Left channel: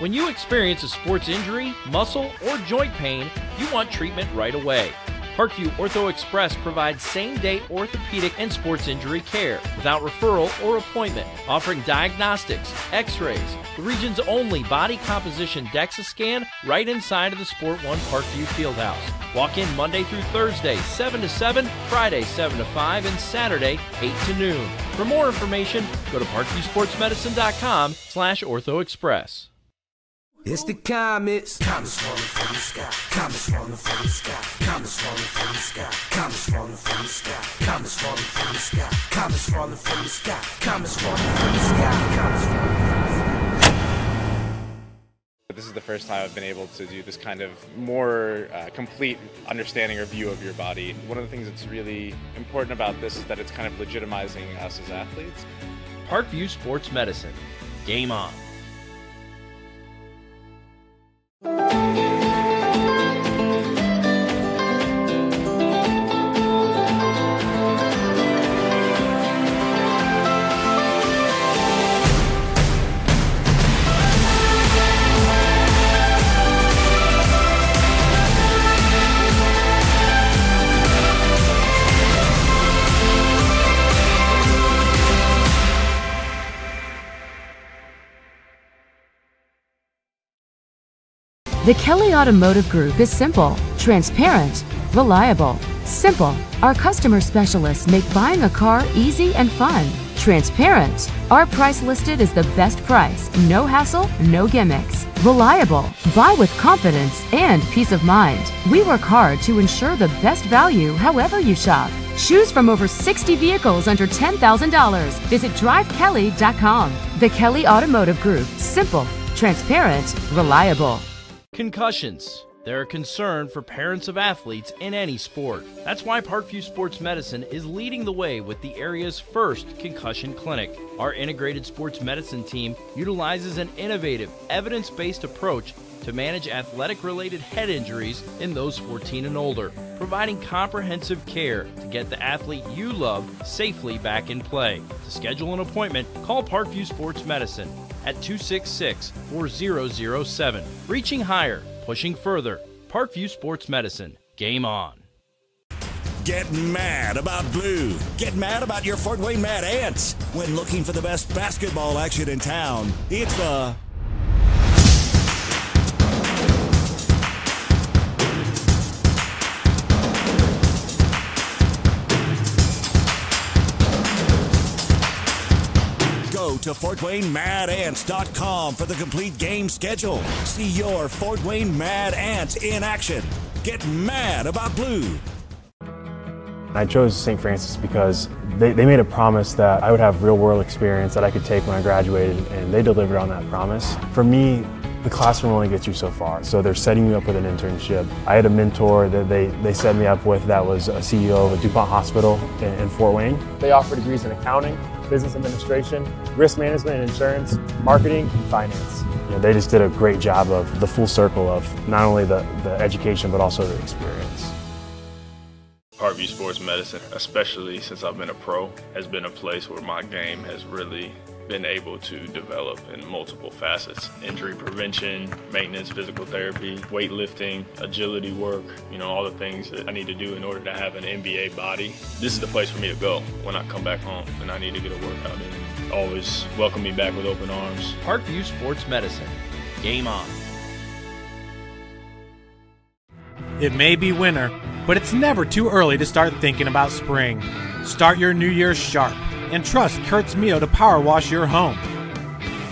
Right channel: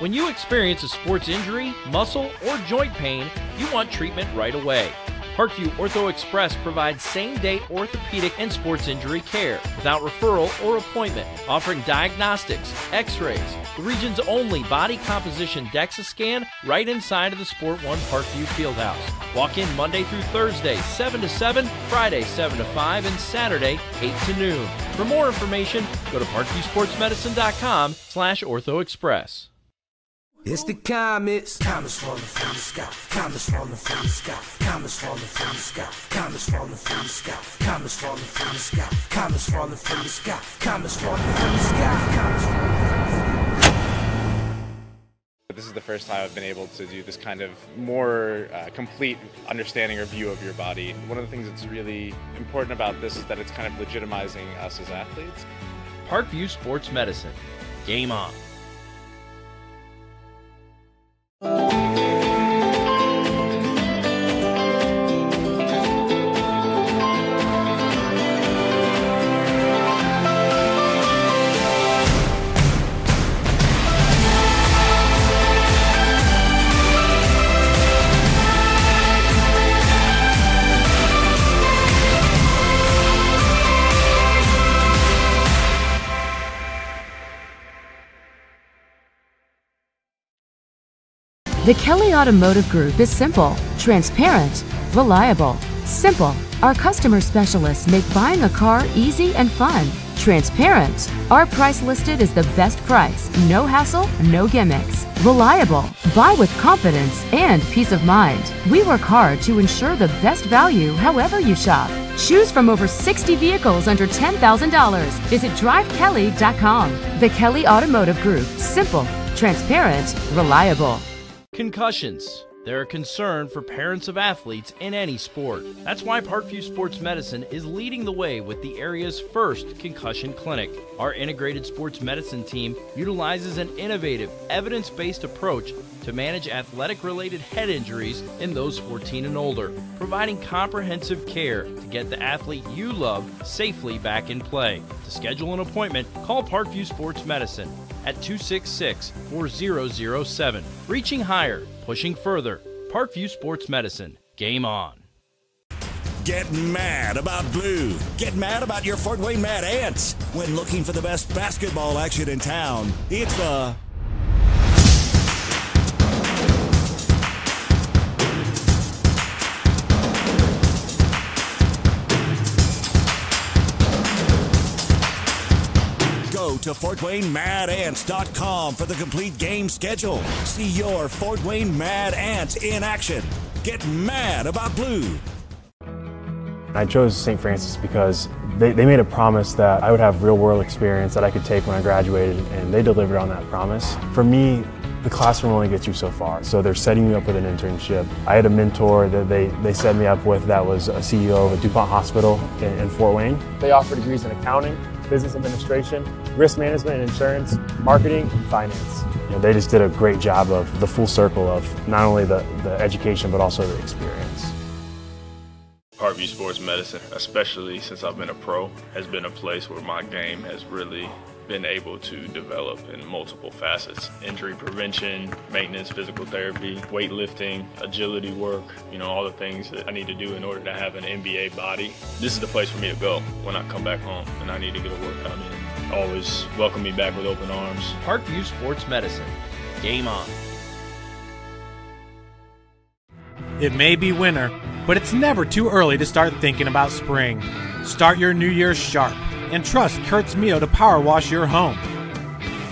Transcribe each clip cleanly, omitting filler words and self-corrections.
When you experience a sports injury, muscle, or joint pain, you want treatment right away. Parkview Ortho Express provides same-day orthopedic and sports injury care without referral or appointment, offering diagnostics, x-rays, the region's only body composition DEXA scan right inside of the Sport One Parkview Fieldhouse. Walk in Monday through Thursday, 7 to 7, Friday, 7 to 5, and Saturday, 8 to noon. For more information, go to parkviewsportsmedicine.com/orthoexpress. It's the comets. Comets falling from the sky. Comets falling from the sky. Comets falling from the sky. Comets falling from the sky. Comets falling from the sky. Comets falling from the sky. Comets falling from the sky. Comets falling from the sky. This is the first time I've been able to do this kind of more complete understanding or view of your body. One of the things that's really important about this is that it's kind of legitimizing us as athletes. Parkview Sports Medicine. Game on. The Kelly Automotive Group is simple, transparent, reliable. Simple. Our customer specialists make buying a car easy and fun. Transparent. Our price listed is the best price. No hassle, no gimmicks. Reliable. Buy with confidence and peace of mind. We work hard to ensure the best value however you shop. Choose from over 60 vehicles under $10,000. Visit drivekelly.com. The Kelly Automotive Group. Simple, transparent, reliable. Concussions. They're a concern for parents of athletes in any sport. That's why Parkview Sports Medicine is leading the way with the area's first concussion clinic. Our integrated sports medicine team utilizes an innovative, evidence-based approach to manage athletic-related head injuries in those 14 and older, providing comprehensive care to get the athlete you love safely back in play. To schedule an appointment, call Parkview Sports Medicine at 266-4007. Reaching higher, pushing further. Parkview Sports Medicine. Game on. Get mad about blue. Get mad about your Fort Wayne Mad Ants. When looking for the best basketball action in town, it's the Go to FortWayneMadAnts.com for the complete game schedule. See your Fort Wayne Mad Ants in action. Get mad about blue. I chose St. Francis because they made a promise that I would have real-world experience that I could take when I graduated, and they delivered on that promise. For me, the classroom only gets you so far, so they're setting you up with an internship. I had a mentor that they set me up with that was a CEO of a DuPont hospital in Fort Wayne. They offer degrees in accounting, business administration, risk management and insurance, marketing, and finance. You know, they just did a great job of the full circle of not only the education but also the experience. Parkview Sports Medicine, especially since I've been a pro, has been a place where my game has really been able to develop in multiple facets. Injury prevention, maintenance, physical therapy, weightlifting, agility work, all the things that I need to do in order to have an NBA body. This is the place for me to go when I come back home and I need to get a workout in. Always welcome me back with open arms. Parkview Sports Medicine. Game on. It may be winter, but it's never too early to start thinking about spring. Start your new year sharp and trust Kurt's Mio to power wash your home.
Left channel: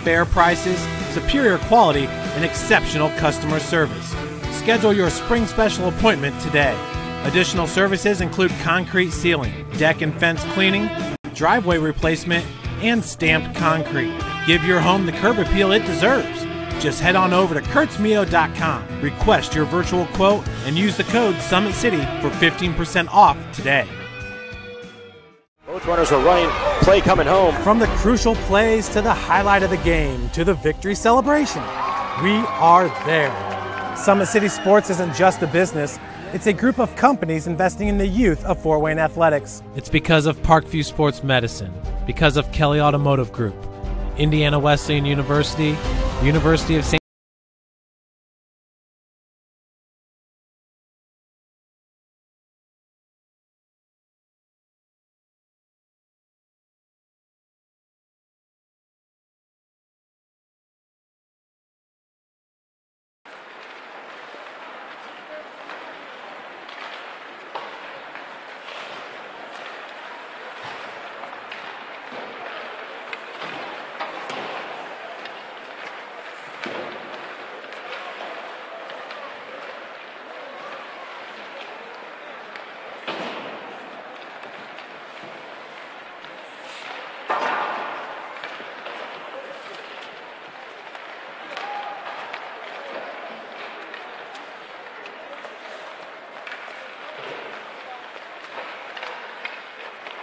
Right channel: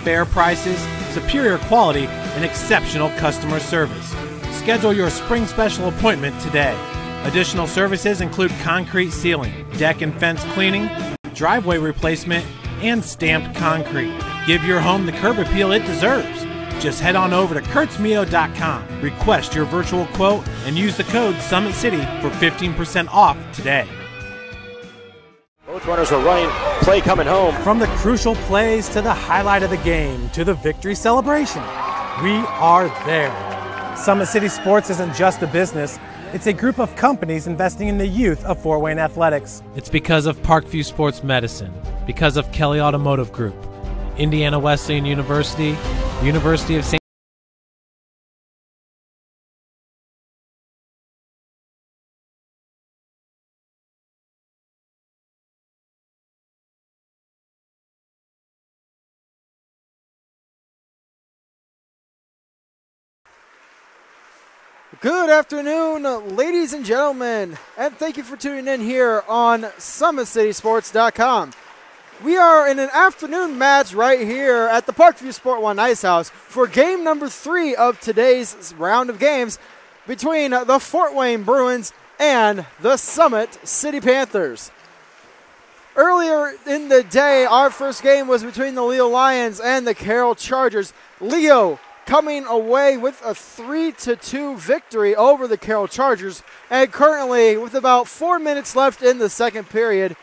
Fair prices, superior quality, and exceptional customer service. Schedule your spring special appointment today. Additional services include concrete sealing, deck and fence cleaning, driveway replacement, and stamped concrete. Give your home the curb appeal it deserves. Just head on over to kurtzmio.com, request your virtual quote, and use the code SummitCity for 15% off today. Both runners are running, play coming home. From the crucial plays to the highlight of the game to the victory celebration, we are there. Summit City Sports isn't just a business, it's a group of companies investing in the youth of Fort Wayne athletics. It's because of Parkview Sports Medicine, because of Kelly Automotive Group, Indiana Wesleyan University, University of St. Good afternoon, ladies and gentlemen, and thank you for tuning in here on SummitCitySports.com. We are in an afternoon match right here at the Parkview Sport One Ice House for game number 3 of today's round of games between the Fort Wayne Bruins and the Summit City Panthers. Earlier in the day, our first game was between the Leo Lions and the Carroll Chargers. Leo coming away with a 3-2 victory over the Carroll Chargers, and currently with about 4 minutes left in the second period,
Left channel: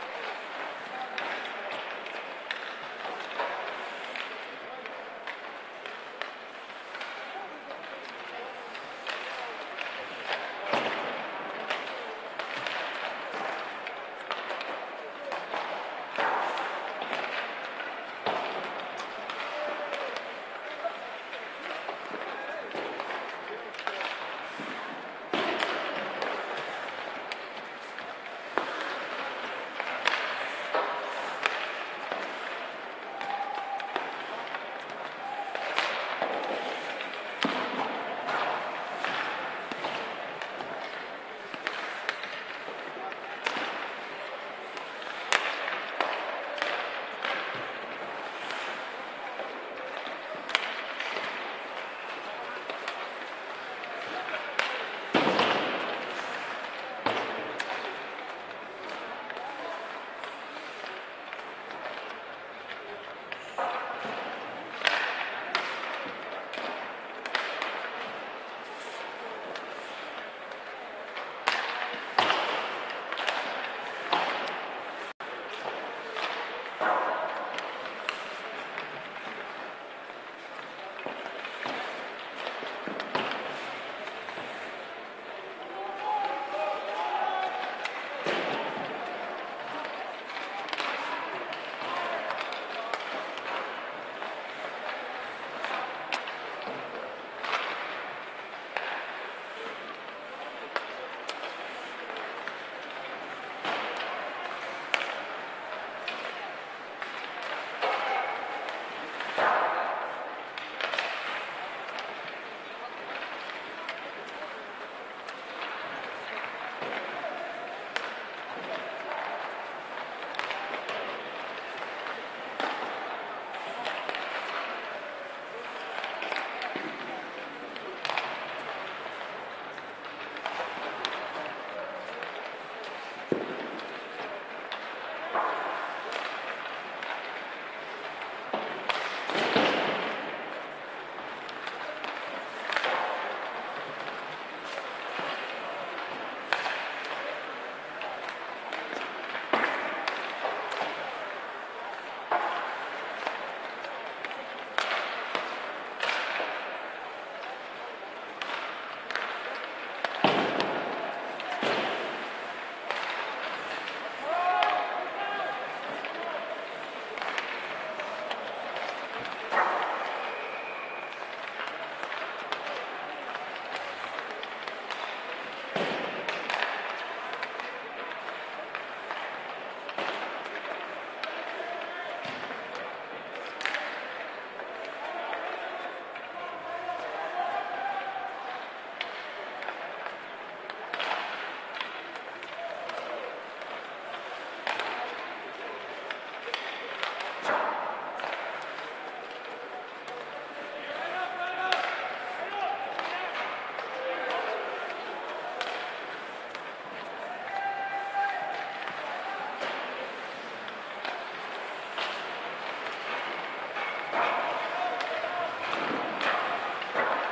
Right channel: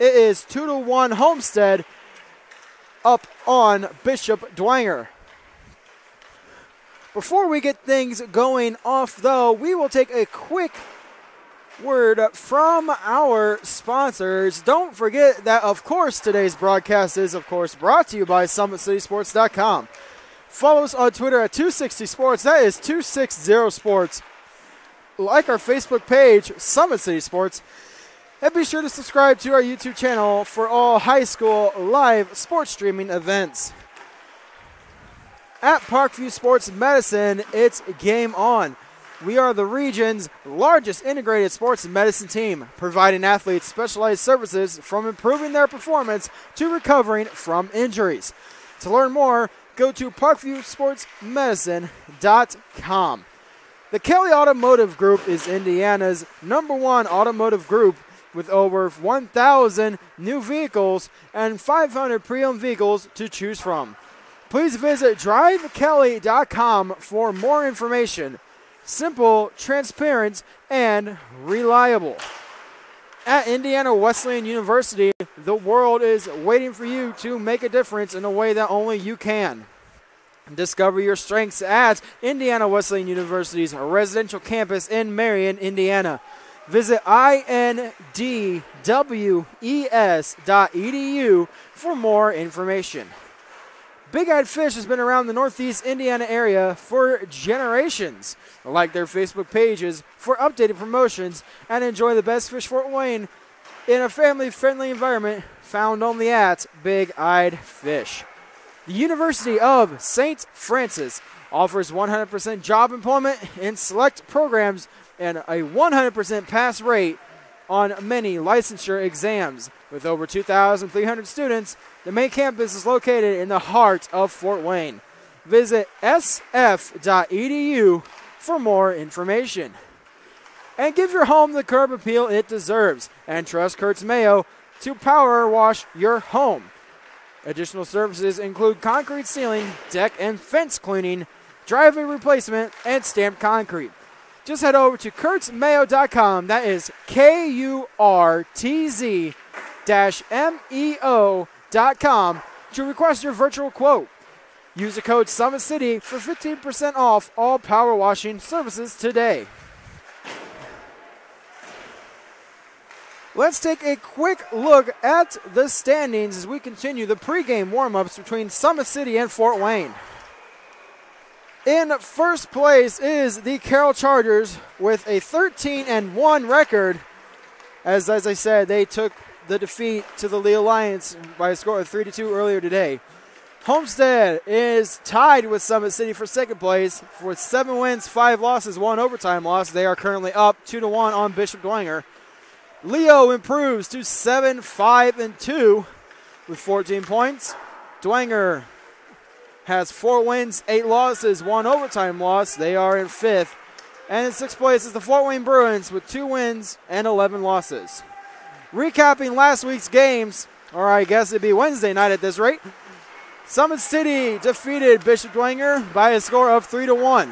it is 2-1 Homestead up on Bishop Dwenger. Before we get things going off, though, we will take a quick word from our sponsors. Don't forget that, of course, today's broadcast is, of course, brought to you by SummitCitySports.com. Follow us on Twitter at 260sports. That is 260sports. Like our Facebook page, Summit City Sports. And be sure to subscribe to our YouTube channel for all high school live sports streaming events. At Parkview Sports Medicine, it's game on. We are the region's largest integrated sports medicine team, providing athletes specialized services from improving their performance to recovering from injuries. To learn more, go to parkviewsportsmedicine.com. The Kelly Automotive Group is Indiana's #1 automotive group with over 1,000 new vehicles and 500 pre-owned vehicles to choose from. Please visit drivekelly.com for more information. Simple, transparent, and reliable. At Indiana Wesleyan University, the world is waiting for you to make a difference in a way that only you can. Discover your strengths at Indiana Wesleyan University's residential campus in Marion, Indiana. Visit indwes.edu for more information. Big Eyed Fish has been around the Northeast Indiana area for generations. Like their Facebook pages for updated promotions and enjoy the best fish Fort Wayne in a family-friendly environment found only at Big Eyed Fish. The University of St. Francis offers 100% job employment in select programs and a 100% pass rate on many licensure exams. With over 2,300 students, the main campus is located in the heart of Fort Wayne. Visit sf.edu for more information. And give your home the curb appeal it deserves, and trust Kurtz Mayo to power wash your home. Additional services include concrete ceiling, deck and fence cleaning, driveway replacement, and stamped concrete. Just head over to kurtzmayo.com, that is KURTZ-MEO.com, to request your virtual quote. Use the code SummitCity for 15% off all power washing services today. Let's take a quick look at the standings as we continue the pregame warm-ups between Summit City and Fort Wayne. In first place is the Carroll Chargers with a 13-1 record. As I said, they took the defeat to the Leo Lions by a score of 3-2 earlier today. Homestead is tied with Summit City for second place with 7 wins, 5 losses, 1 overtime loss. They are currently up 2-1 on Bishop Dwenger. Leo improves to 7-5-2 with 14 points. Dwenger has 4 wins, 8 losses, 1 overtime loss. They are in 5th. And in 6th place is the Fort Wayne Bruins with 2 wins and 11 losses. Recapping last week's games, or I guess it'd be Wednesday night at this rate, Summit City defeated Bishop Dwenger by a score of 3-1.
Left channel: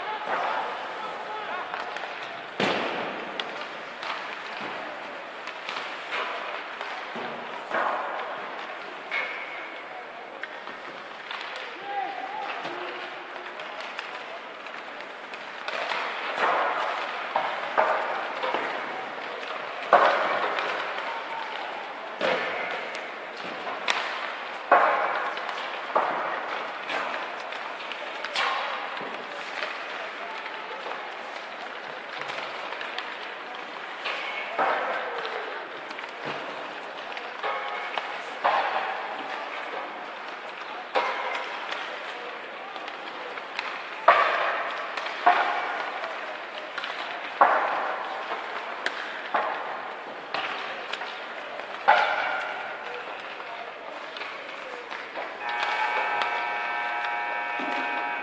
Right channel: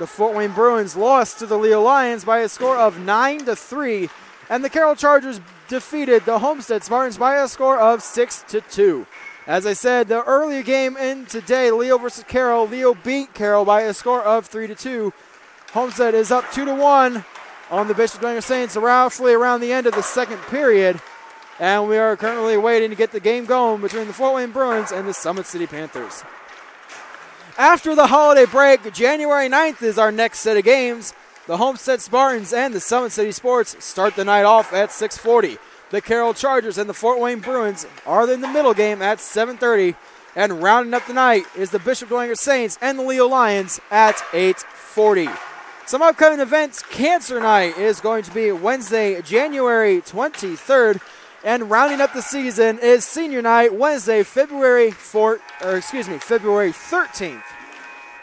The Fort Wayne Bruins lost to the Leo Lions by a score of 9-3. And the Carroll Chargers defeated the Homestead Spartans by a score of 6-2. As I said, the earlier game in today, Leo versus Carroll, Leo beat Carroll by a score of 3-2. Homestead is up 2-1 on the Bishop Dwenger Saints roughly around the end of the second period. And we are currently waiting to get the game going between the Fort Wayne Bruins and the Summit City Panthers. After the holiday break, January 9th is our next set of games. The Homestead Spartans and the Summit City Sports start the night off at 6:40. The Carroll Chargers and the Fort Wayne Bruins are in the middle game at 7:30. And rounding up the night is the Bishop Dwenger Saints and the Leo Lions at 8:40. Some upcoming events. Cancer Night is going to be Wednesday, January 23rd. And rounding up the season is Senior Night, Wednesday, February 13th.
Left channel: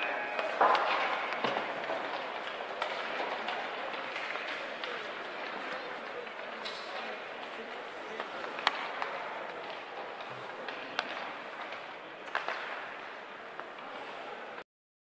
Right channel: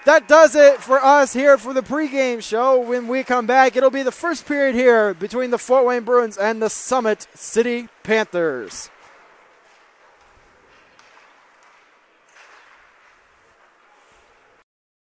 That does it for us here for the pregame show. When we come back, it'll be the first period here between the Fort Wayne Bruins and the Summit City Panthers.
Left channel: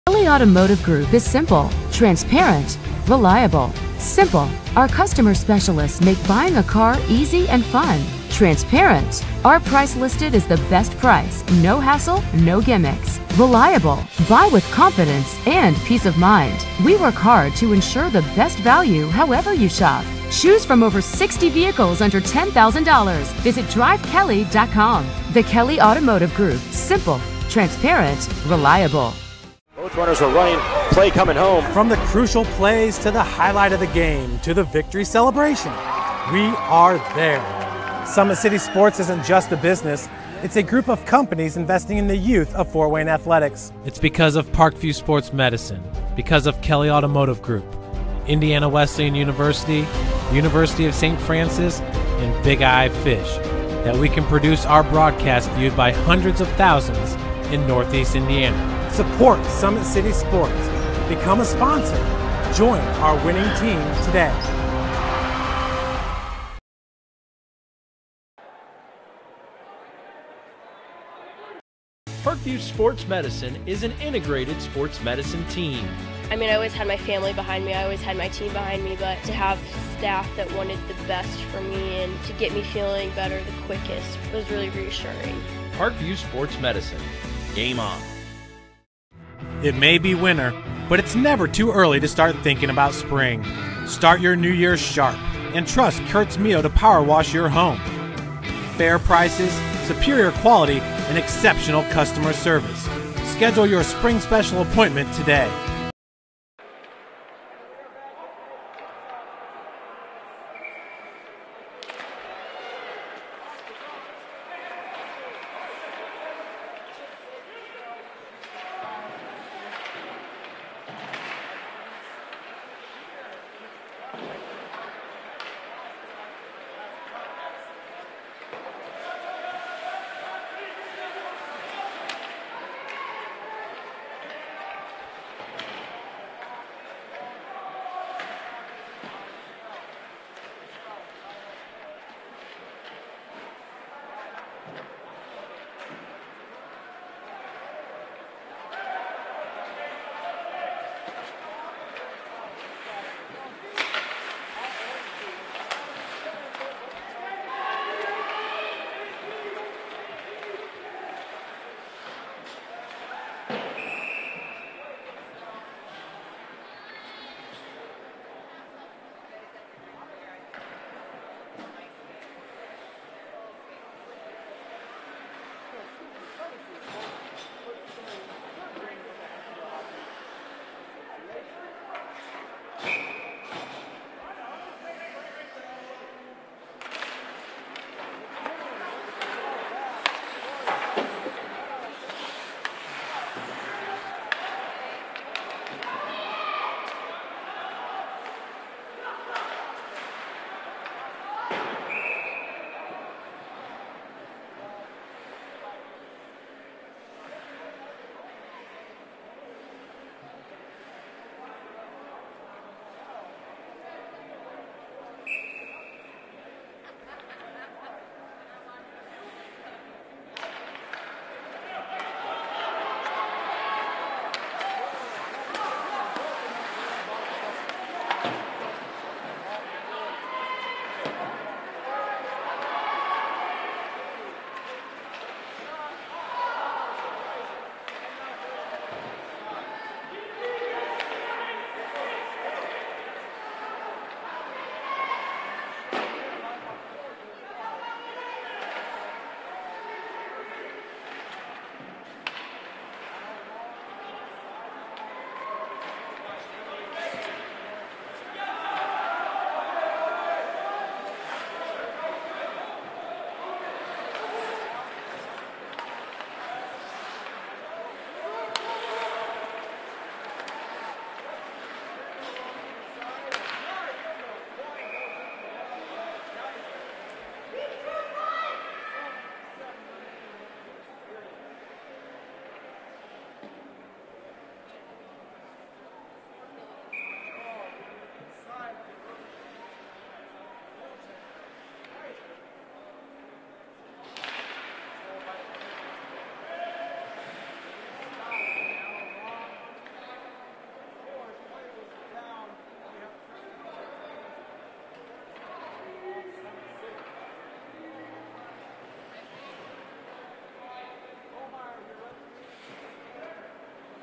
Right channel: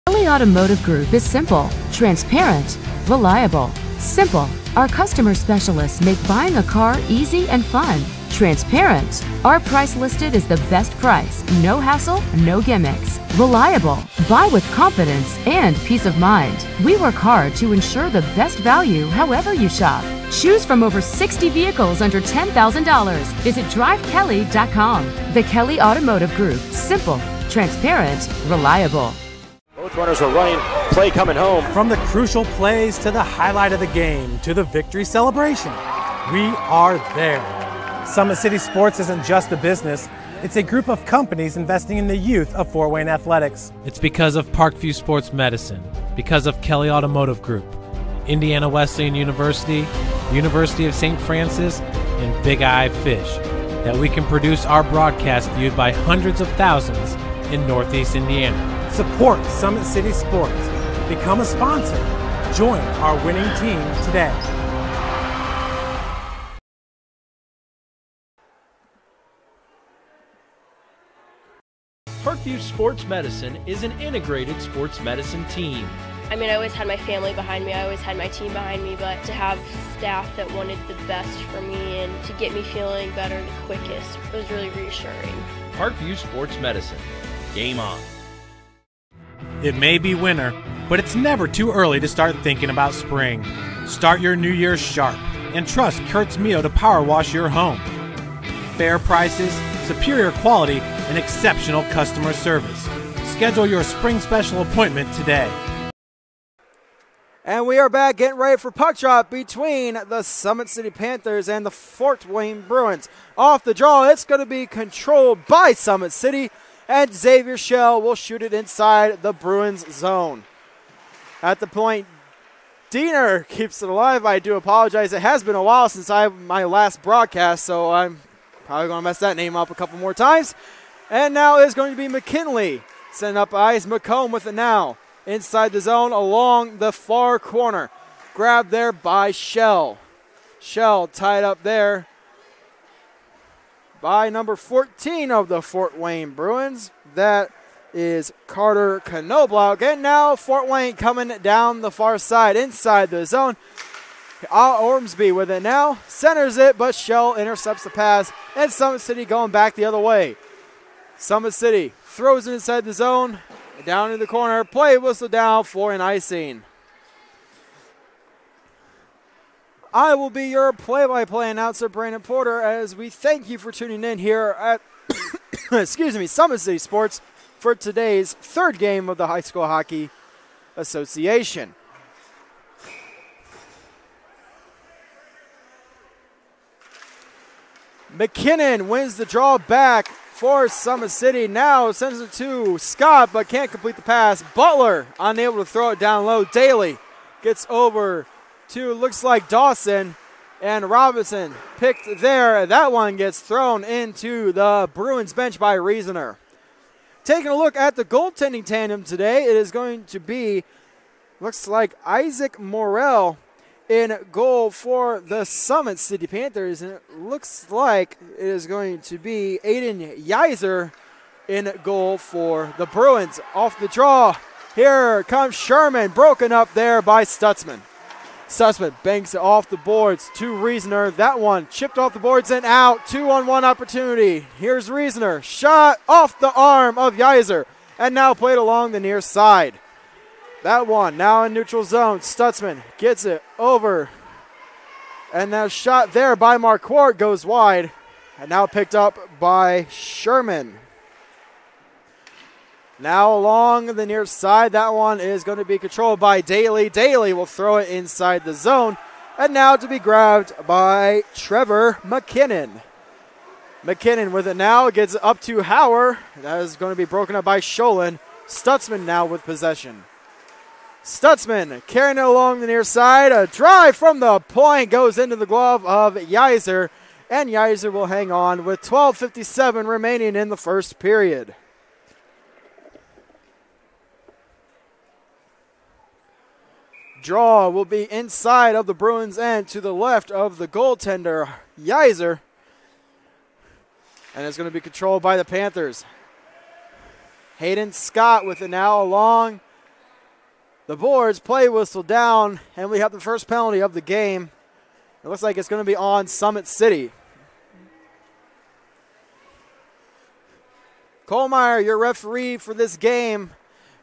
Kelly Automotive Group is simple, transparent, reliable. Simple. Our customer specialists make buying a car easy and fun. Transparent. Our price listed is the best price. No hassle, no gimmicks. Reliable. Buy with confidence and peace of mind. We work hard to ensure the best value however you shop. Choose from over 60 vehicles under $10,000. Visit drivekelly.com. The Kelly Automotive Group. Simple, transparent, reliable. Both runners are running, play coming home. From the crucial plays to the highlight of the game to the victory celebration, we are there. Summit City Sports isn't just a business, it's a group of companies investing in the youth of Fort Wayne athletics. It's because of Parkview Sports Medicine, because of Kelly Automotive Group, Indiana Wesleyan University, University of St. Francis, and Big Eye Fish, that we can produce our broadcast viewed by hundreds of thousands in Northeast Indiana. Support Summit City Sports. Become a sponsor. Join our winning team today. Parkview Sports Medicine is an integrated sports medicine team. I mean, I always had my family behind me, I always had my team behind me, but to have staff that wanted the best for me and to get me feeling better the quickest was really reassuring. Parkview Sports Medicine. Game on. It may be winter, but it's never too early to start thinking about spring. Start your new year sharp and trust Kurt's Mio to power wash your home. Fair prices, superior quality, and exceptional customer service. Schedule your spring special appointment today. And we are back getting ready for puck drop between the Summit City Panthers and the Fort Wayne Bruins. Off the draw, it's going to be controlled by Summit City, and Xavier Shell will shoot it inside the Bruins zone. At the point, Diener keeps it alive. I do apologize. It has been a while since my last broadcast, so I'm probably going to mess that name up a couple more times. And now is going to be McKinley. Sending up ice. McComb with it now. Inside the zone along the far corner. Grabbed there by Shell. Shell tied up there by number 14 of the Fort Wayne Bruins. That is Carter Knobloch. And now Fort Wayne coming down the far side inside the zone. Ormsby with it now. Centers it, but Shell intercepts the pass. And Summit City going back the other way. Summit City throws it inside the zone. Down in the corner. Play whistle down for an icing. I will be your play-by-play announcer, Brandon Porter, as we thank you for tuning in here at Summit City Sports for today's third game of the High School Hockey Association. McKinnon wins the draw back for Summit City. Now sends it to Scott, but can't complete the pass. Butler unable to throw it down low. Daly gets over to, looks like Dawson, and Robinson picked there. That one gets thrown into the Bruins bench by Reasoner. Taking a look at the goaltending tandem today, it is going to be, looks like Isaac Morrell in goal for the Summit City Panthers, and it looks like it is going to be Aiden Yeiser in goal for the Bruins. Off the draw, here comes Sherman, broken up there by Stutzman. Stutzman banks it off the boards to Reasoner. That one chipped off the boards and out. 2-on-1 opportunity. Here's Reasoner. Shot off the arm of Yeiser, and now played along the near side. That one now in neutral zone. Stutzman gets it over. And now shot there by Marquardt goes wide. And now picked up by Sherman. Now along the near side. That one is going to be controlled by Daly. Daly will throw it inside the zone. And now to be grabbed by Trevor McKinnon. McKinnon with it now. Gets it up to Hauer. That is going to be broken up by Sholin. Stutzman now with possession. Stutzman carrying it along the near side. A drive from the point goes into the glove of Yeiser, and Yeiser will hang on with 12:57 remaining in the first period. Draw will be inside of the Bruins end to the left of the goaltender, Yeiser. And it's going to be controlled by the Panthers. Hayden Scott with it now along the boards. Play whistle down, and we have the first penalty of the game. It looks like it's going to be on Summit City. Kohlmeyer, your referee for this game.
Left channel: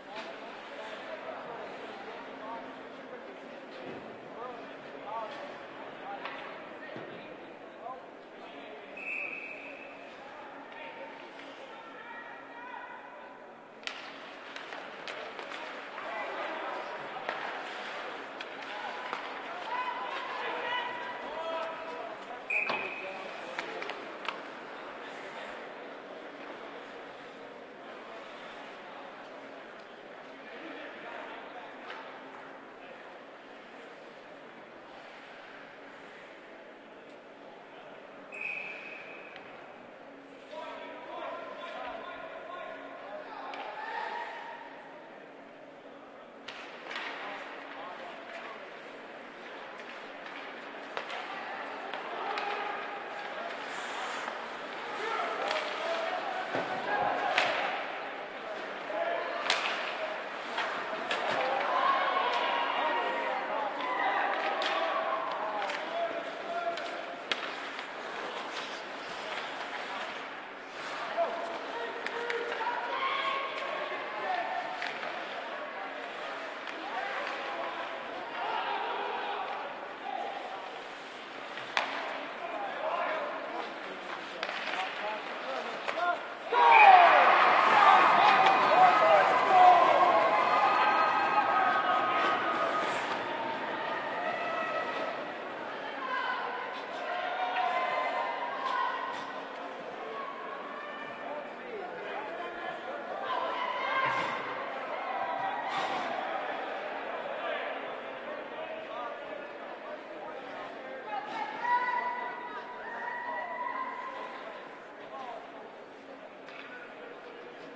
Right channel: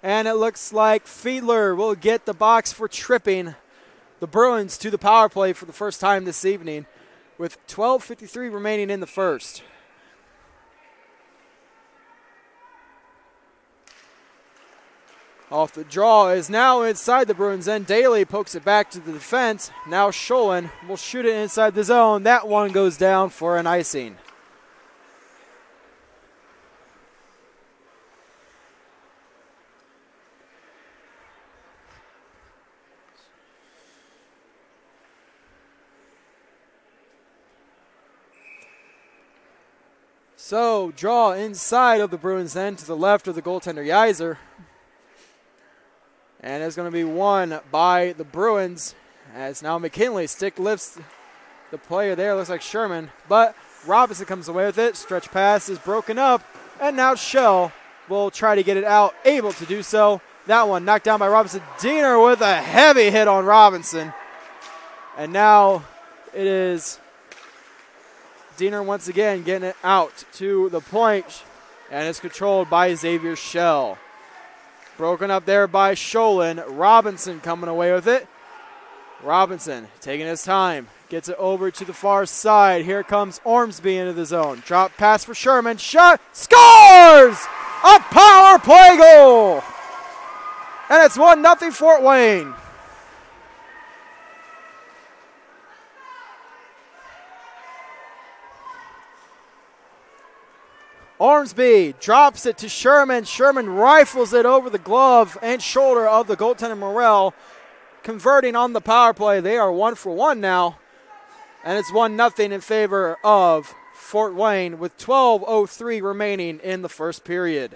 And it looks like Fiedler will get the box for tripping the Bruins to the power play for the first time this evening with 12:53 remaining in the first. Off the draw is now inside the Bruins end. Daly pokes it back to the defense. Now Scholin will shoot it inside the zone. That one goes down for an icing. So, draw inside of the Bruins end to the left of the goaltender Yeiser. And it's going to be won by the Bruins as now McKinley stick lifts the player there. Looks like Sherman, but Robinson comes away with it. Stretch pass is broken up, and now Shell will try to get it out, able to do so. That one knocked down by Robinson. Diener with a heavy hit on Robinson. And now it is Diener once again getting it out to the point, and it's controlled by Xavier Shell. Broken up there by Scholin. Robinson coming away with it. Robinson taking his time. Gets it over to the far side. Here comes Ormsby into the zone. Drop pass for Sherman. Shot. Scores! A power play goal! And it's 1-0 Fort Wayne. Ormsby drops it to Sherman. Sherman rifles it over the glove and shoulder of the goaltender Morrell, converting on the power play. They are 1-for-1 now, and it's 1-0 in favor of Fort Wayne with 12:03 remaining in the first period.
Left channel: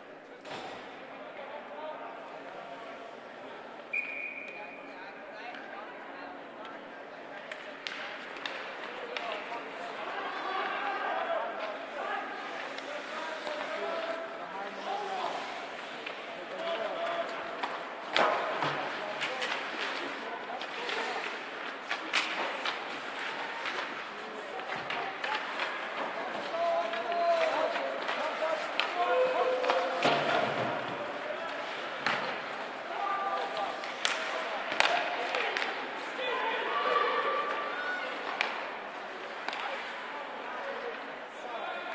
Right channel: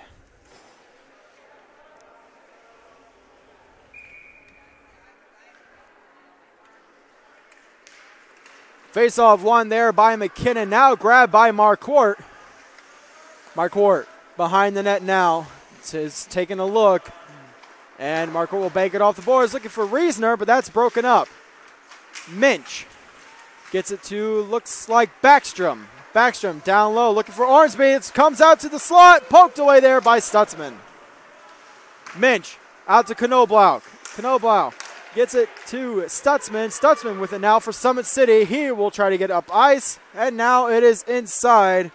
Face-off won there by McKinnon, now grabbed by Marquardt. Marquardt behind the net now. Is taking a look. And Marquardt will bank it off the boards, looking for Reasoner, but that's broken up. Minch gets it to, looks like Backstrom. Backstrom down low, looking for Ormsby. It comes out to the slot, poked away there by Stutzman. Minch out to Knoblau. Knoblau gets it to Stutzman. Stutzman with it now for Summit City. He will try to get up ice, and now it is inside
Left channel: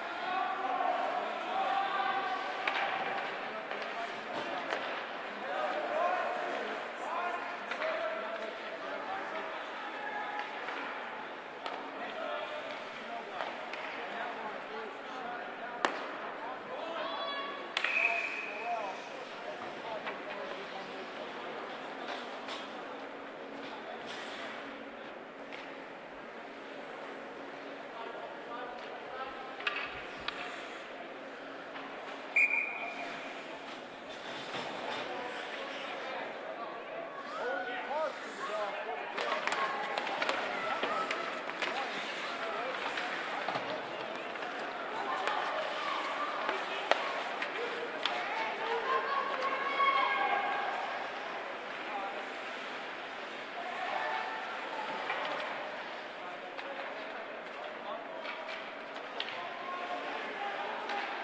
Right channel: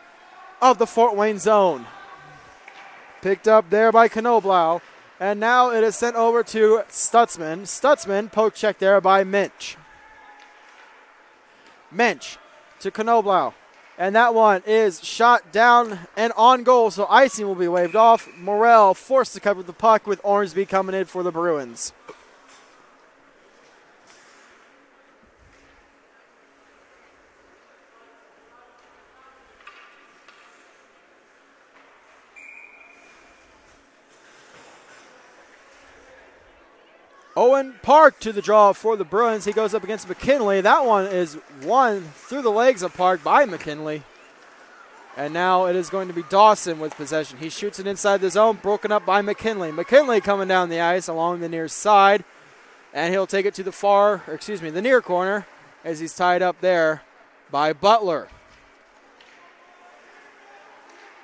of the Fort Wayne zone. Picked up there by Knoblau, and now it is sent over to Stutzman. Stutzman, poke check there by Minch. Minch to Knoblau, and that one is shot down and on goal, so icing will be waved off. Morrell forced to cover the puck with Ormsby coming in for the Bruins. Owen Park to the draw for the Bruins. He goes up against McKinley. That one is won through the legs of Park by McKinley. And now it is going to be Dawson with possession. He shoots it inside the zone, broken up by McKinley. McKinley coming down the ice along the near side. And he'll take it to the near corner as he's tied up there by Butler.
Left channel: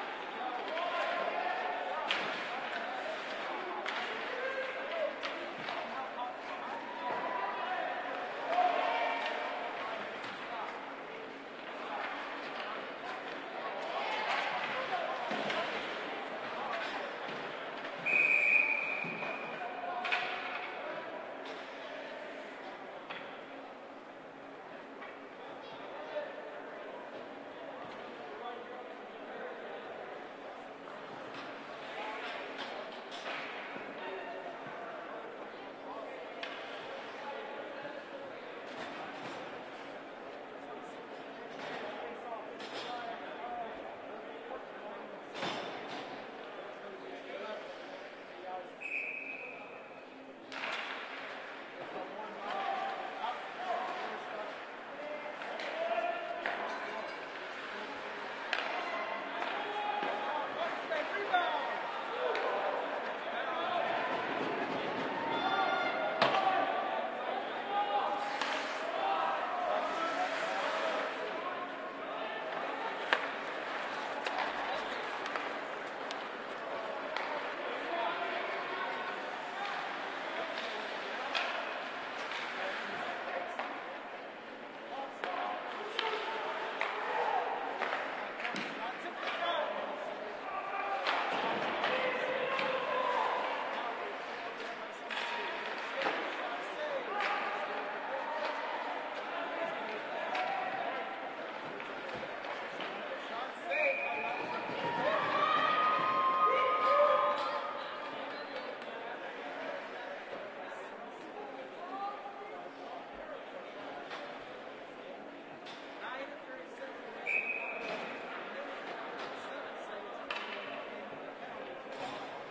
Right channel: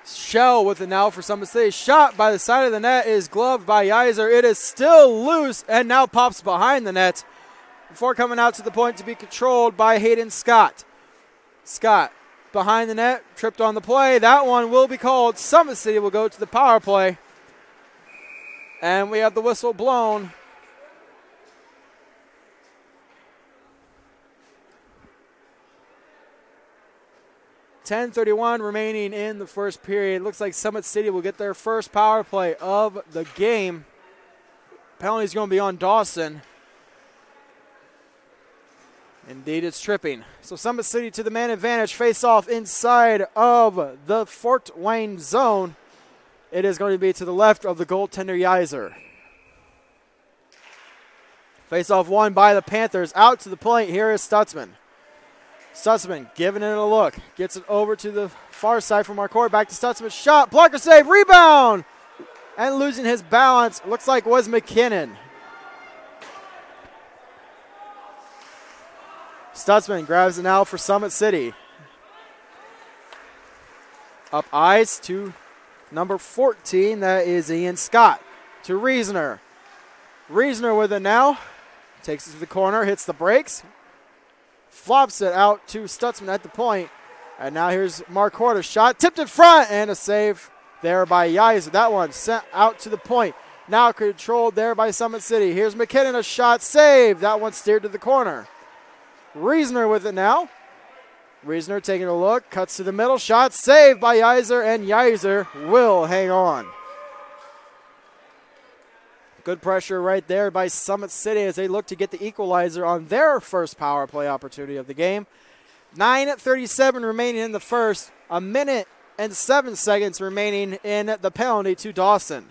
Shell with it now for Summit City. Shot by the side of the net is gloved by Yeiser. It is still loose and now pops behind the net before coming out to the point to be controlled by Hayden Scott. Scott behind the net, tripped on the play. That one will be called. Summit City will go to the power play. And we have the whistle blown. .10:31 remaining in the first period. Looks like Summit City will get their first power play of the game. Penalty's going to be on Dawson. Indeed, it's tripping. So Summit City to the man advantage. Face off inside of the Fort Wayne zone. It is going to be to the left of the goaltender Yiser. Face off won by the Panthers. Out to the point. Here is Stutzman. Stutzman giving it a look. Gets it over to the far side from our court. Back to Stutzman. Shot. Blocker save. Rebound. And losing his balance. Looks like was McKinnon. Stutzman grabs it now for Summit City. Up ice to number 14. That is Ian Scott. To Reasoner. Reasoner with it now. Takes it to the corner. Hits the brakes. Flops it out to Stutzman at the point. And now here's Marquardt's shot. Tipped in front. And a save there by Yiser. That one sent out to the point. Now controlled there by Summit City. Here's McKinnon. A shot. Save. That one steered to the corner. Reasoner with it now. Reasoner taking a look. Cuts to the middle. Shot. Saved by Yiser. And Yiser will hang on. Good pressure right there by Summit City as they look to get the equalizer on their first power play opportunity of the game. 9:37 remaining in the first. 1 minute and 7 seconds remaining in the penalty to Dawson.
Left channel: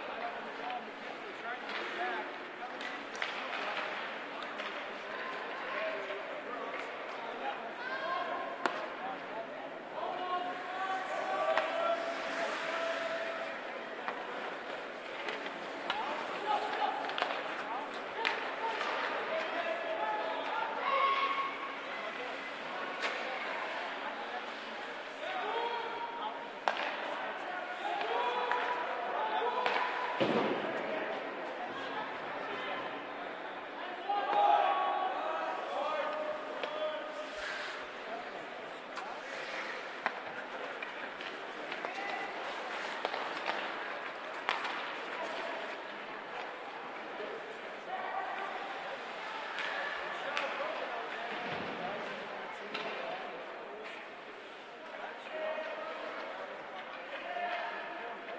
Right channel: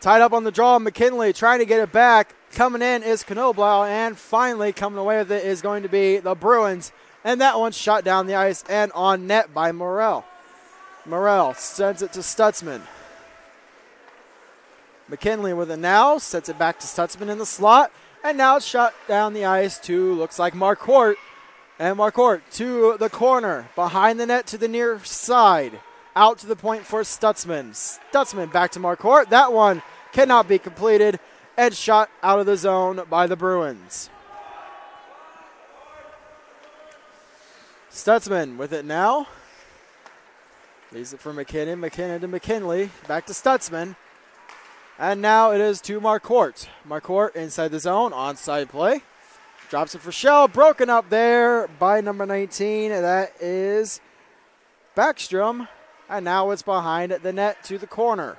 Tied up on the draw, McKinley trying to get it back. Coming in is Knoblau, and finally coming away with it is going to be the Bruins. And that one shot down the ice and on net by Morrell. Morrell sends it to Stutzman. McKinley with it now, sets it back to Stutzman in the slot. And now it's shot down the ice to, looks like Marquardt. And Marquardt to the corner, behind the net to the near side. Out to the point for Stutzman. Stutzman back to Marquardt. That one cannot be completed and shot out of the zone by the Bruins. Stutzman with it now. Leaves it for McKinnon. McKinnon to McKinley. Back to Stutzman. And now it is to Marquardt. Marquardt inside the zone. Onside play. Drops it for Shell. Broken up there by number 19. That is Backstrom. And now it's behind the net to the corner.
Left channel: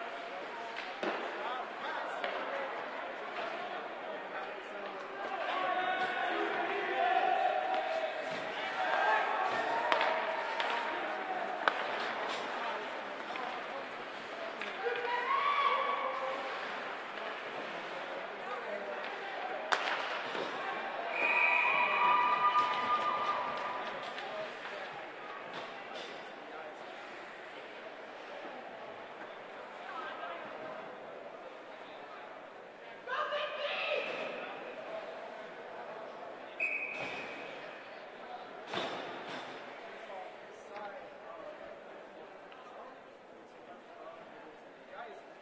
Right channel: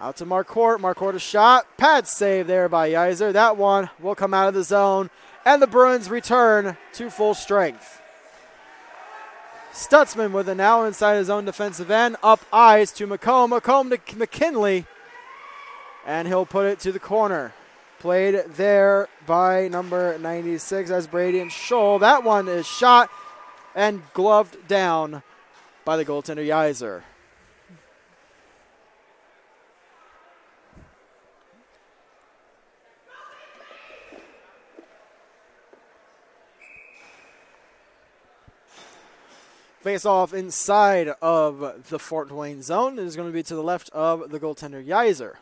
Out to Marquardt. Marquardt a shot. Pad save there by Yiser. That one will come out of the zone. And the Bruins return to full strength. Stutzman with it now inside his own defensive end. Up ice to McComb. McComb to McKinley. And he'll put it to the corner. Played there by number 96 as Brady and Scholl. That one is shot and gloved down by the goaltender Yiser. Face off inside of the Fort Wayne zone. It is going to be to the left of the goaltender Yiser.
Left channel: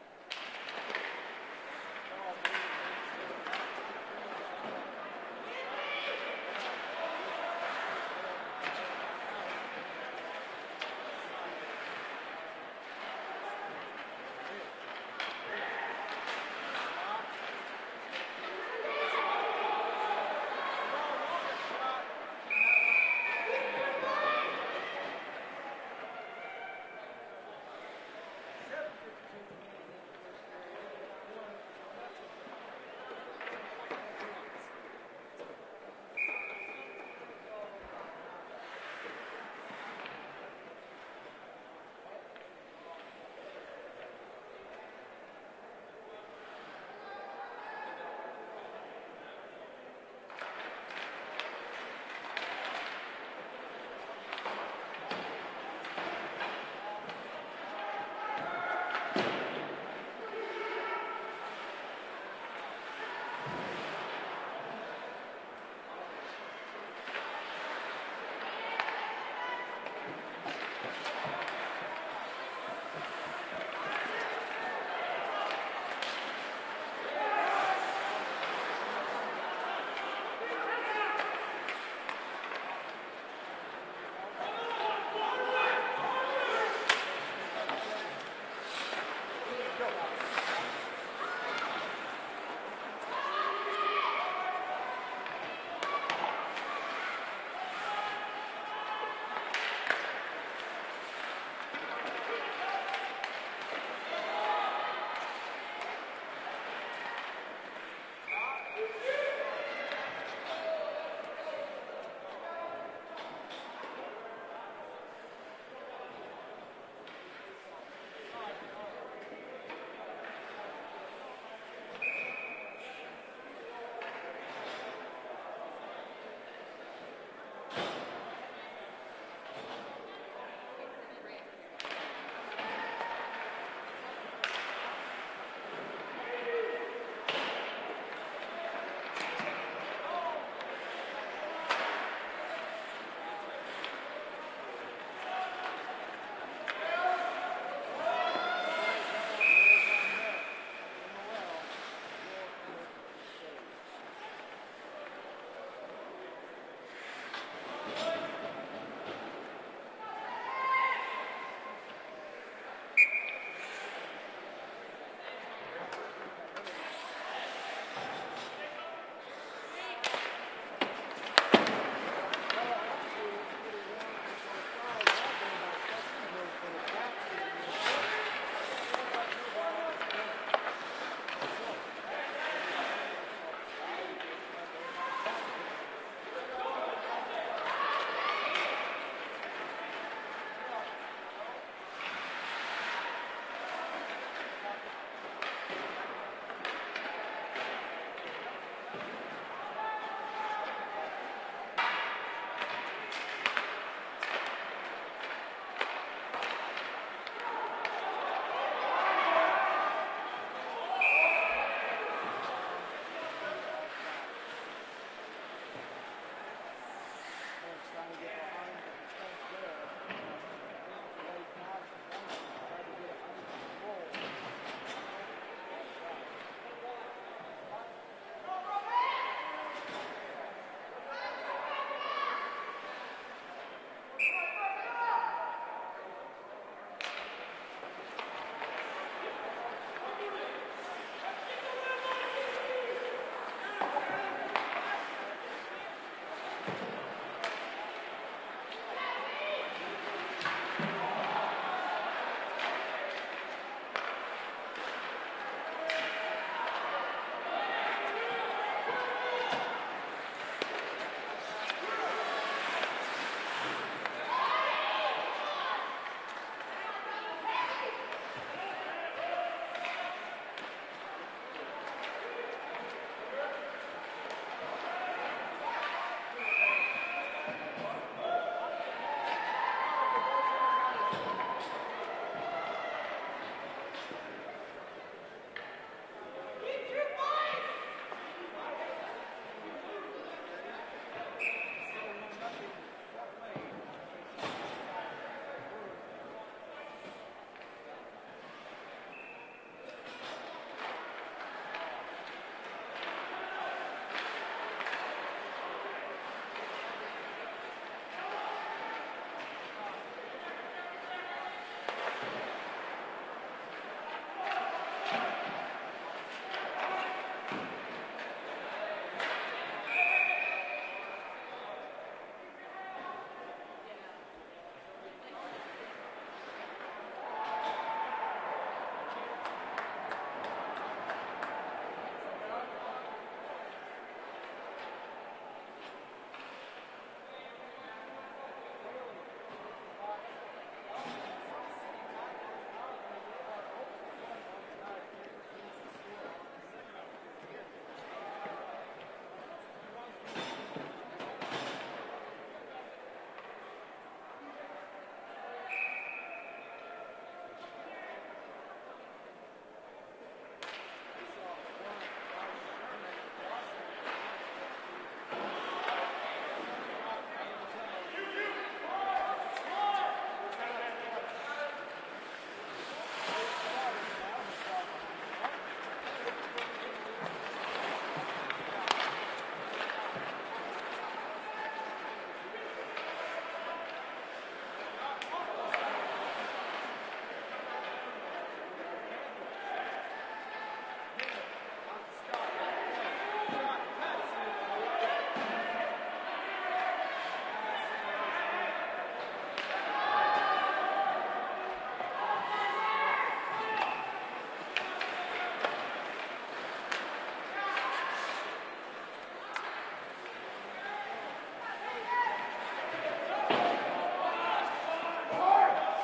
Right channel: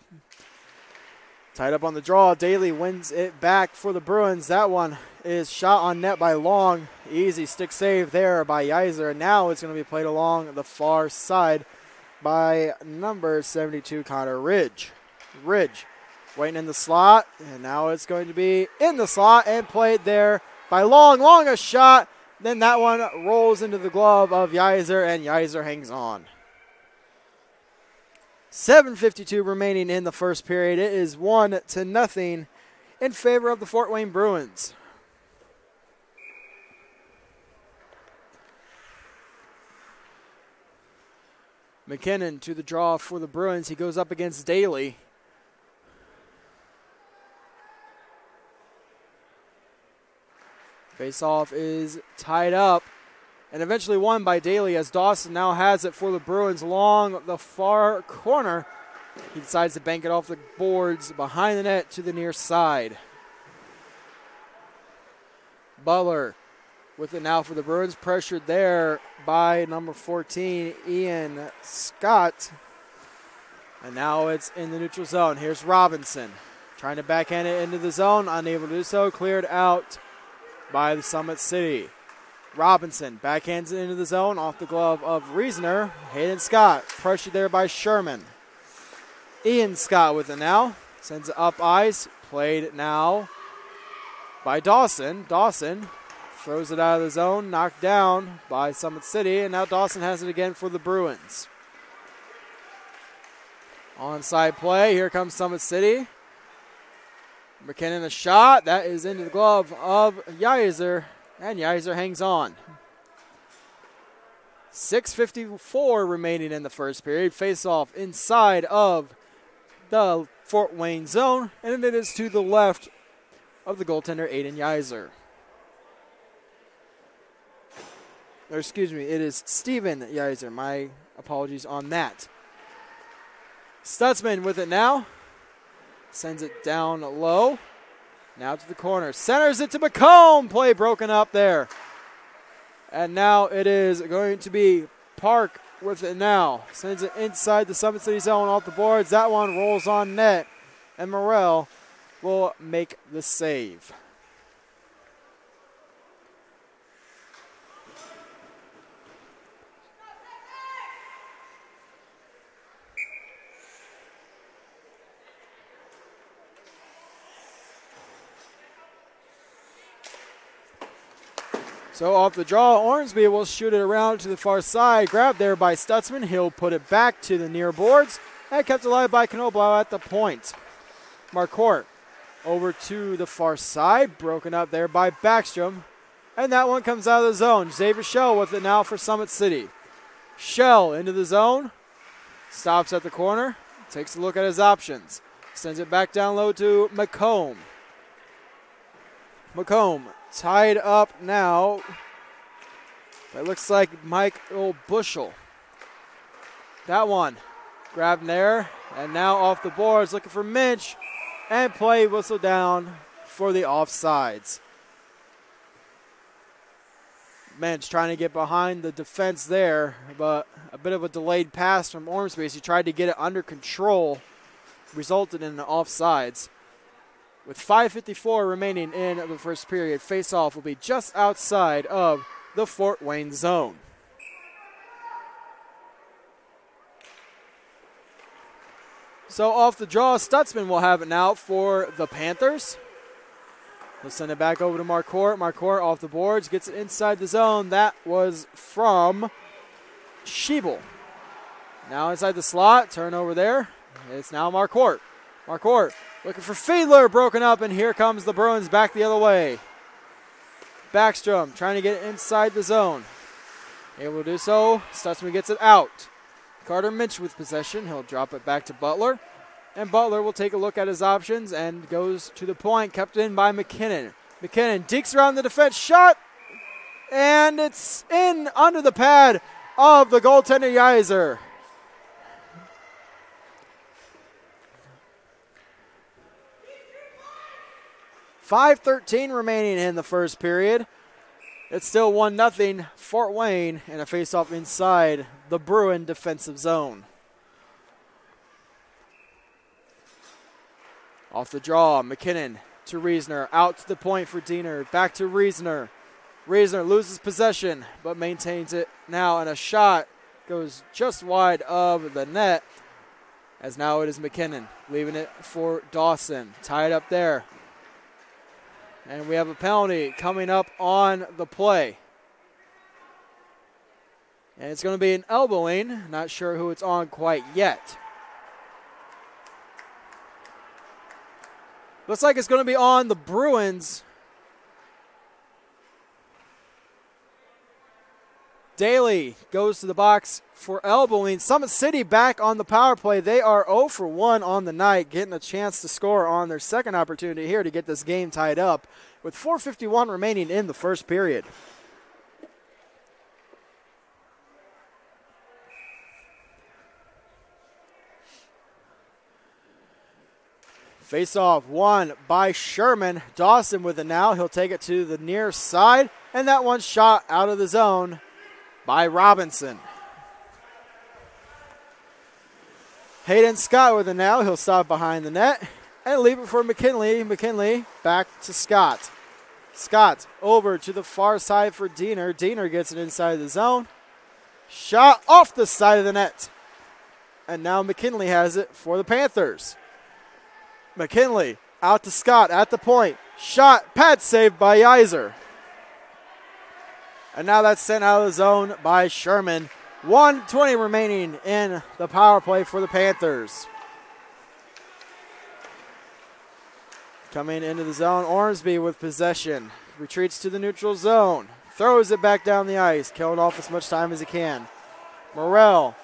Tied up on the draw. Daly wins it back for the Bruins. That one is shot on net by Long. Easy stick save there by Yiser. And now it's going to be played along the far side by number 72, Connor Ridge. Ridge waiting in the slot. And now it's going to be in the slot and played there by Long. Long a shot. Then that one rolls into the glove of Yiser, and Yiser hangs on. 7:52 remaining in the first period. It is 1-0 in favor of the Fort Wayne Bruins. McKinnon to the draw for the Bruins. He goes up against Daly. Face-off is tied up and eventually won by Daly as Dawson now has it for the Bruins along the far corner. He decides to bank it off the boards behind the net to the near side. Butler with it now for the Bruins. Pressured there by number 14, Ian Scott. And now it's in the neutral zone. Here's Robinson trying to backhand it into the zone. Unable to do so. Cleared out by the Summit City. Robinson backhands it into the zone off the glove of Reasoner. Hayden Scott pressured there by Sherman. Ian Scott with it now. Sends it up ice. Played now by Dawson. Dawson throws it out of the zone, knocked down by Summit City, and now Dawson has it again for the Bruins. Onside play, here comes Summit City. McKinnon a shot, that is into the glove of Yeiser, and Yeiser hangs on. 6:54 remaining in the first period. Face-off inside of the Fort Wayne zone, and it is to the left of the goaltender, Aiden Yeiser. Or excuse me, it is Steven Yeiser. My apologies on that. Stutzman with it now. Sends it down low. Now to the corner. Centers it to McComb. Play broken up there. And now it is going to be Park with it now. Sends it inside the Summit City zone off the boards. That one rolls on net. And Morrell will make the save. So off the draw, Ormsby will shoot it around to the far side. Grabbed there by Stutzman. He'll put it back to the near boards and kept alive by Knoblau at the point. Marcourt over to the far side. Broken up there by Backstrom. And that one comes out of the zone. Xavier Schell with it now for Summit City. Schell into the zone. Stops at the corner. Takes a look at his options. Sends it back down low to McComb. McComb tied up now. It looks like Michael Bushel. That one grabbed there. And now off the boards looking for Minch. And play whistle down for the offsides. Minch trying to get behind the defense there. But a bit of a delayed pass from Ormsby. He tried to get it under control. Resulted in the offsides. With 5:54 remaining in the first period, face-off will be just outside of the Fort Wayne zone. So off the draw, Stutzman will have it now for the Panthers. He'll send it back over to Marcourt. Marcourt off the boards, gets it inside the zone. That was from Schiebel. Now inside the slot, turnover there. It's now Marcourt. Marcourt looking for Fiedler, broken up, and here comes the Bruins back the other way. Backstrom trying to get inside the zone. Able to do so. Stutzman gets it out. Carter Minch with possession. He'll drop it back to Butler. And Butler will take a look at his options and goes to the point, kept in by McKinnon. McKinnon dekes around the defense, shot, and it's in under the pad of the goaltender Yeiser. .5:13 remaining in the first period. It's still 1-0 Fort Wayne and a face-off inside the Bruin defensive zone. Off the draw, McKinnon to Reisner, out to the point for Diener, back to Reisner. Reisner loses possession, but maintains it now, and a shot goes just wide of the net, as now it is McKinnon, leaving it for Dawson, tied up there. And we have a penalty coming up on the play. And it's going to be an elbowing. Not sure who it's on quite yet. Looks like it's going to be on the Bruins. Daly goes to the box for elbowing. Summit City back on the power play. They are 0 for 1 on the night, getting a chance to score on their second opportunity here to get this game tied up with 4:51 remaining in the first period. Face-off won by Sherman. Dawson with it now. He'll take it to the near side, and that one shot out of the zone by Robinson. Hayden Scott with it now. He'll stop behind the net and leave it for McKinley. McKinley back to Scott. Scott over to the far side for Diener. Diener gets it inside the zone. Shot off the side of the net. And now McKinley has it for the Panthers. McKinley out to Scott at the point. Shot, pad saved by Yeiser. And now that's sent out of the zone by Sherman. 1:20 remaining in the power play for the Panthers. Coming into the zone, Ormsby with possession. Retreats to the neutral zone. Throws it back down the ice. Killed off as much time as he can. Morrell.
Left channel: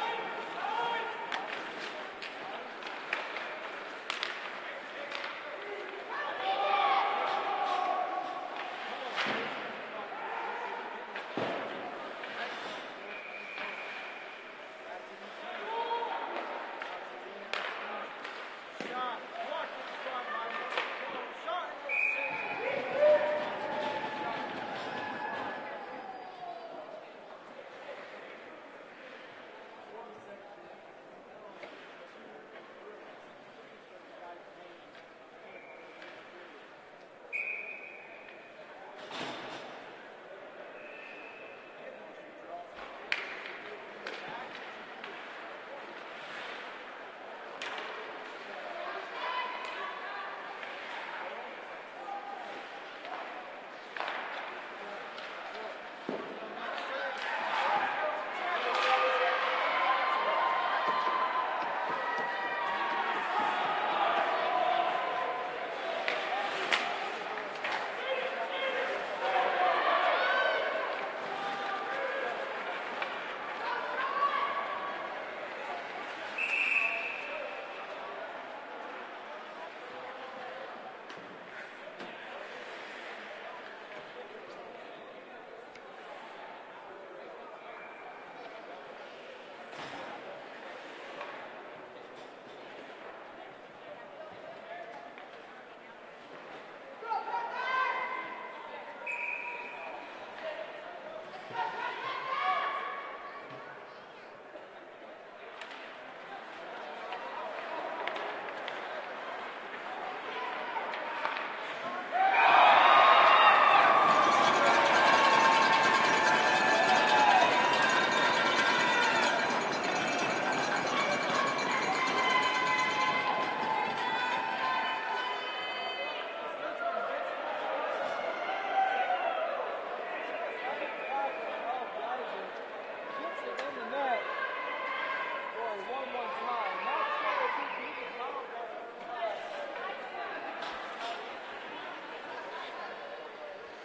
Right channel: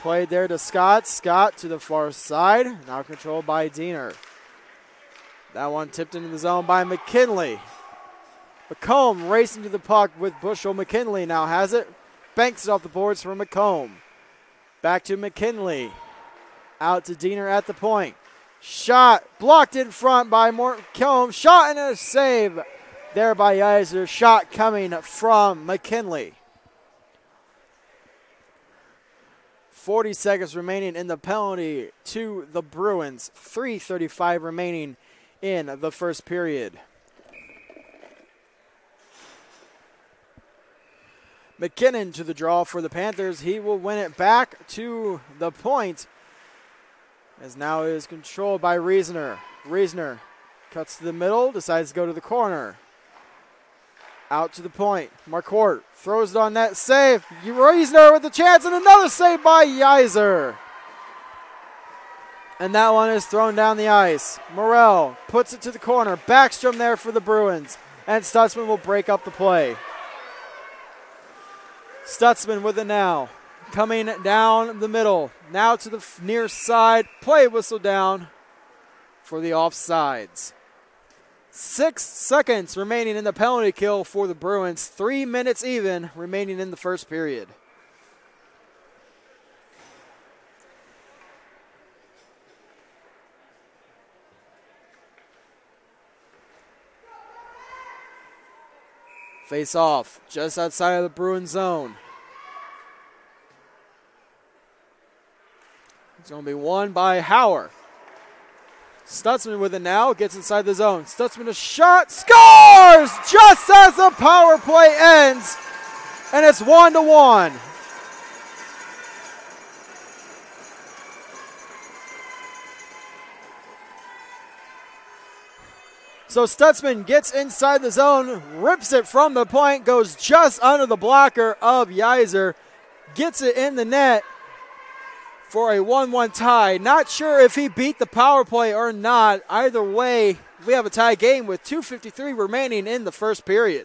Played there to Scott. Scott to the far side. Now controlled by Diener. That one tipped into the zone by McKinley. McComb racing to the puck with Bushel. McKinley now has it. Banks it off the boards for McComb. Back to McKinley. Out to Diener at the point. Shot blocked in front by McComb. Shot and a save there by Yeiser. Shot coming from McKinley. 40 seconds remaining in the penalty to the Bruins. 3:35 remaining in the first period. McKinnon to the draw for the Panthers. He will win it back to the point, as now it is controlled by Reasoner. Reasoner cuts to the middle, decides to go to the corner. Out to the point. Marquardt throws it on net. Save. Reasoner with the chance, and another save by Yeiser. And that one is thrown down the ice. Morrell puts it to the corner. Backstrom there for the Bruins. And Stutzman will break up the play. Stutzman with it now. Coming down the middle. Now to the near side. Play whistle down for the offsides. 6 seconds remaining in the penalty kill for the Bruins. 3 minutes even remaining in the first period. Face off just outside of the Bruins zone. It's going to be won by Hauer. Stutzman with it now, gets inside the zone. Stutzman a shot, scores just as the power play ends, and it's 1-1. So Stutzman gets inside the zone, rips it from the point, goes just under the blocker of Yeiser, gets it in the net for a 1-1 tie. Not sure if he beat the power play or not. Either way, we have a tie game with 2:53 remaining in the first period.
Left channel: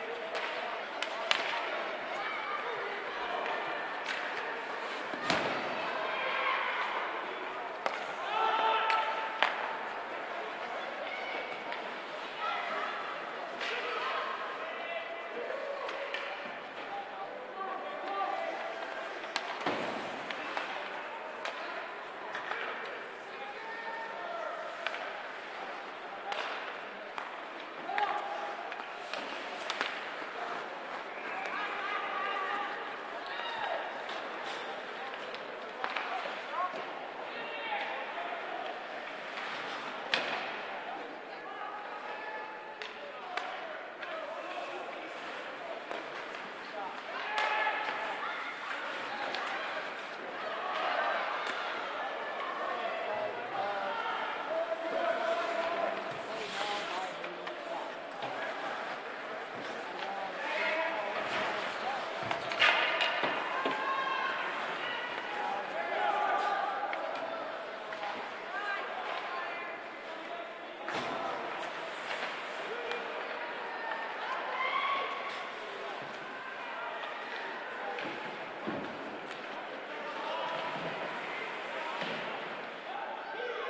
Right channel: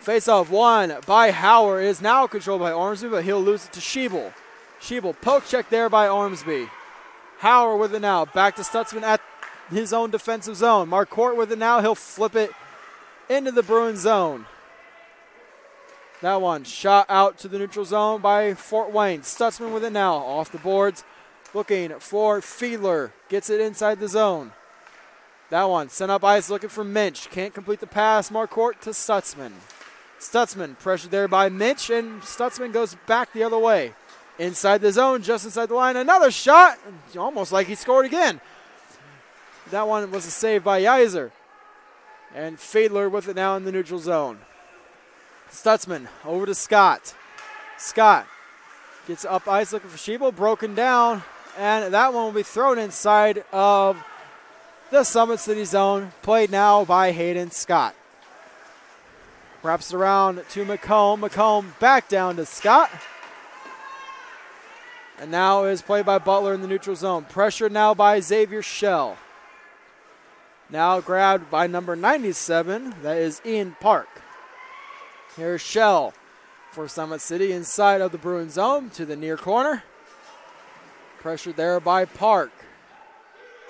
Face-off won by Hauer is now controlled by Ormsby, but he'll lose it to Schiebel. Schiebel poke check there by Ormsby. Hauer with it now. Back to Stutzman at his own defensive zone. Marquardt with it now. He'll flip it into the Bruins zone. That one shot out to the neutral zone by Fort Wayne. Stutzman with it now. Off the boards. Looking for Fiedler. Gets it inside the zone. That one sent up ice looking for Minch. Can't complete the pass. Marquardt to Stutzman. Stutzman pressured there by Minch, and Stutzman goes back the other way. Inside the zone, just inside the line. Another shot. Almost like he scored again. That one was a save by Yeiser. And Fiedler with it now in the neutral zone. Stutzman over to Scott. Scott gets up ice looking for Schiebel. Broken down. And that one will be thrown inside of the Summit City zone. Played now by Hayden Scott. Wraps it around to McComb. McComb back down to Scott. And now is played by Butler in the neutral zone. Pressured now by Xavier Schell. Now grabbed by number 97. That is Ian Park. Here's Schell for Summit City inside of the Bruins zone to the near corner. Pressured there by Park.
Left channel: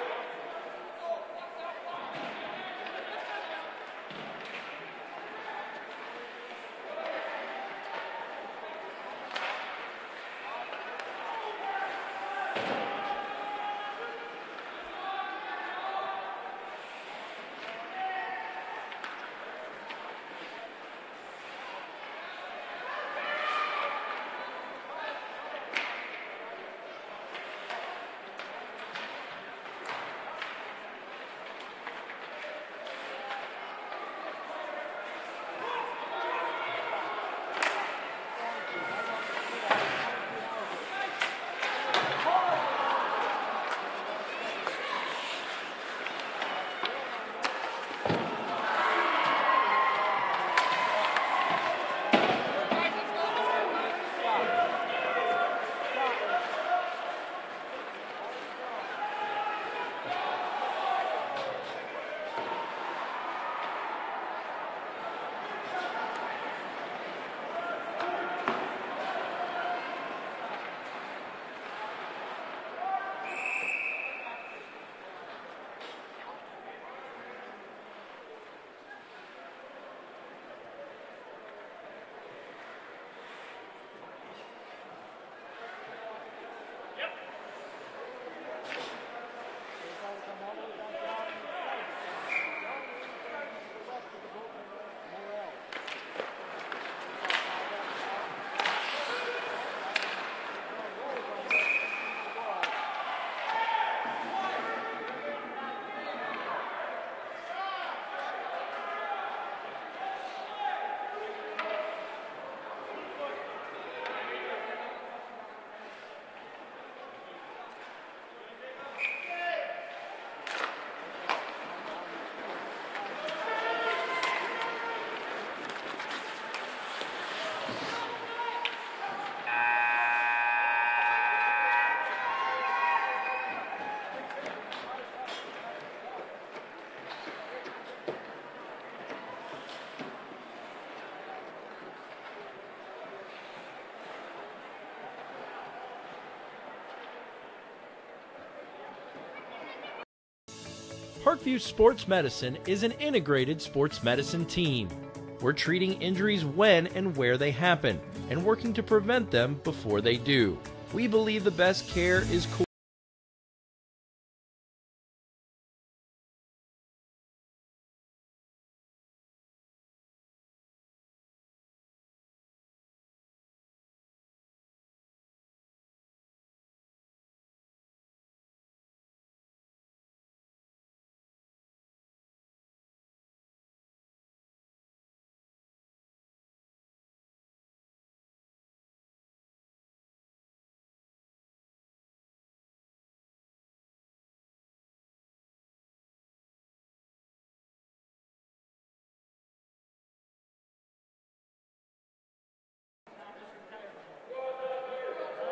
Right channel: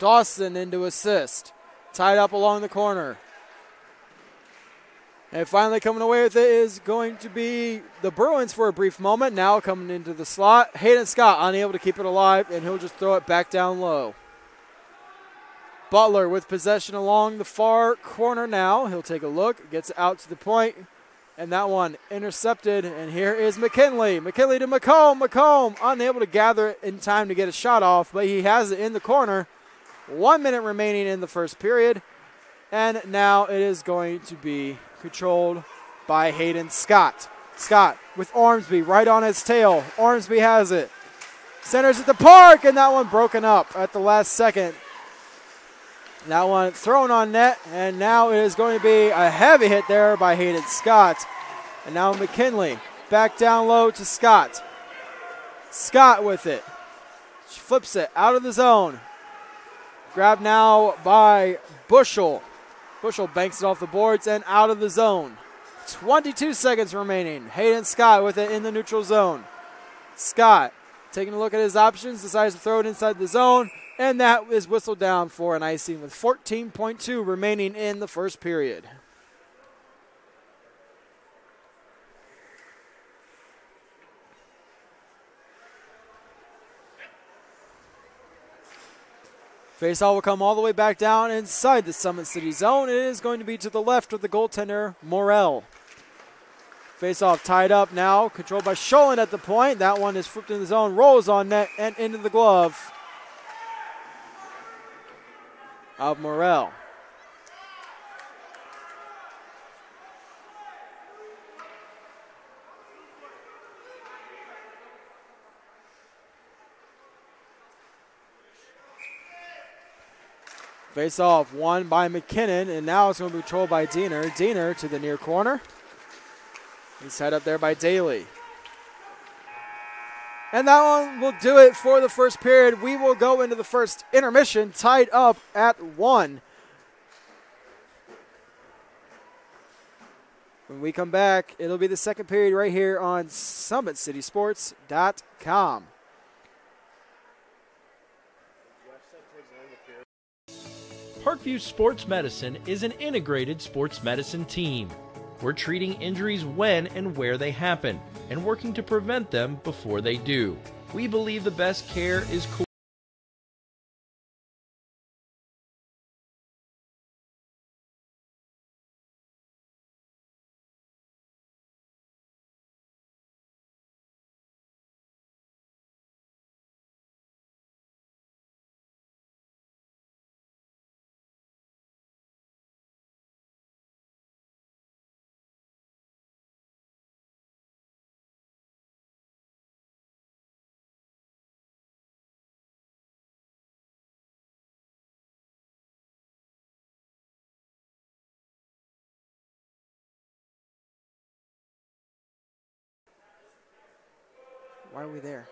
Dawson into assist. Tied up along the corner. And finally coming away with it is going to be the Bruins for a brief moment. Now coming into the slot. Hayden Scott unable to keep it alive, and he'll just throw it back down low. Butler with possession along the far corner now. He'll take a look, gets it out to the point, and that one intercepted. And here is McKinley. McKinley to McComb. McComb unable to gather it in time to get a shot off, but he has it in the corner. 1 minute remaining in the first period. And now it is going to be controlled by Hayden Scott. Scott with Ormsby right on his tail. Ormsby has it. Centers at the Park, and that one broken up at the last second That one thrown on net, and now it is going to be a heavy hit there by Hayden Scott. And now McKinley back down low to Scott. Scott with it. She flips it out of the zone. Grabbed now by Bushel. Bushel banks it off the boards and out of the zone. 22 seconds remaining. Hayden Scott with it in the neutral zone. Scott taking a look at his options, decides to throw it inside the zone, and that is whistled down for an icing with 14.2 remaining in the first period. Faceoff will come all the way back down inside the Summit City zone. It is going to be to the left of the goaltender, Morel. Faceoff tied up now, controlled by Scholin at the point. That one is flipped in the zone, rolls on net and into the glove of Morel. Face-off won by McKinnon, and now it's going to be controlled by Diener. Diener to the near corner. And set up there by Daly. And that one will do it for the first period. We will go into the first intermission tied up at 1. When we come back, it'll be the second period right here on SummitCitySports.com. Parkview Sports Medicine is an integrated sports medicine team. We're treating injuries when and where they happen and working to prevent them before they do. We believe the best care is Why are we there?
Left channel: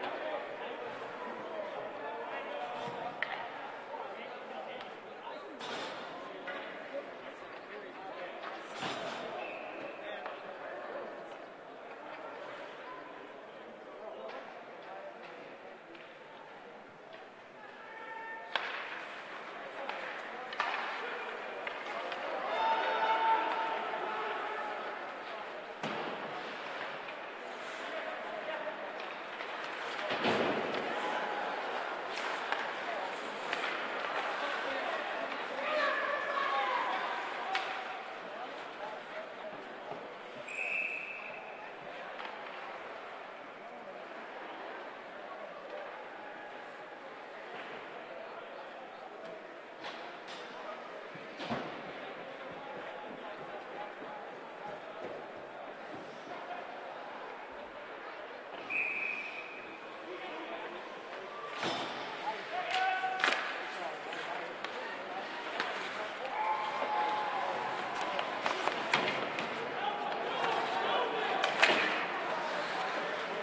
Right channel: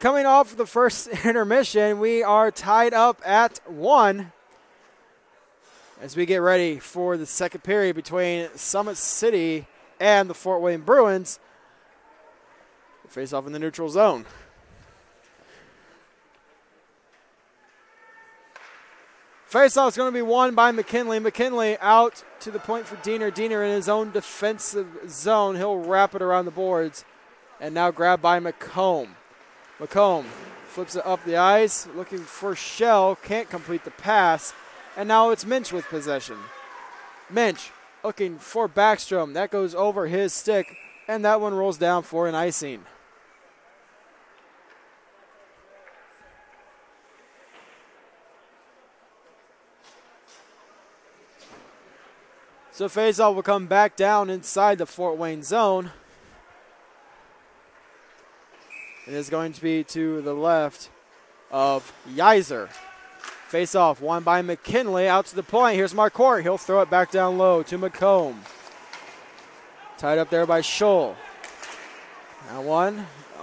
Coming off the first intermission, we are tied up at 1 as we get ready for the second period between Summit City and the Fort Wayne Bruins. Face off in the neutral zone. Face-off is going to be won by McKinley. McKinley out to the point for Diener. Diener in his own defensive zone. He'll wrap it around the boards. And now grabbed by McComb. McComb flips it up the ice, looking for Shell. Can't complete the pass. And now it's Minch with possession. Minch looking for Backstrom. That goes over his stick. And that one rolls down for an icing. So faceoff will come back down inside the Fort Wayne zone. It is going to be to the left of Yeiser. Face-off won by McKinley out to the point. Here's Marquardt. He'll throw it back down low to McComb. Tied up there by Scholl. Now one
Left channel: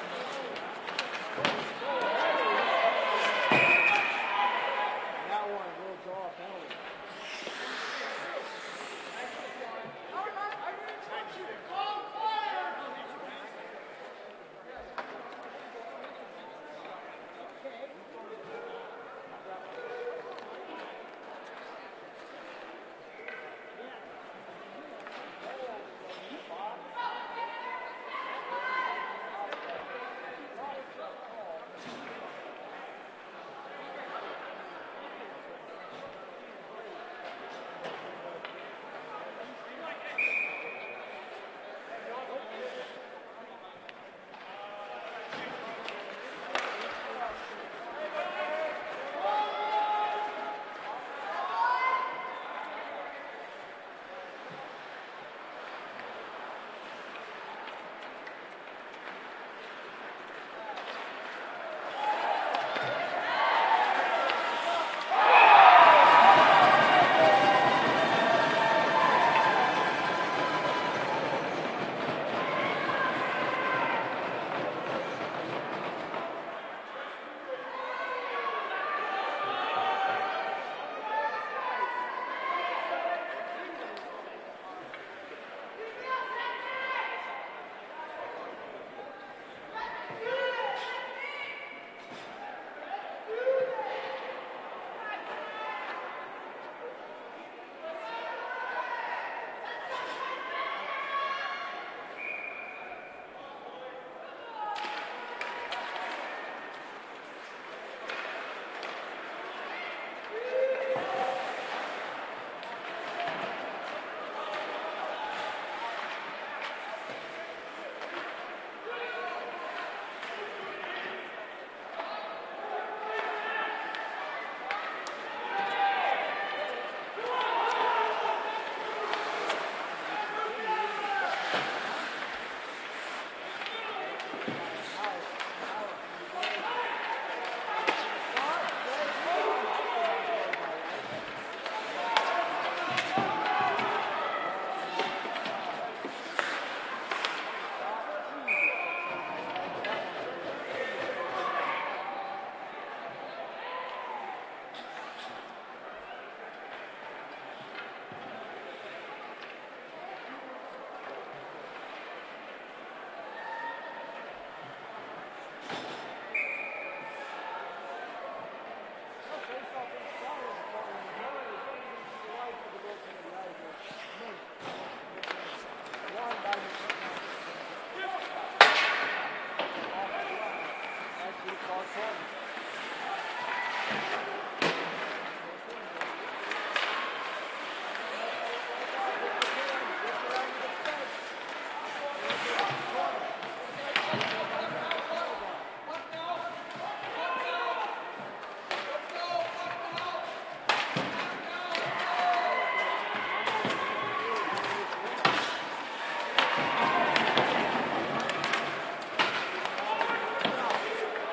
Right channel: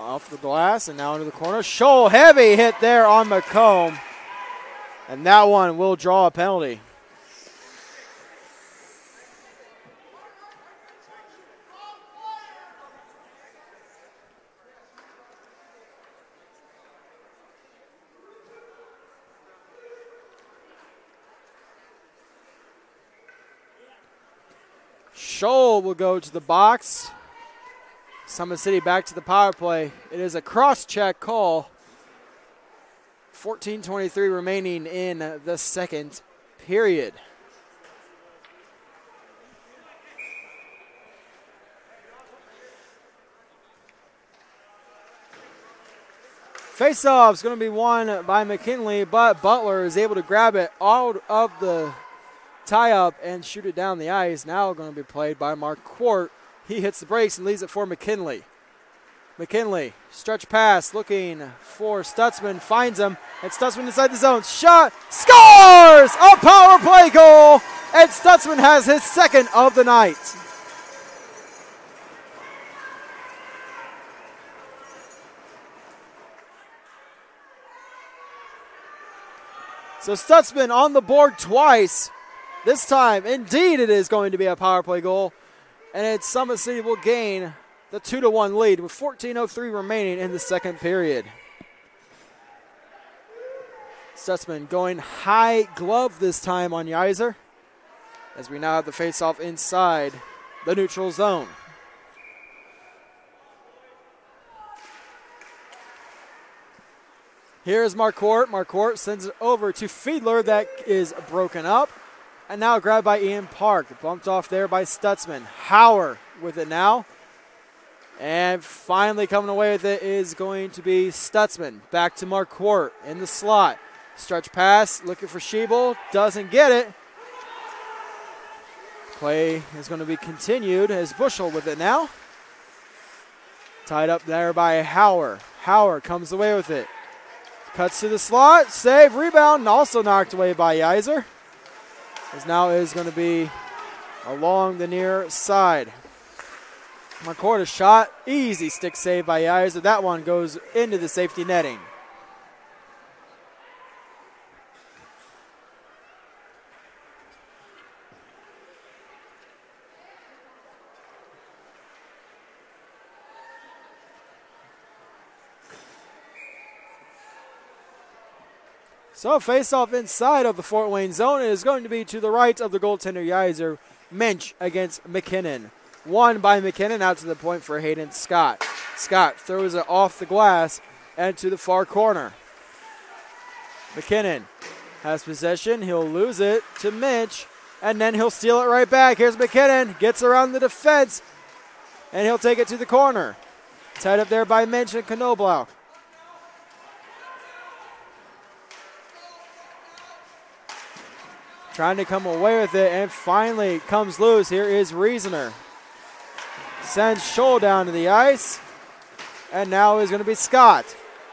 off the glass and now into the corner. Scholl, heavy hit there on McComb. And that one will draw a penalty. Scholl will go to the box. Summit City back to the power play. It is a cross-check call. 14:23 remaining in the second period. Face-off is going to be won by McKinley, but Butler is able to grab it out of the tie-up and shoot it down the ice. Now going to be played by Mark Quart. He hits the brakes and leaves it for McKinley. McKinley, stretch pass, looking for Stutzman, finds him, and Stutzman inside the zone. Shot, scores! A power play goal, and Stutzman has his second of the night. So Stutzman on the board twice. This time, indeed, it is going to be a power play goal, and it's Summit City will gain the 2-1 lead with 14:03 remaining in the second period. Stutzman going high glove this time on Yeiser, as we now have the face-off inside the neutral zone. Here's Marquardt. Marquardt sends it over to Fiedler. That is broken up. And now grabbed by Ian Park. Bumped off there by Stutzman. Hauer with it now. And finally coming away with it is going to be Stutzman. Back to Marquardt in the slot. Stretch pass, looking for Schiebel. Doesn't get it. Play is going to be continued as Bushel with it now. Tied up there by Hauer. Hauer comes away with it. Cuts to the slot, save, rebound, and also knocked away by Yeiser. As now is going to be along the near side. Marquardt a shot, easy stick save by Yeiser. That one goes into the safety netting. So face-off inside of the Fort Wayne zone is going to be to the right of the goaltender Yeiser. Minch against McKinnon. Won by McKinnon out to the point for Hayden Scott. Scott throws it off the glass and to the far corner. McKinnon has possession. He'll lose it to Minch, and then he'll steal it right back. Here's McKinnon. Gets around the defense, and he'll take it to the corner. Tied up there by Minch and Knoblau. Trying to come away with it, and finally comes loose. Here is Reasoner. Sends Scholl down to the ice, and now is going to be Scott.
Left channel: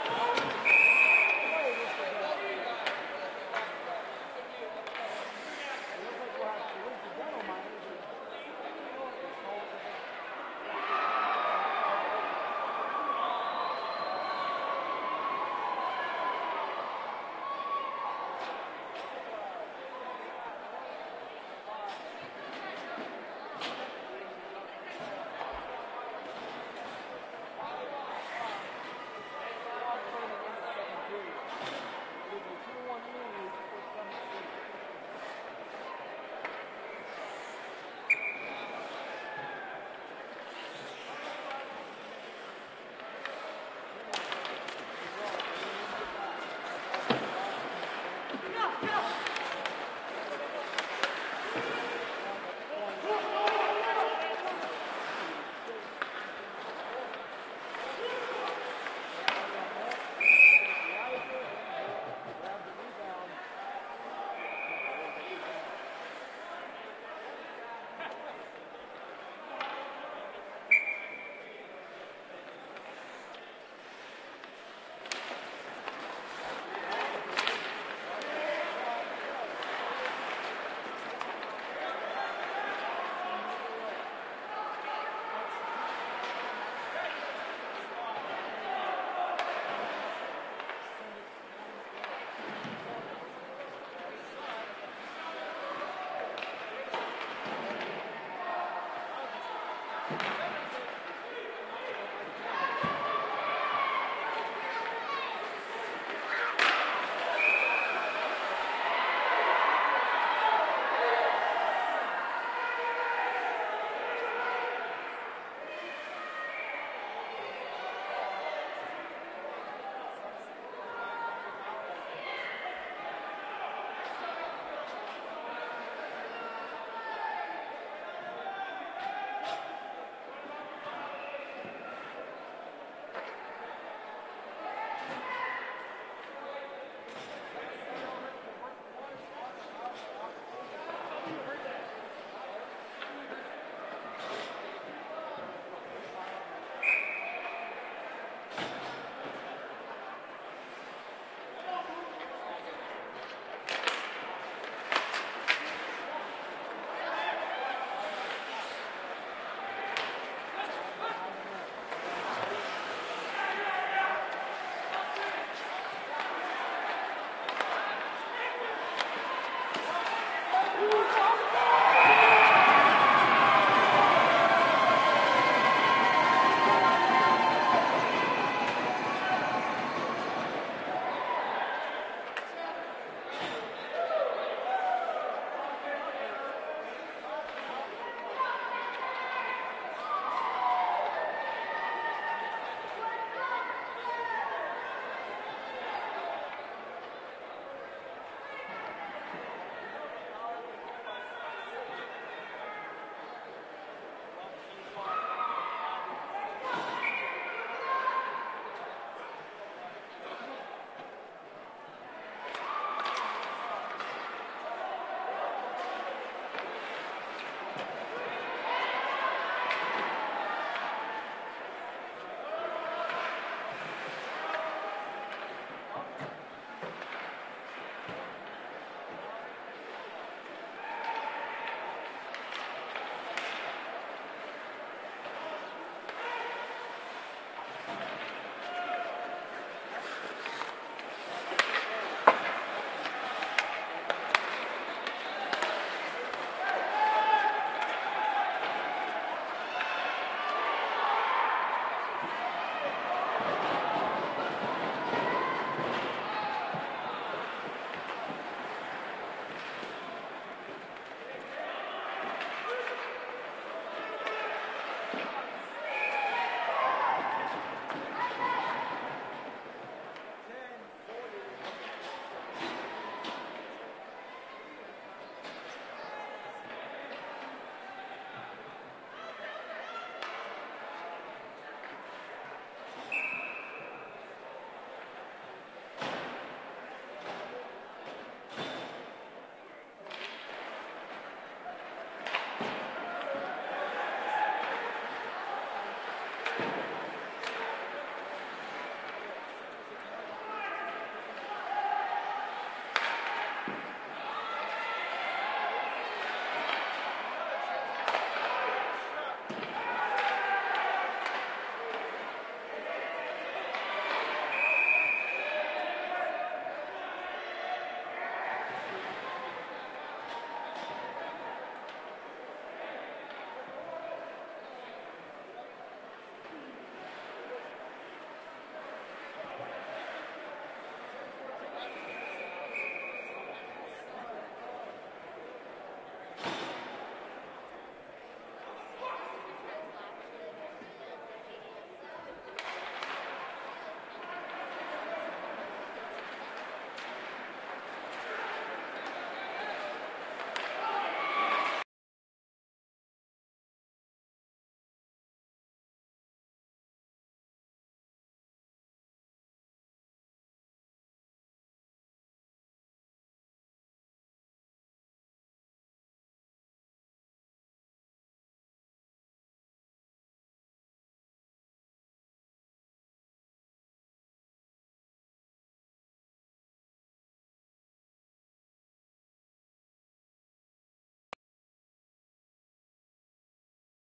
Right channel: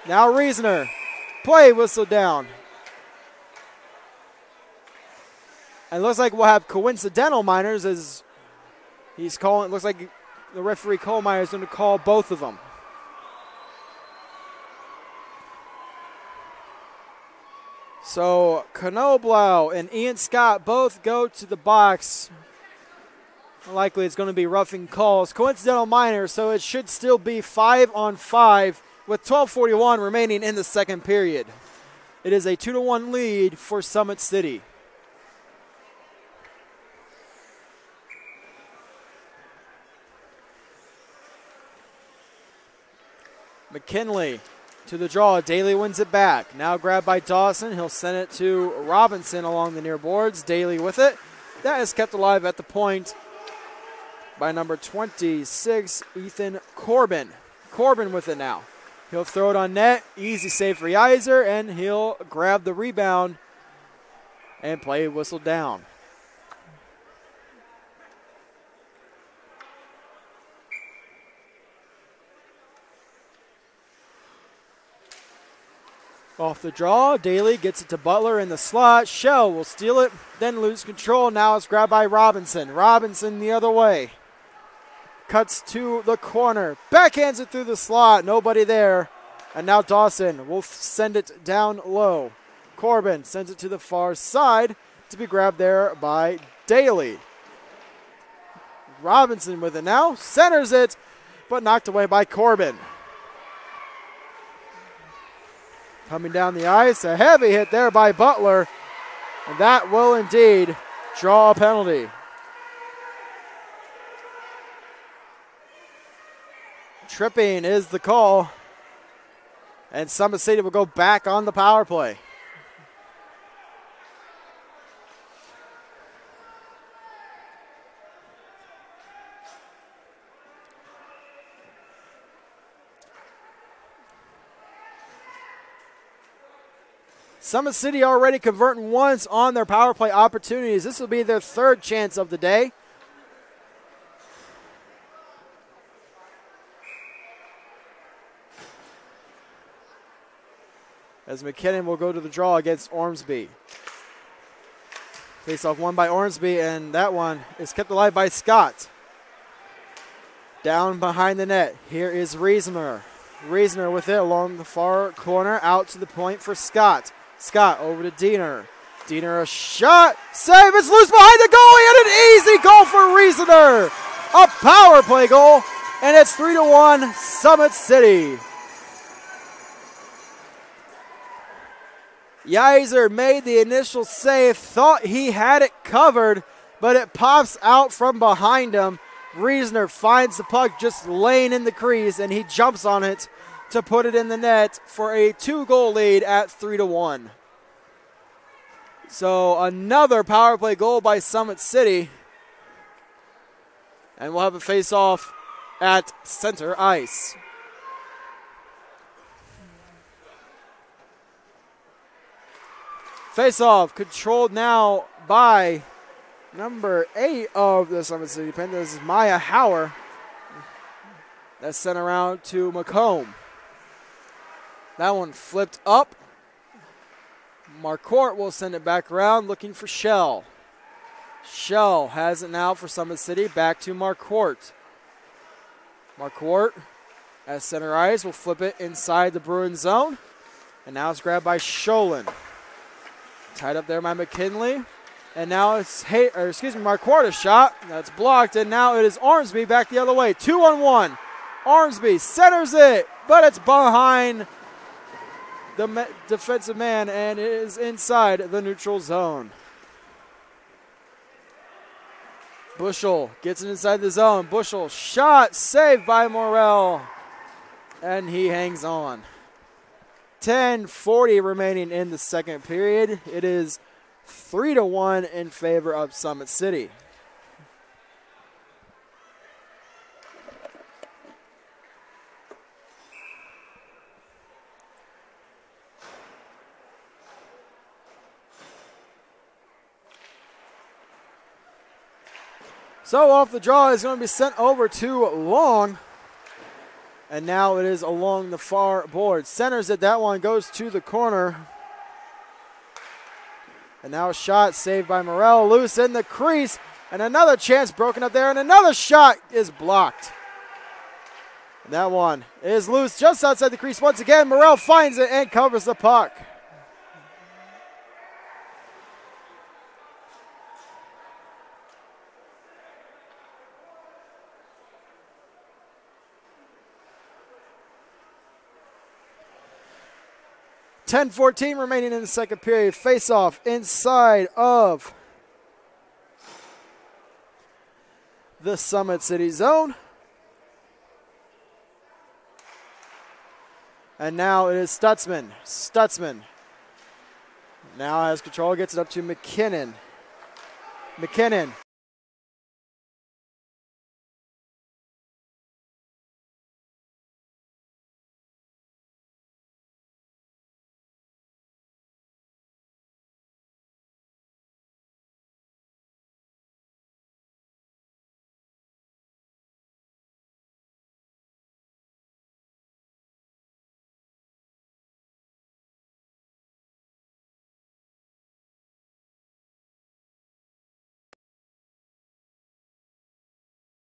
Now Reasoner. Play whistle down. And it looks like we'll have coincidental minors as he's calling. It looks like the referee Kohlmeyer is going to call both of them. So Knoblau and Ian Scott both go to the box. Likely it's going to be roughing calls. Coincidental minor, so it should still be 5-on-5 with 12:41 remaining in the second period. It is a 2-1 lead for Summit City. McKinley to the draw. Daly wins it back. Now grabbed by Dawson. He'll send it to Robinson along the near boards. Daly with it. That is kept alive at the point by number 26, Ethan Corbin. Corbin with it now. He'll throw it on net. Easy save for Yeiser, and he'll grab the rebound and play whistle down. Off the draw, Daly gets it to Butler in the slot. Shell will steal it, then lose control. Now it's grabbed by Robinson. Robinson the other way. Cuts to the corner. Backhands it through the slot. Nobody there. And now Dawson will send it down low. Corbin sends it to the far side to be grabbed there by Daly. Robinson with it now. Centers it, but knocked away by Corbin. Coming down the ice, a heavy hit there by Butler. And that will indeed draw a penalty. Tripping is the call. And Summit City will go back on the power play. Summit City already converting once on their power play opportunities. This will be their third chance of the day. As McKinnon will go to the draw against Ormsby. Face-off won by Ormsby, and that one is kept alive by Scott. Down behind the net, here is Reasoner. Reasoner with it along the far corner, out to the point for Scott. Scott over to Diener. Diener a shot, save, it's loose behind the goalie, and an easy goal for Reasoner. A power play goal, and it's 3-1 Summit City. Yeiser made the initial save, thought he had it covered, but it pops out from behind him. Reasoner finds the puck just laying in the crease, and he jumps on it to put it in the net for a 2-goal lead at 3-1. So another power play goal by Summit City. And we'll have a face-off at center ice. Face-off controlled now by number 8 of the Summit City Pen. This is Maya Hauer. That's sent around to McComb. That one flipped up. Marquardt will send it back around looking for Shell. Shell has it now for Summit City. Back to Marquardt. Marquardt at center ice will flip it inside the Bruin zone. And now it's grabbed by Scholin. Tied up there by McKinley. And now it's Marquardt a shot. That's blocked. And now it is Ormsby back the other way. 2-on-1. Ormsby centers it, but it's behind the defensive man, and it is inside the neutral zone. Bushel gets it inside the zone. Bushel shot, saved by Morrell, and he hangs on. 10:40 remaining in the second period. It is 3-1 in favor of Summit City. So off the draw is going to be sent over to Long. And now it is along the far board. Centers it, that one goes to the corner. And now a shot saved by Morrell, loose in the crease. And another chance broken up there, and another shot is blocked. That one is loose just outside the crease once again. Morrell finds it and covers the puck. .10:14 remaining in the second period. Face-off inside of the Summit City zone. And now it is Stutzman. Stutzman now has control, gets it up to McKinnon. McKinnon.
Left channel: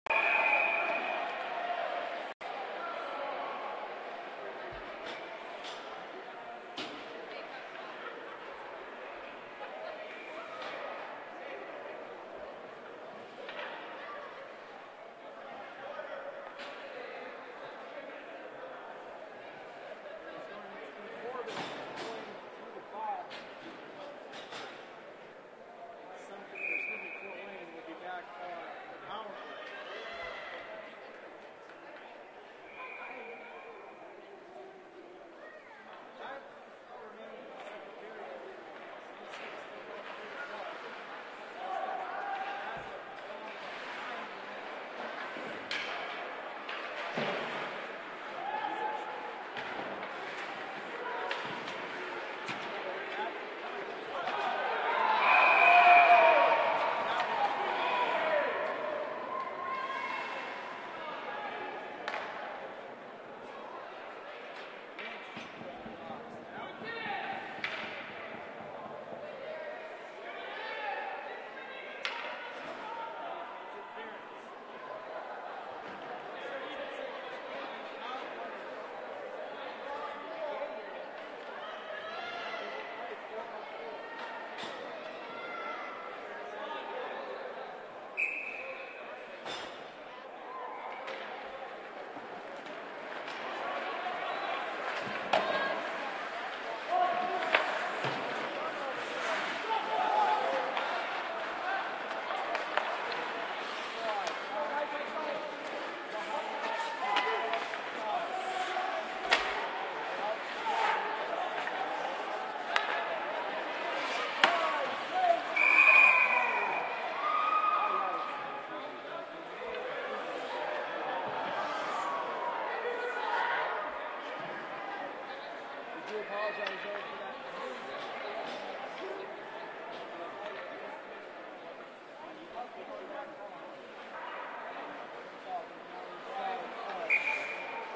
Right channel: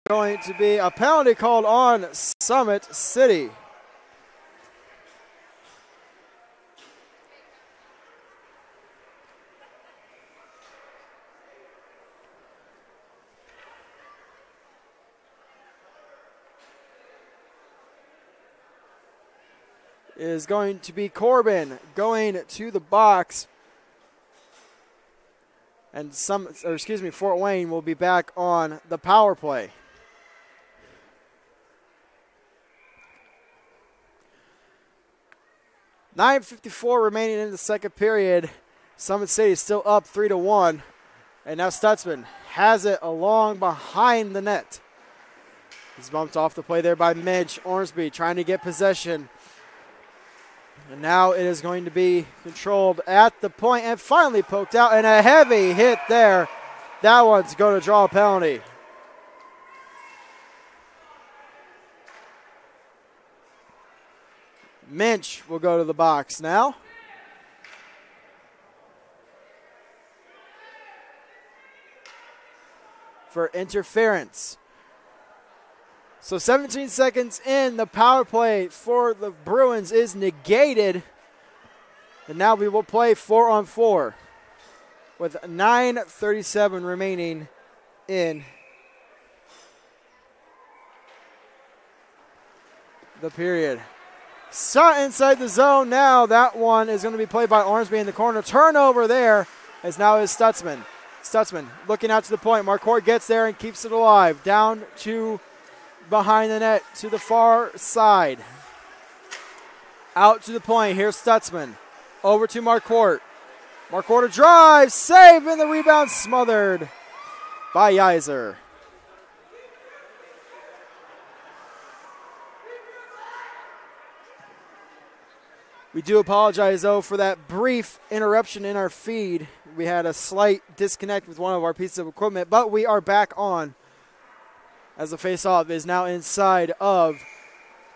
Going to be a penalty called on Summit City. It is going to be Corbin going to the box. And Fort Wayne will be back on the power play. .9:54 remaining in the second period. Summit City is still up 3-1. And now Stutzman has it along behind the net. He's bumped off the play there by Midge. Ormsby trying to get possession. And now it is going to be controlled at the point and finally poked out, and a heavy hit there. That one's going to draw a penalty. Minch will go to the box now. For interference. So 17 seconds in, the power play for the Bruins is negated. And now we will play 4-on-4 with 9:37 remaining in the period. Shot inside the zone now. That one is going to be played by Ormsby in the corner. Turnover there as now is Stutzman. Stutzman looking out to the point. Marquardt gets there and keeps it alive. Down to behind the net to the far side. Out to the point. Here's Stutzman. Over to Marquardt. Marquardt a drive. Save, and the rebound smothered by Yeiser. We do apologize, though, for that brief interruption in our feed. We had a slight disconnect with one of our pieces of equipment, but we are back on as the face-off is now inside of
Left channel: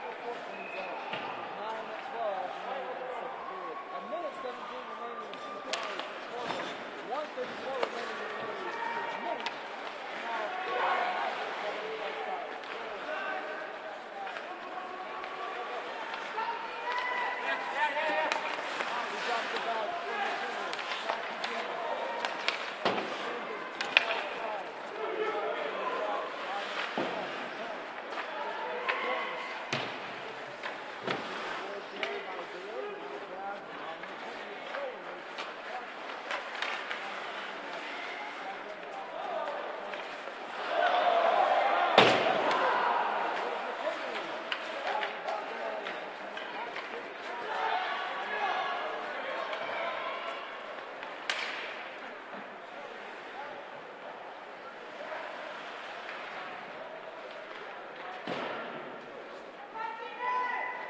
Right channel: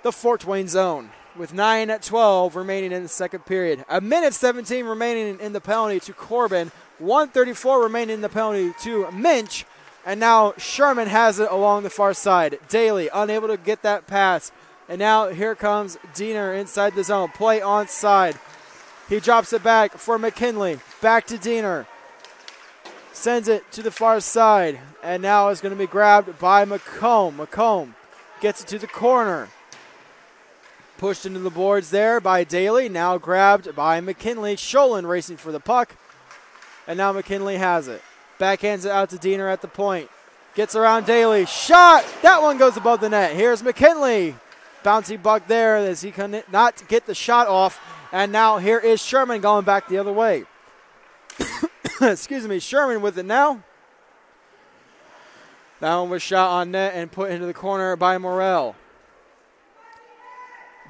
the Fort Wayne zone with 9:12 remaining in the second period. 1:17 remaining in the penalty to Corbin. 1:34 remaining in the penalty to Minch. And now Sherman has it along the far side. Daly unable to get that pass. And now here comes Diener inside the zone. Play onside. He drops it back for McKinley. Back to Diener. Sends it to the far side. And now it's going to be grabbed by McComb. McComb gets it to the corner. Pushed into the boards there by Daly. Now grabbed by McKinley. Sholin racing for the puck. And now McKinley has it. Backhands it out to Diener at the point. Gets around Daly. Shot! That one goes above the net. Here's McKinley. Bouncy buck there as he cannot get the shot off. And now here is Sherman going back the other way. Excuse me, Sherman with it now. That one was shot on net and put into the corner by Morrell.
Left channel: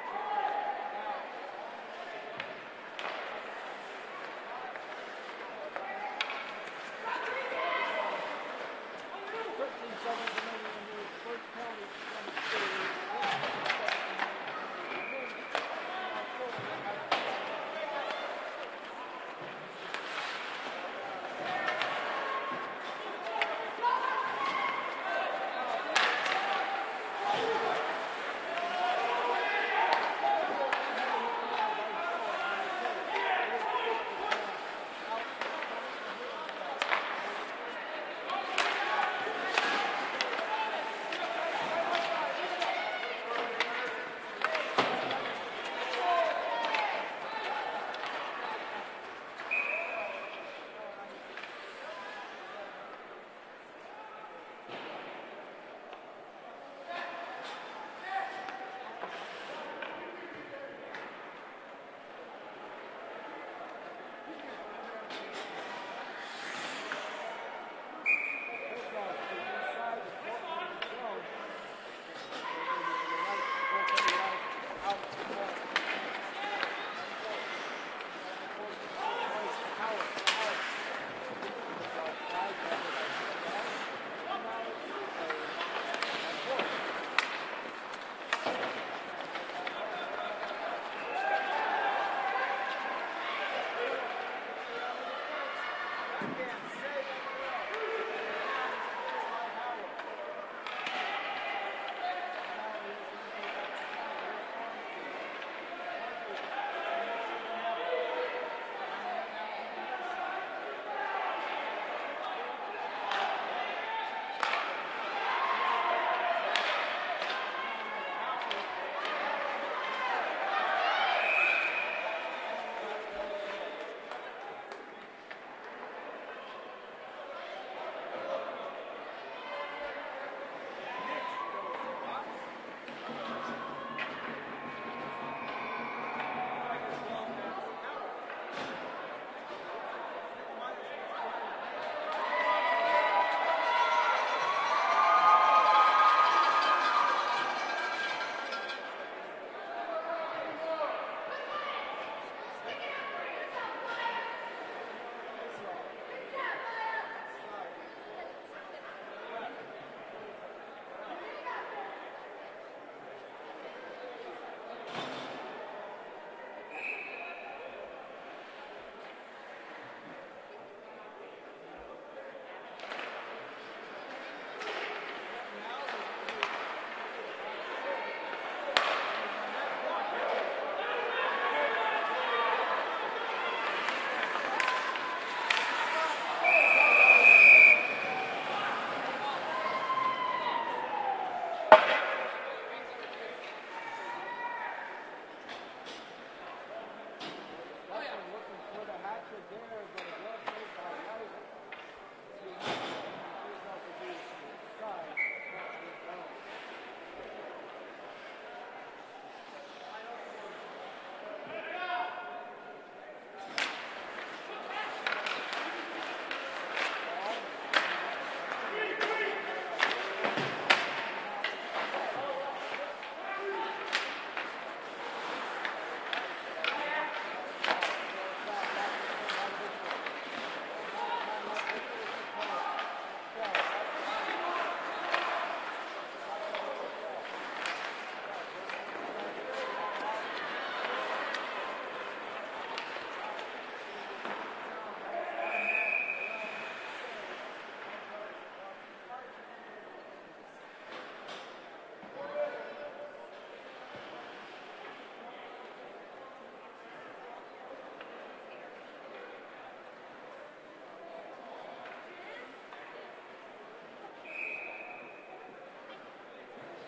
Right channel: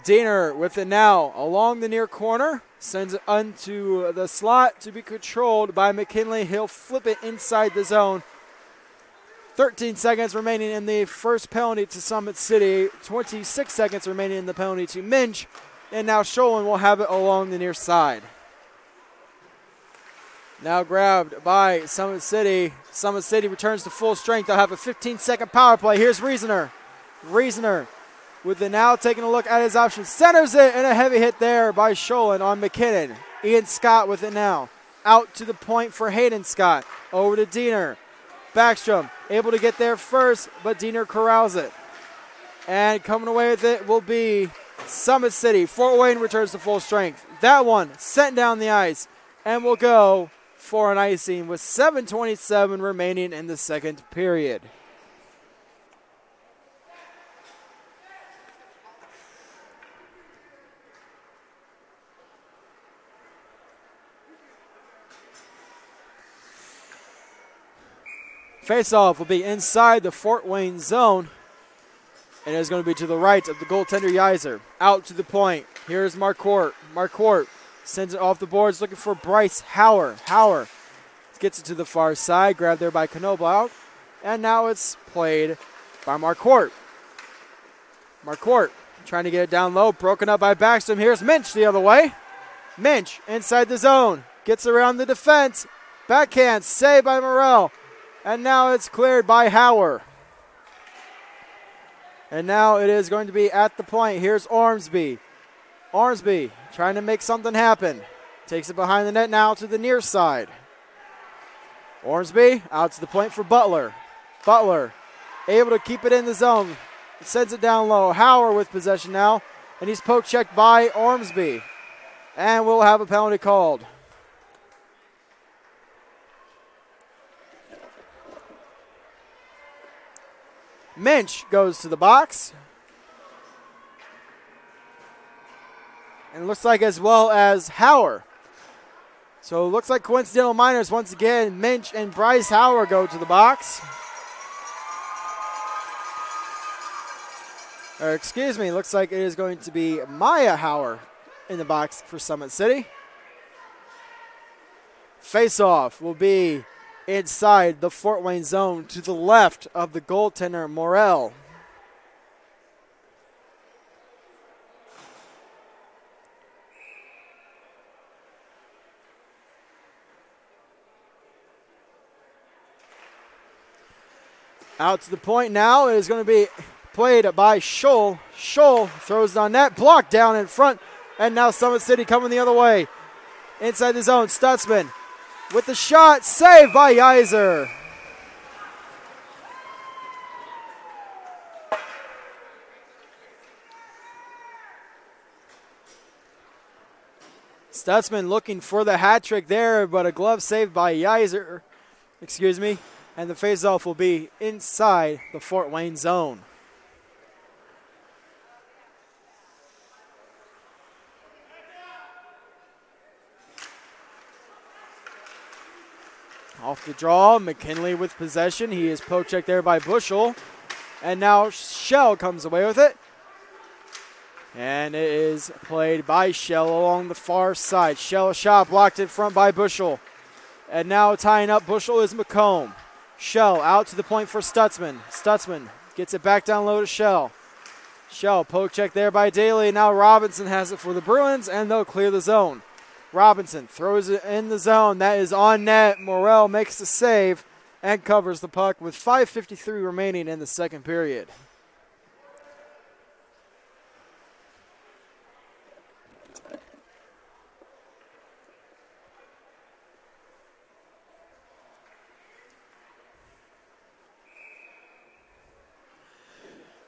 Diener with it now along the near corner. Sends it onto the slot to be controlled by McKinley. He'll flip it inside the zone. 13 seconds remaining in the first penalty to Summit City. 26 seconds remaining in the penalty to Minch. And now Sholin will have it along the near side. Now grabbed by Summit City. Summit City returns to full strength. They'll have a 15-second power play. Here's Reasoner. Reasoner with it now, taking a look at his options. Centers it, and a heavy hit there by Sholin on McKinnon. Ian Scott with it now. Out to the point for Hayden Scott. Over to Diener. Backstrom able to get there first, but Diener corrals it. And coming away with it will be Summit City. Fort Wayne returns to full strength. That one sent down the ice and will go for an icing with 7:27 remaining in the second period. Face-off will be inside the Fort Wayne zone. And it's going to be to the right of the goaltender Yeiser. Out to the point. Here's Marquardt. Marquardt sends it off the boards looking for Bryce Hauer. Hauer gets it to the far side. Grabbed there by Knobloch. And now it's played by Marquardt. Marquardt trying to get it down low. Broken up by Backstrom. Here's Minch the other way. Minch inside the zone. Gets around the defense. Backhand. Saved by Morrell. And now it's cleared by Hauer. And now it is going to be at the point. Here's Ormsby. Ormsby trying to make something happen. Takes it behind the net now to the near side. Ormsby out to the point for Butler. Butler able to keep it in the zone. Sends it down low. Hauer with possession now. And he's poke checked by Ormsby. And we'll have a penalty called. Minch goes to the box. And it looks like as well as Hauer. So it looks like coincidental minors once again. Minch and Bryce Hauer go to the box. Or excuse me, looks like it is going to be Maya Hauer in the box for Summit City. Face-off will be inside the Fort Wayne zone to the left of the goaltender, Morel. Out to the point now is going to be played by Scholl. Scholl throws on net, blocked down in front, and now Summit City coming the other way. Inside the zone, Stutzman with the shot, saved by Yeiser. Stutzman looking for the hat trick there, but a glove saved by Yeiser. Excuse me. And the faceoff will be inside the Fort Wayne zone. Off the draw, McKinley with possession. He is poke checked there by Bushel. And now Shell comes away with it. And it is played by Shell along the far side. Shell shot blocked in front by Bushel. And now tying up Bushel is McComb. Shell out to the point for Stutzman. Stutzman gets it back down low to Shell. Shell poke check there by Daly. Now Robinson has it for the Bruins, and they'll clear the zone. Robinson throws it in the zone. That is on net. Morel makes the save and covers the puck with 5:53 remaining in the second period.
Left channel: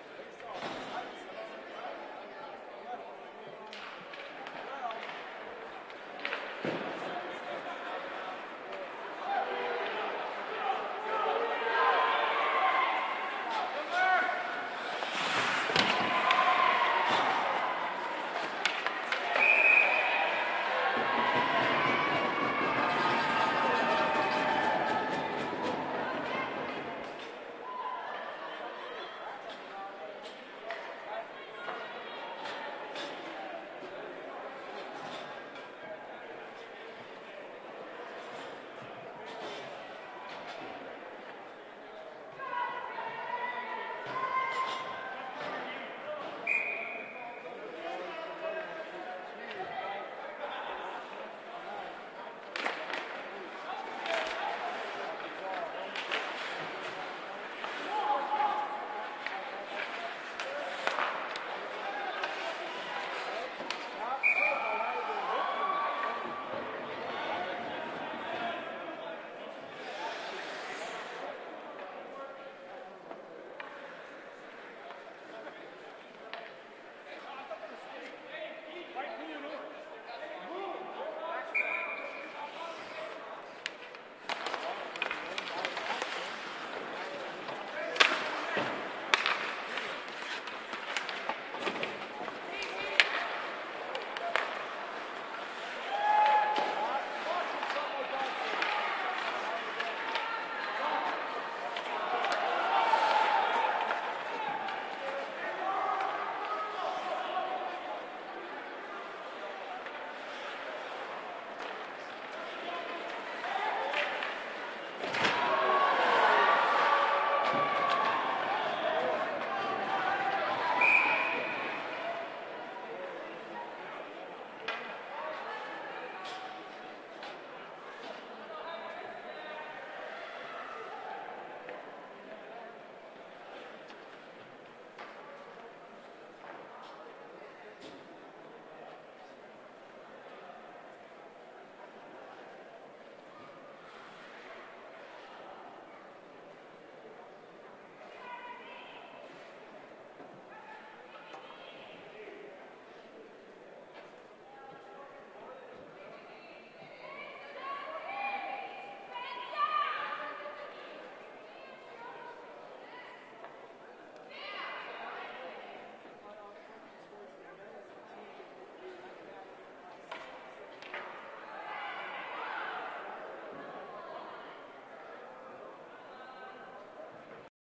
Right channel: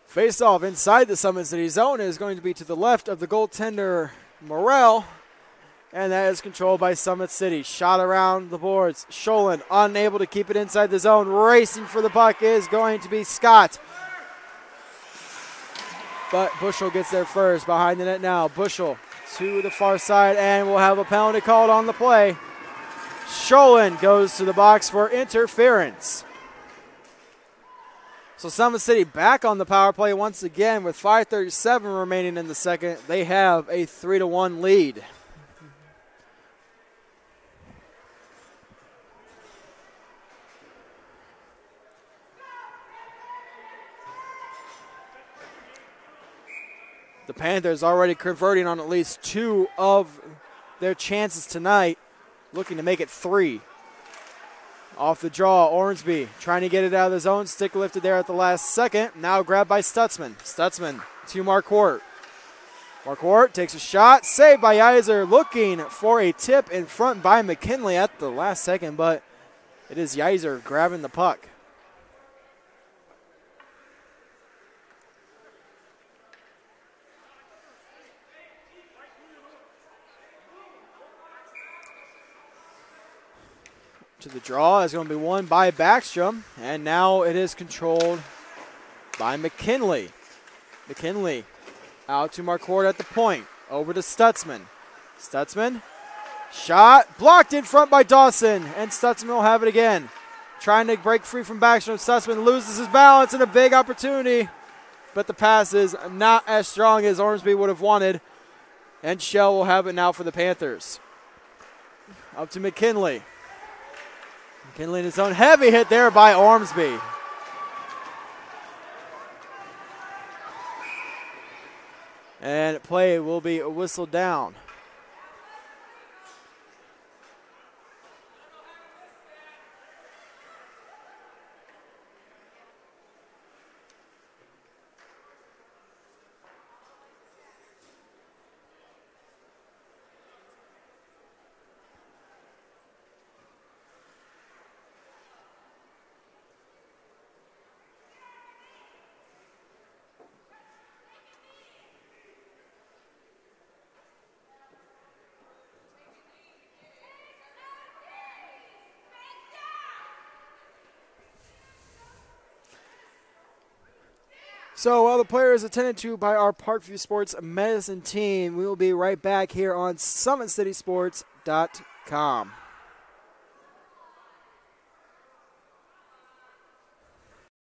Face-off inside the Summit City zone is going to be to the left of the goaltender, Morel, and that is controlled by Summit City. Shot around the boards. Scholin unable to keep it inside the zone. Racing for the puck is going to be Scott. But Bushel gets there first, behind the net now. Bushel to the far side, and we'll have a penalty called on the play. Scholin goes to the box for interference. So Summit City back on the power play once again with 5:37 remaining in the second. They have a 3-1 lead. The Panthers already converting on at least 2 of their chances tonight, looking to make it 3. Off the draw, Ormsby trying to get it out of the zone. Stick lifted there at the last second. Now grabbed by Stutzman. Stutzman to Marquardt. Marquardt takes a shot. Saved by Yeiser. Looking for a tip in front by McKinley at the last second, but it is Yeiser grabbing the puck. To the draw is going to be won by Backstrom, and now it is controlled by McKinley. McKinley out to Marquardt at the point, over to Stutzman. Stutzman, shot, blocked in front by Dawson, and Stutzman will have it again. Trying to break free from Backstrom, Stutzman loses his balance and a big opportunity, but the pass is not as strong as Ormsby would have wanted, and Shell will have it now for the Panthers. Up to McKinley. McKinley in his own, heavy hit there by Ormsby. And play will be whistled down. So while the player is attended to by our Parkview Sports Medicine team, we will be right back here on SummitCitySports.com.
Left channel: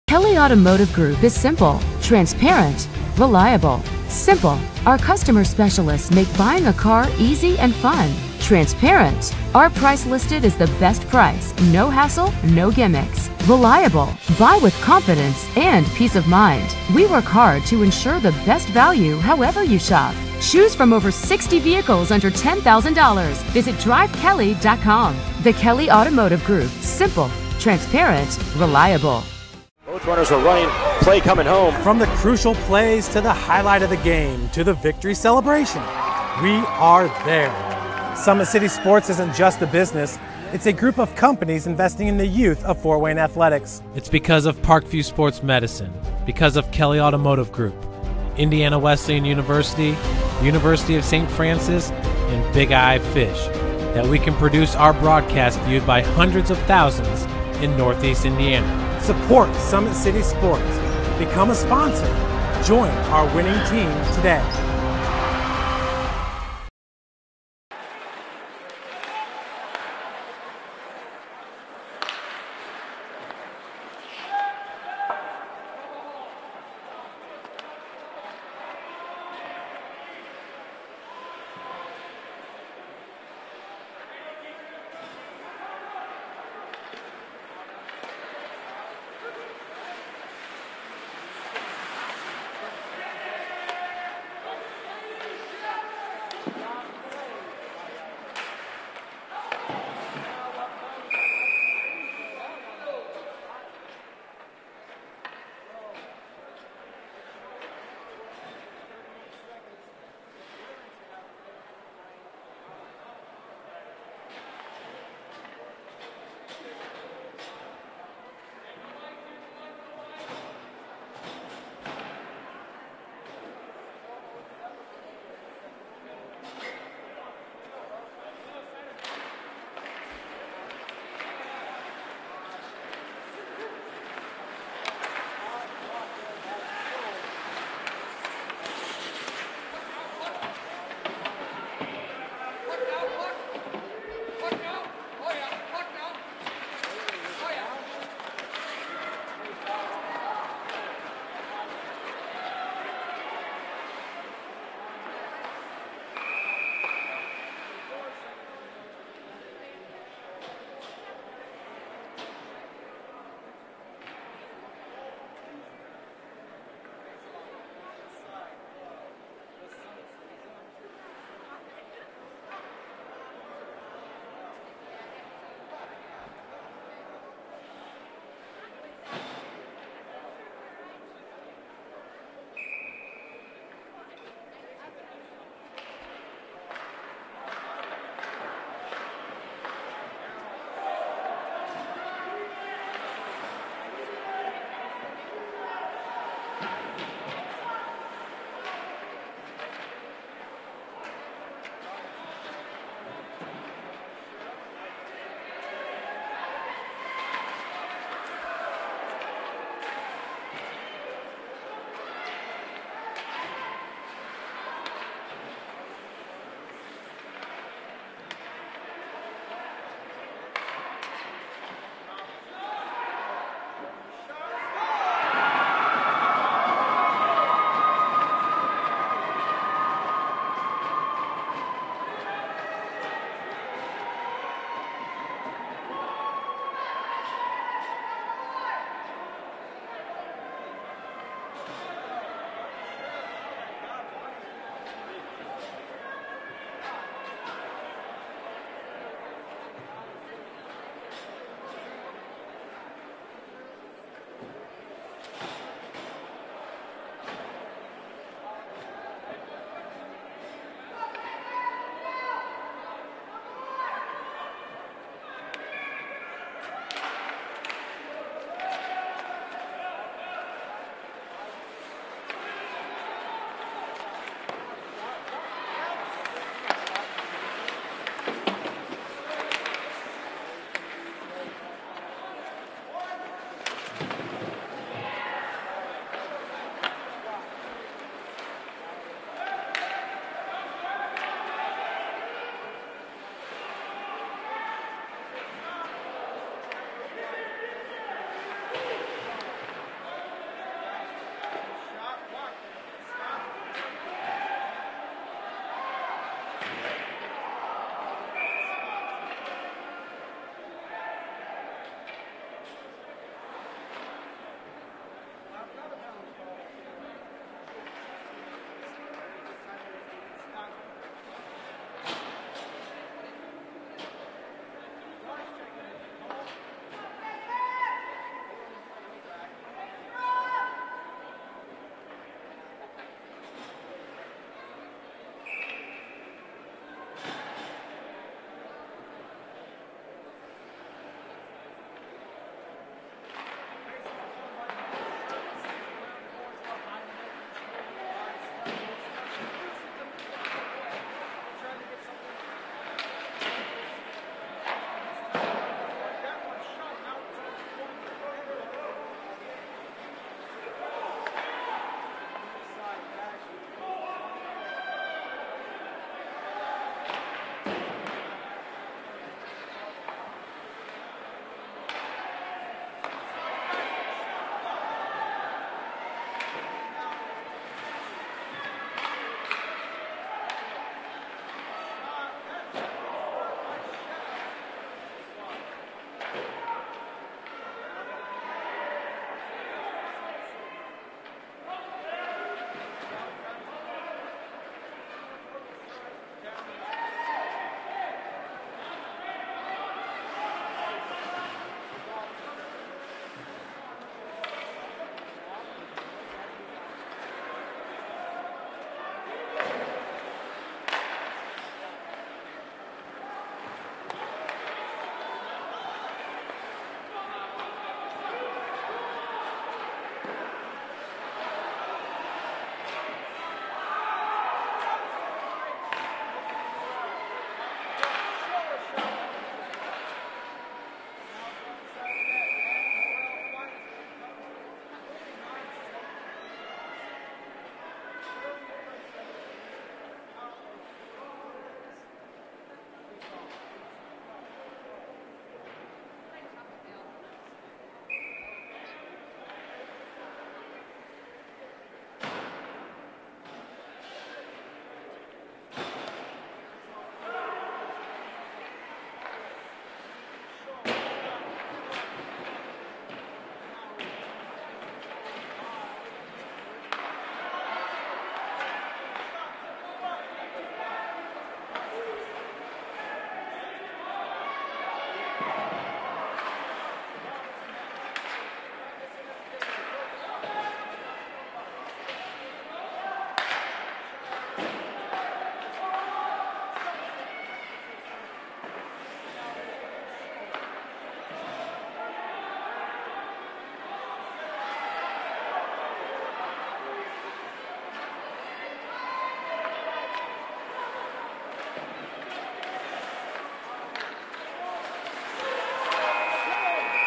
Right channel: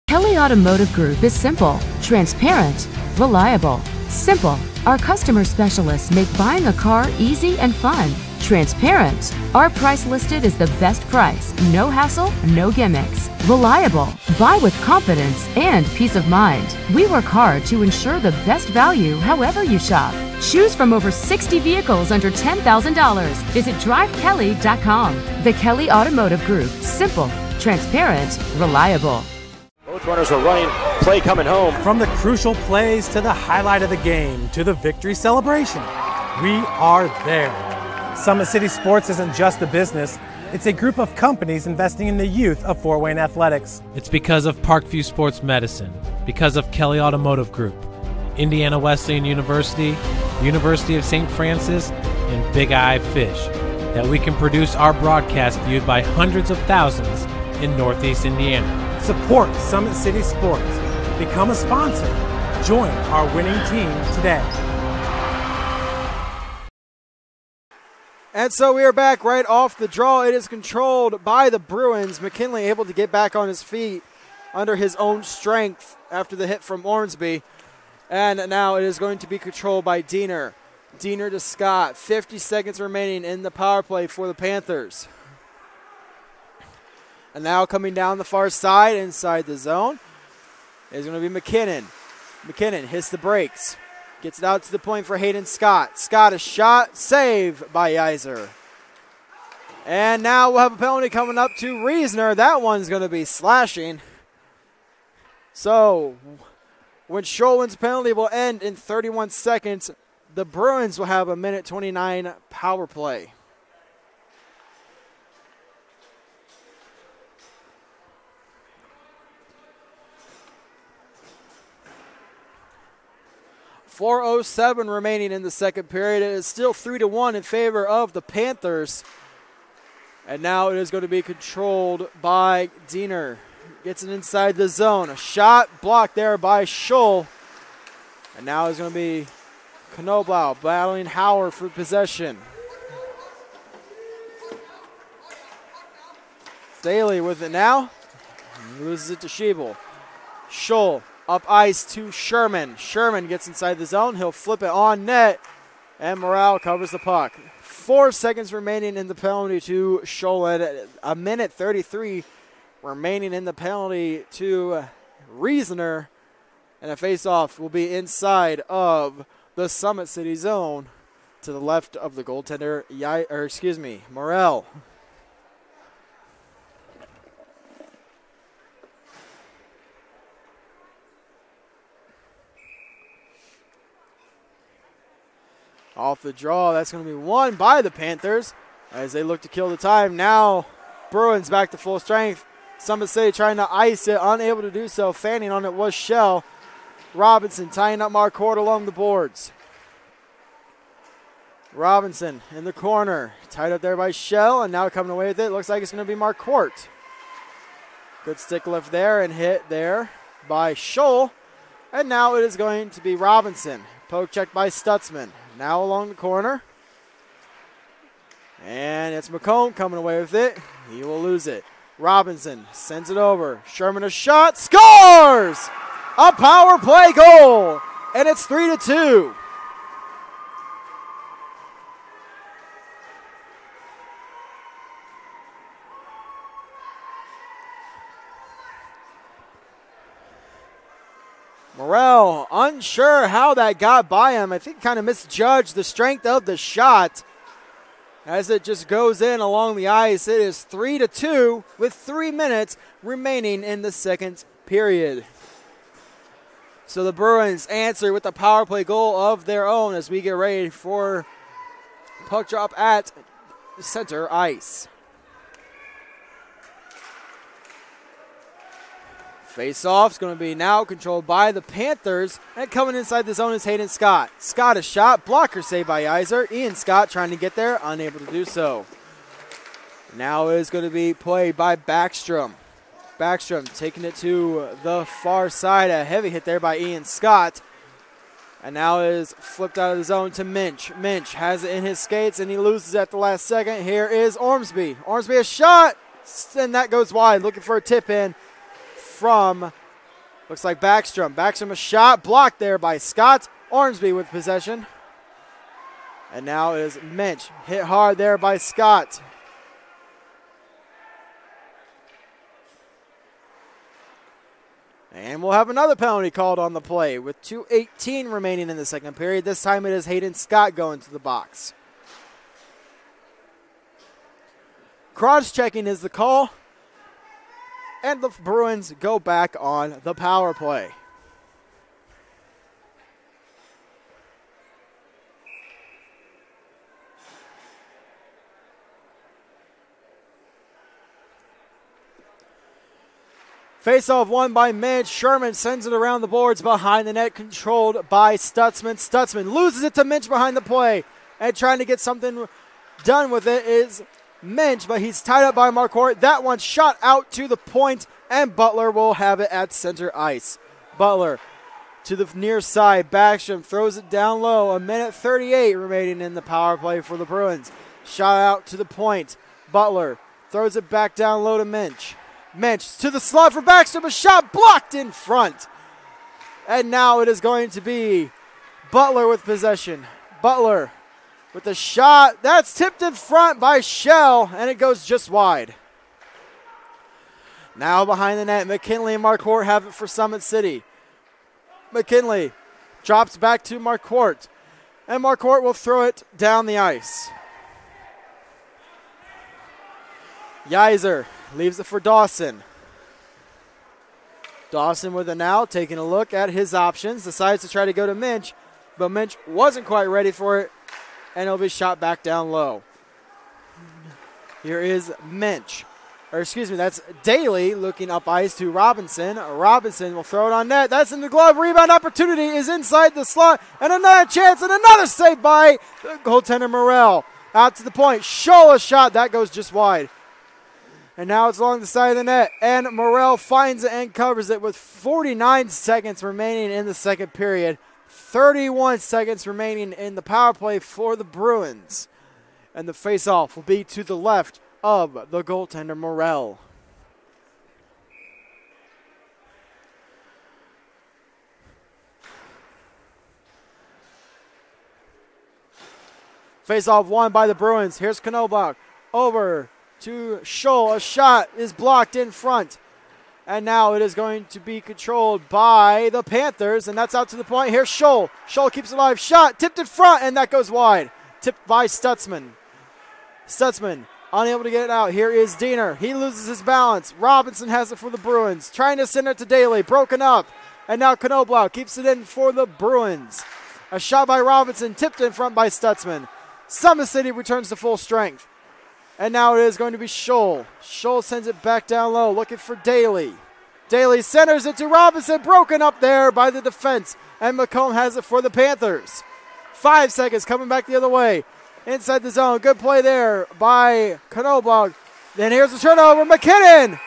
Kelly Automotive Group is simple, transparent, reliable, Simple. Our customer specialists make buying a car easy and fun. Transparent. Our price listed is the best price. No hassle, no gimmicks. Reliable. Buy with confidence and peace of mind. We work hard to ensure the best value however you shop. Choose from over 60 vehicles under $10,000. Visit drivekelly.com. The Kelly Automotive Group. Simple, transparent, reliable. Both runners are running. Play coming home. From the crucial plays to the highlight of the game to the victory celebration, we are there. Summit City Sports isn't just a business. It's a group of companies investing in the youth of Fort Wayne athletics. It's because of Parkview Sports Medicine, because of Kelly Automotive Group, Indiana Wesleyan University, University of St. Francis, and Big Eye Fish, that we can produce our broadcast viewed by hundreds of thousands in Northeast Indiana. Support Summit City Sports. Become a sponsor. Join our winning team today. And so we are back right off the draw. It is controlled by the Bruins. McKinley able to get back on his feet under his own strength after the hit from Ormsby. And now it is going to be controlled by Diener. Diener to Scott. 50 seconds remaining in the power play for the Panthers. And now coming down the far side inside the zone is going to be McKinnon. McKinnon hits the brakes. Gets it out to the point for Hayden Scott. Scott a shot. Save by Yeiser. And now we'll have a penalty coming up to Reisner. That one's going to be slashing. So when Schollman's penalty will end in 31 seconds, the Bruins will have a minute 29 power play. .407 remaining in the second period. It is still 3-1 in favor of the Panthers. And now it is going to be controlled by Diener. Gets it inside the zone. A shot blocked there by Scholl. And now it's going to be Knoblau battling Howard for possession. Staley with it now. Loses it to Schiebel. Scholl up ice to Sherman. Sherman gets inside the zone. He'll flip it on net. And Morale covers the puck. 4 seconds remaining in the penalty to Scholl. A minute 33 remaining in the penalty to Reisner. And a face-off will be inside of the Summit City zone to the left of the goaltender, Morel. Off the draw, that's going to be won by the Panthers as they look to kill the time. Now Bruins back to full strength. Summit City trying to ice it, unable to do so. Fanning on it was Shell. Robinson tying up Marcourt along the boards. Robinson in the corner, tied up there by Shell, and now coming away with it. Looks like it's going to be Marcourt. Good stick lift there and hit there by Scholl. And now it is going to be Robinson. Poke check by Stutzman. Now along the corner. And it's McComb coming away with it. He will lose it. Robinson sends it over. Sherman a shot. Scores! A power play goal. And it's 3-2. Morel, unsure how that got by him. I think kind of misjudged the strength of the shot as it just goes in along the ice. It is 3-2 with 3 minutes remaining in the second period. So the Bruins answer with the power play goal of their own as we get ready for puck drop at center ice. Face-off is going to be now controlled by the Panthers. And coming inside the zone is Hayden Scott. Scott a shot. Blocker saved by Yeiser. Ian Scott trying to get there. Unable to do so. Now is going to be played by Backstrom. Backstrom taking it to the far side. A heavy hit there by Ian Scott. And now is flipped out of the zone to Minch. Minch has it in his skates and he loses at the last second. Here is Ormsby. Ormsby a shot. And that goes wide. Looking for a tip in from, looks like Backstrom. Backstrom a shot blocked there by Scott. Ormsby with possession. And now it is Minch. Hit hard there by Scott. And we'll have another penalty called on the play with 2:18 remaining in the second period. This time it is Hayden Scott going to the box. Cross-checking is the call. And the Bruins go back on the power play. Face-off won by Minch. Sherman sends it around the boards behind the net, controlled by Stutzman. Stutzman loses it to Minch behind the play, and trying to get something done with it is Minch, but he's tied up by Marquardt. That one shot out to the point, and Butler will have it at center ice. Butler to the near side. Backstrom throws it down low. 1:38 remaining in the power play for the Bruins. Shot out to the point. Butler throws it back down low to Minch. Minch to the slot for Backstrom, a shot blocked in front. And now it is going to be Butler with possession. Butler with the shot. That's tipped in front by Shell, and it goes just wide. Now behind the net, McKinley and Marquardt have it for Summit City. McKinley drops back to Marquardt, and Marquardt will throw it down the ice. Yeiser leaves it for Dawson. Dawson with it now, taking a look at his options, decides to try to go to Minch, but Minch wasn't quite ready for it, and it'll be shot back down low. Here is Minch. Or excuse me, that's Daly looking up ice to Robinson. Robinson will throw it on net. That's in the glove. Rebound opportunity is inside the slot. And another chance and another save by goaltender Morrell. Out to the point. Shola shot. That goes just wide. And now it's along the side of the net. And Morrell finds it and covers it with 49 seconds remaining in the second period. 31 seconds remaining in the power play for the Bruins. And the face-off will be to the left of the goaltender Morrell. Face-off won by the Bruins. Here's Knobloch over to Scholl. A shot is blocked in front. And now it is going to be controlled by the Panthers, and that's out to the point. Here's Scholl. Scholl keeps it alive. Shot tipped in front, and that goes wide. Tipped by Stutzman. Stutzman unable to get it out. Here is Diener. He loses his balance. Robinson has it for the Bruins. Trying to send it to Daly. Broken up. And now Knobloch keeps it in for the Bruins. A shot by Robinson. Tipped in front by Stutzman. Summit City returns to full strength. And now it is going to be Scholl. Scholl sends it back down low. Looking for Daly. Daly centers it to Robinson. Broken up there by the defense. And McComb has it for the Panthers. 5 seconds coming back the other way. Inside the zone. Good play there by Knobloch. Then here's the turnover. McKinnon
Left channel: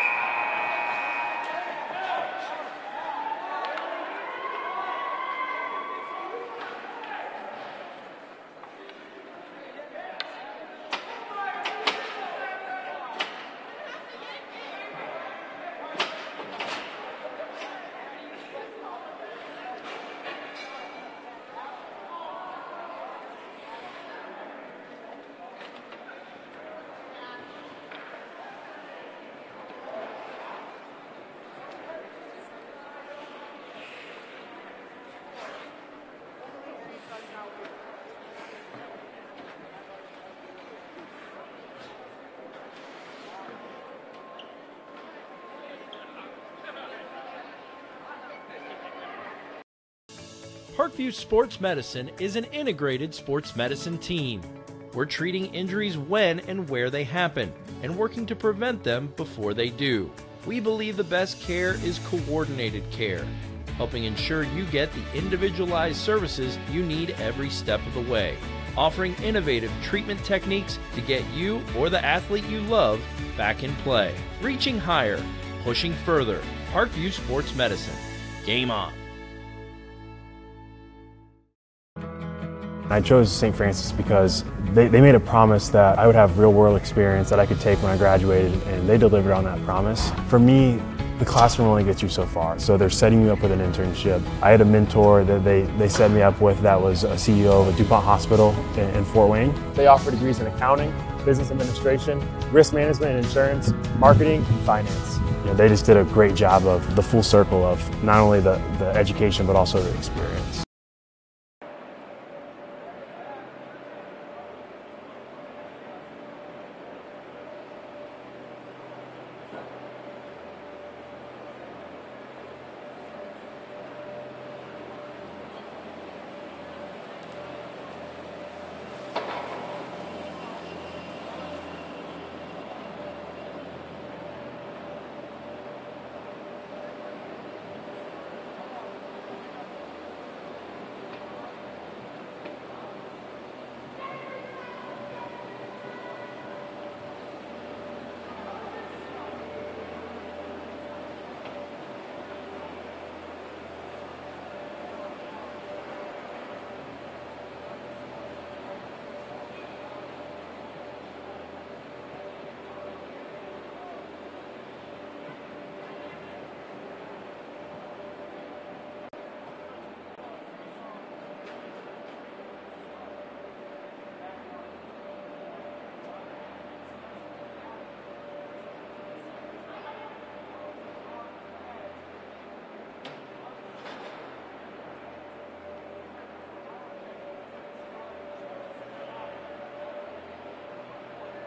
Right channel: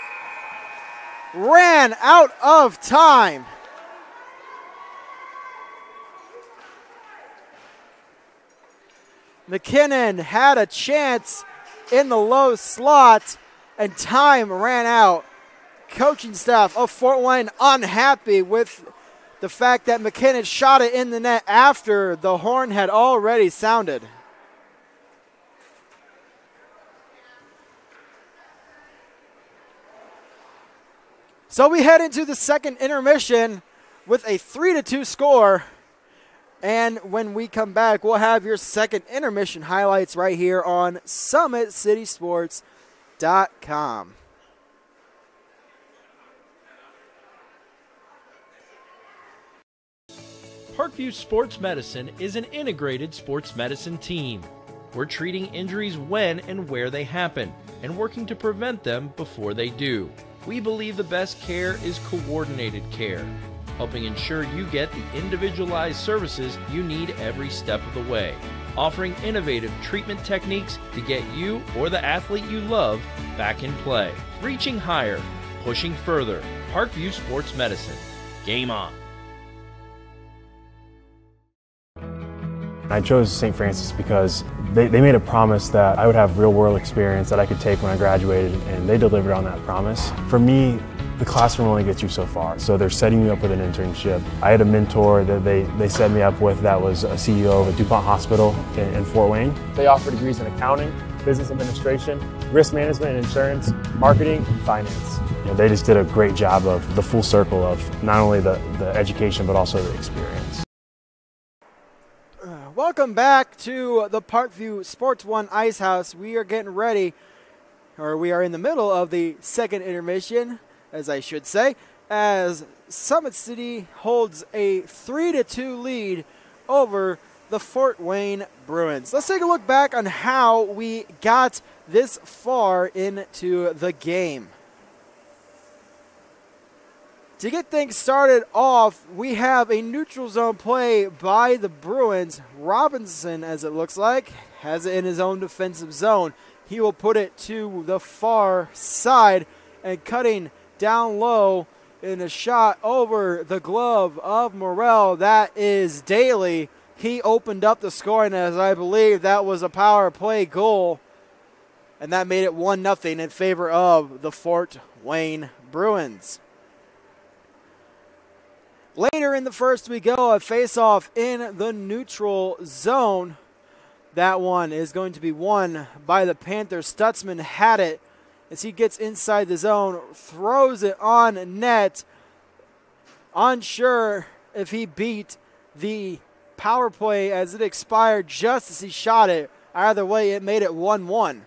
ran out of time. McKinnon had a chance in the low slot, and time ran out. Coaching staff of Fort Wayne unhappy with the fact that McKinnon shot it in the net after the horn had already sounded. So we head into the second intermission with a 3-2 score. And when we come back, we'll have your second intermission highlights right here on SummitCitySports.com. Parkview Sports Medicine is an integrated sports medicine team. We're treating injuries when and where they happen and working to prevent them before they do. We believe the best care is coordinated care, helping ensure you get the individualized services you need every step of the way, offering innovative treatment techniques to get you or the athlete you love back in play. Reaching higher, pushing further. Parkview Sports Medicine. Game on. I chose St. Francis because they made a promise that I would have real-world experience that I could take when I graduated, and they delivered on that promise. For me, the classroom only gets you so far. So they're setting you up with an internship. I had a mentor that they set me up with that was a CEO of a DuPont hospital in Fort Wayne. They offer degrees in accounting, business administration, risk management and insurance, marketing, and finance. They just did a great job of the full circle of not only the education but also the experience. Welcome back to the Parkview Sports One Ice House. We are getting ready, or we are in the middle of the second intermission, as I should say, as Summit City holds a 3-2 lead over the Fort Wayne Bruins. Let's take a look back on how we got this far into the game. To get things started off, we have a neutral zone play by the Bruins. Robinson, as it looks like, has it in his own defensive zone. He will put it to the far side, and cutting down low in a shot over the glove of Morrell. That is Daly. He opened up the scoring, as I believe that was a power play goal, and that made it 1-0 in favor of the Fort Wayne Bruins. Later in the first, we go a face-off in the neutral zone. That one is going to be won by the Panthers. Stutzman had it as he gets inside the zone, throws it on net. Unsure if he beat the power play as it expired just as he shot it. Either way, it made it 1-1.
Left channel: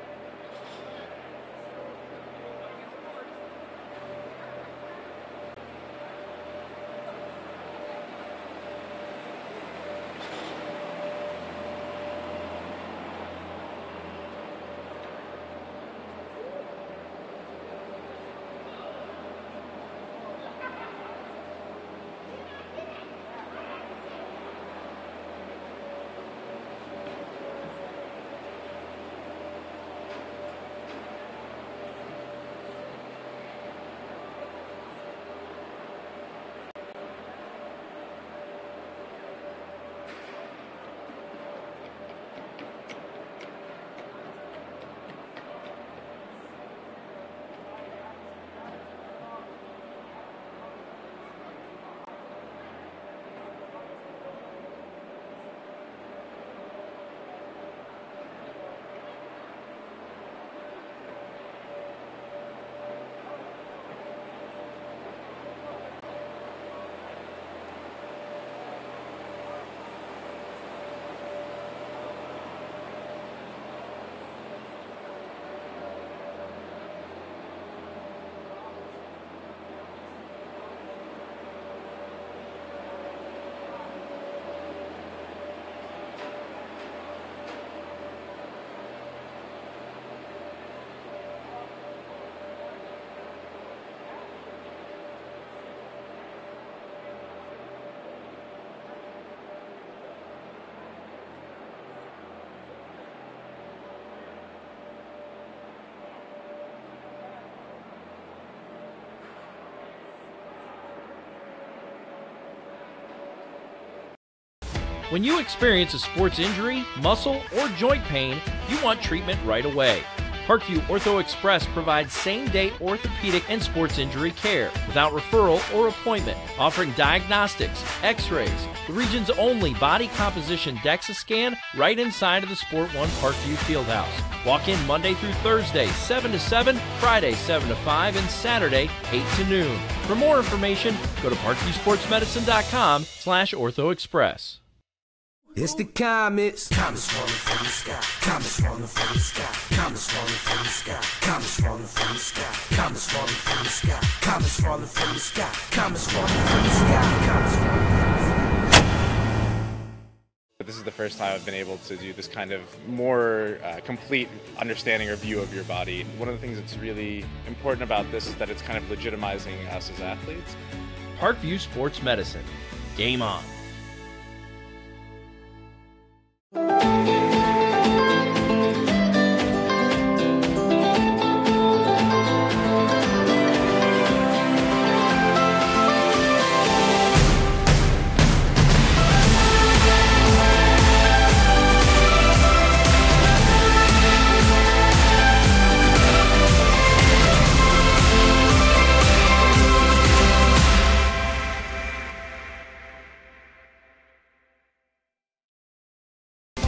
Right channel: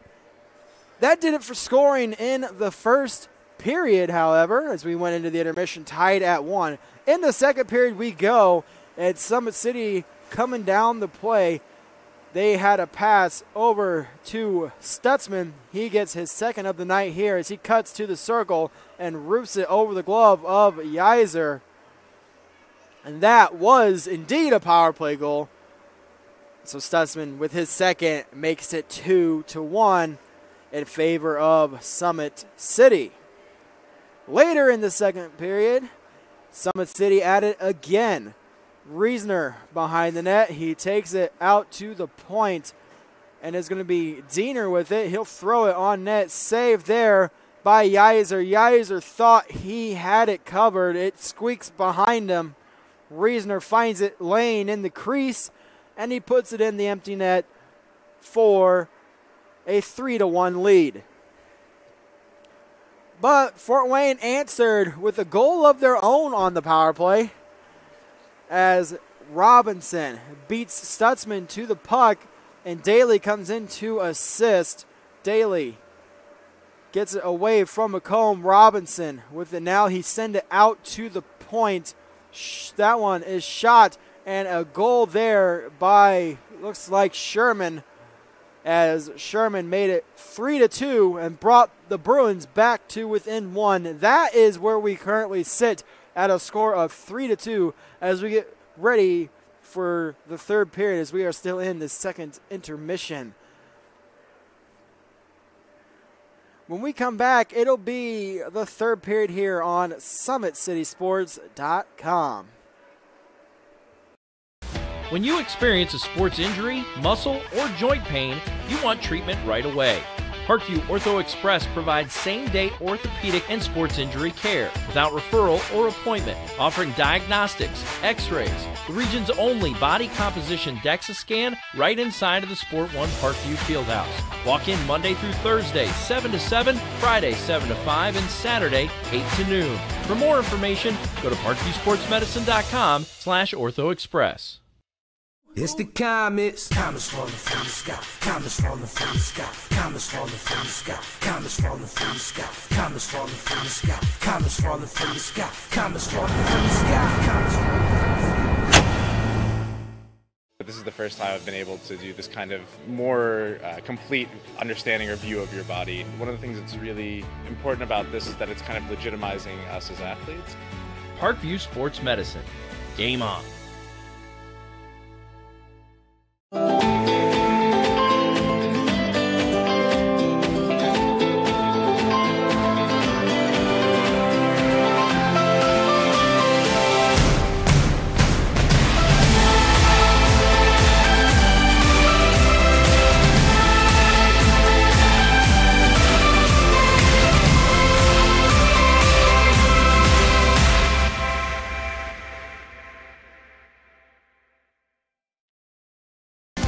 That did it for scoring in the first period, however, as we went into the intermission tied at 1. In the second period we go, at Summit City coming down the play. They had a pass over to Stutzman. He gets his second of the night here as he cuts to the circle and roofs it over the glove of Yeiser. And that was indeed a power play goal. So Stutzman with his second makes it 2-1 in favor of Summit City. Later in the second period, Summit City at it again. Reisner behind the net. He takes it out to the point, and it's going to be Diener with it. He'll throw it on net. Saved there by Yeiser. Yeiser thought he had it covered. It squeaks behind him. Reisner finds it laying in the crease, and he puts it in the empty net for a 3-1 lead. But Fort Wayne answered with a goal of their own on the power play as Robinson beats Stutzman to the puck, and Daly comes in to assist. Daly gets it away from McComb. Robinson with it now. He sends it out to the point. That one is shot, and a goal there by, looks like Sherman, as Sherman made it 3-2 and brought the Bruins back to within 1. That is where we currently sit at a score of 3-2 as we get ready for the third period, as we are still in the second intermission. When we come back, it'll be the third period here on SummitCitySports.com. When you experience a sports injury, muscle, or joint pain, you want treatment right away. Parkview Ortho Express provides same-day orthopedic and sports injury care without referral or appointment, offering diagnostics, x-rays, the region's only body composition DEXA scan right inside of the Sport One Parkview Fieldhouse. Walk in Monday through Thursday, 7 to 7, Friday, 7 to 5, and Saturday, 8 to noon. For more information, go to parkviewsportsmedicine.com/orthoexpress. It's the comets. Comets falling from the sky. Comets falling from the sky. Comets falling from the sky. Comets falling from the sky. Comets falling from the sky. Comets falling from the sky. Comets falling from the sky. Comets falling from the sky. This is the first time I've been able to do this kind of more complete understanding or view of your body. One of the things that's really important about this is that it's kind of legitimizing us as athletes. Parkview Sports Medicine. Game on.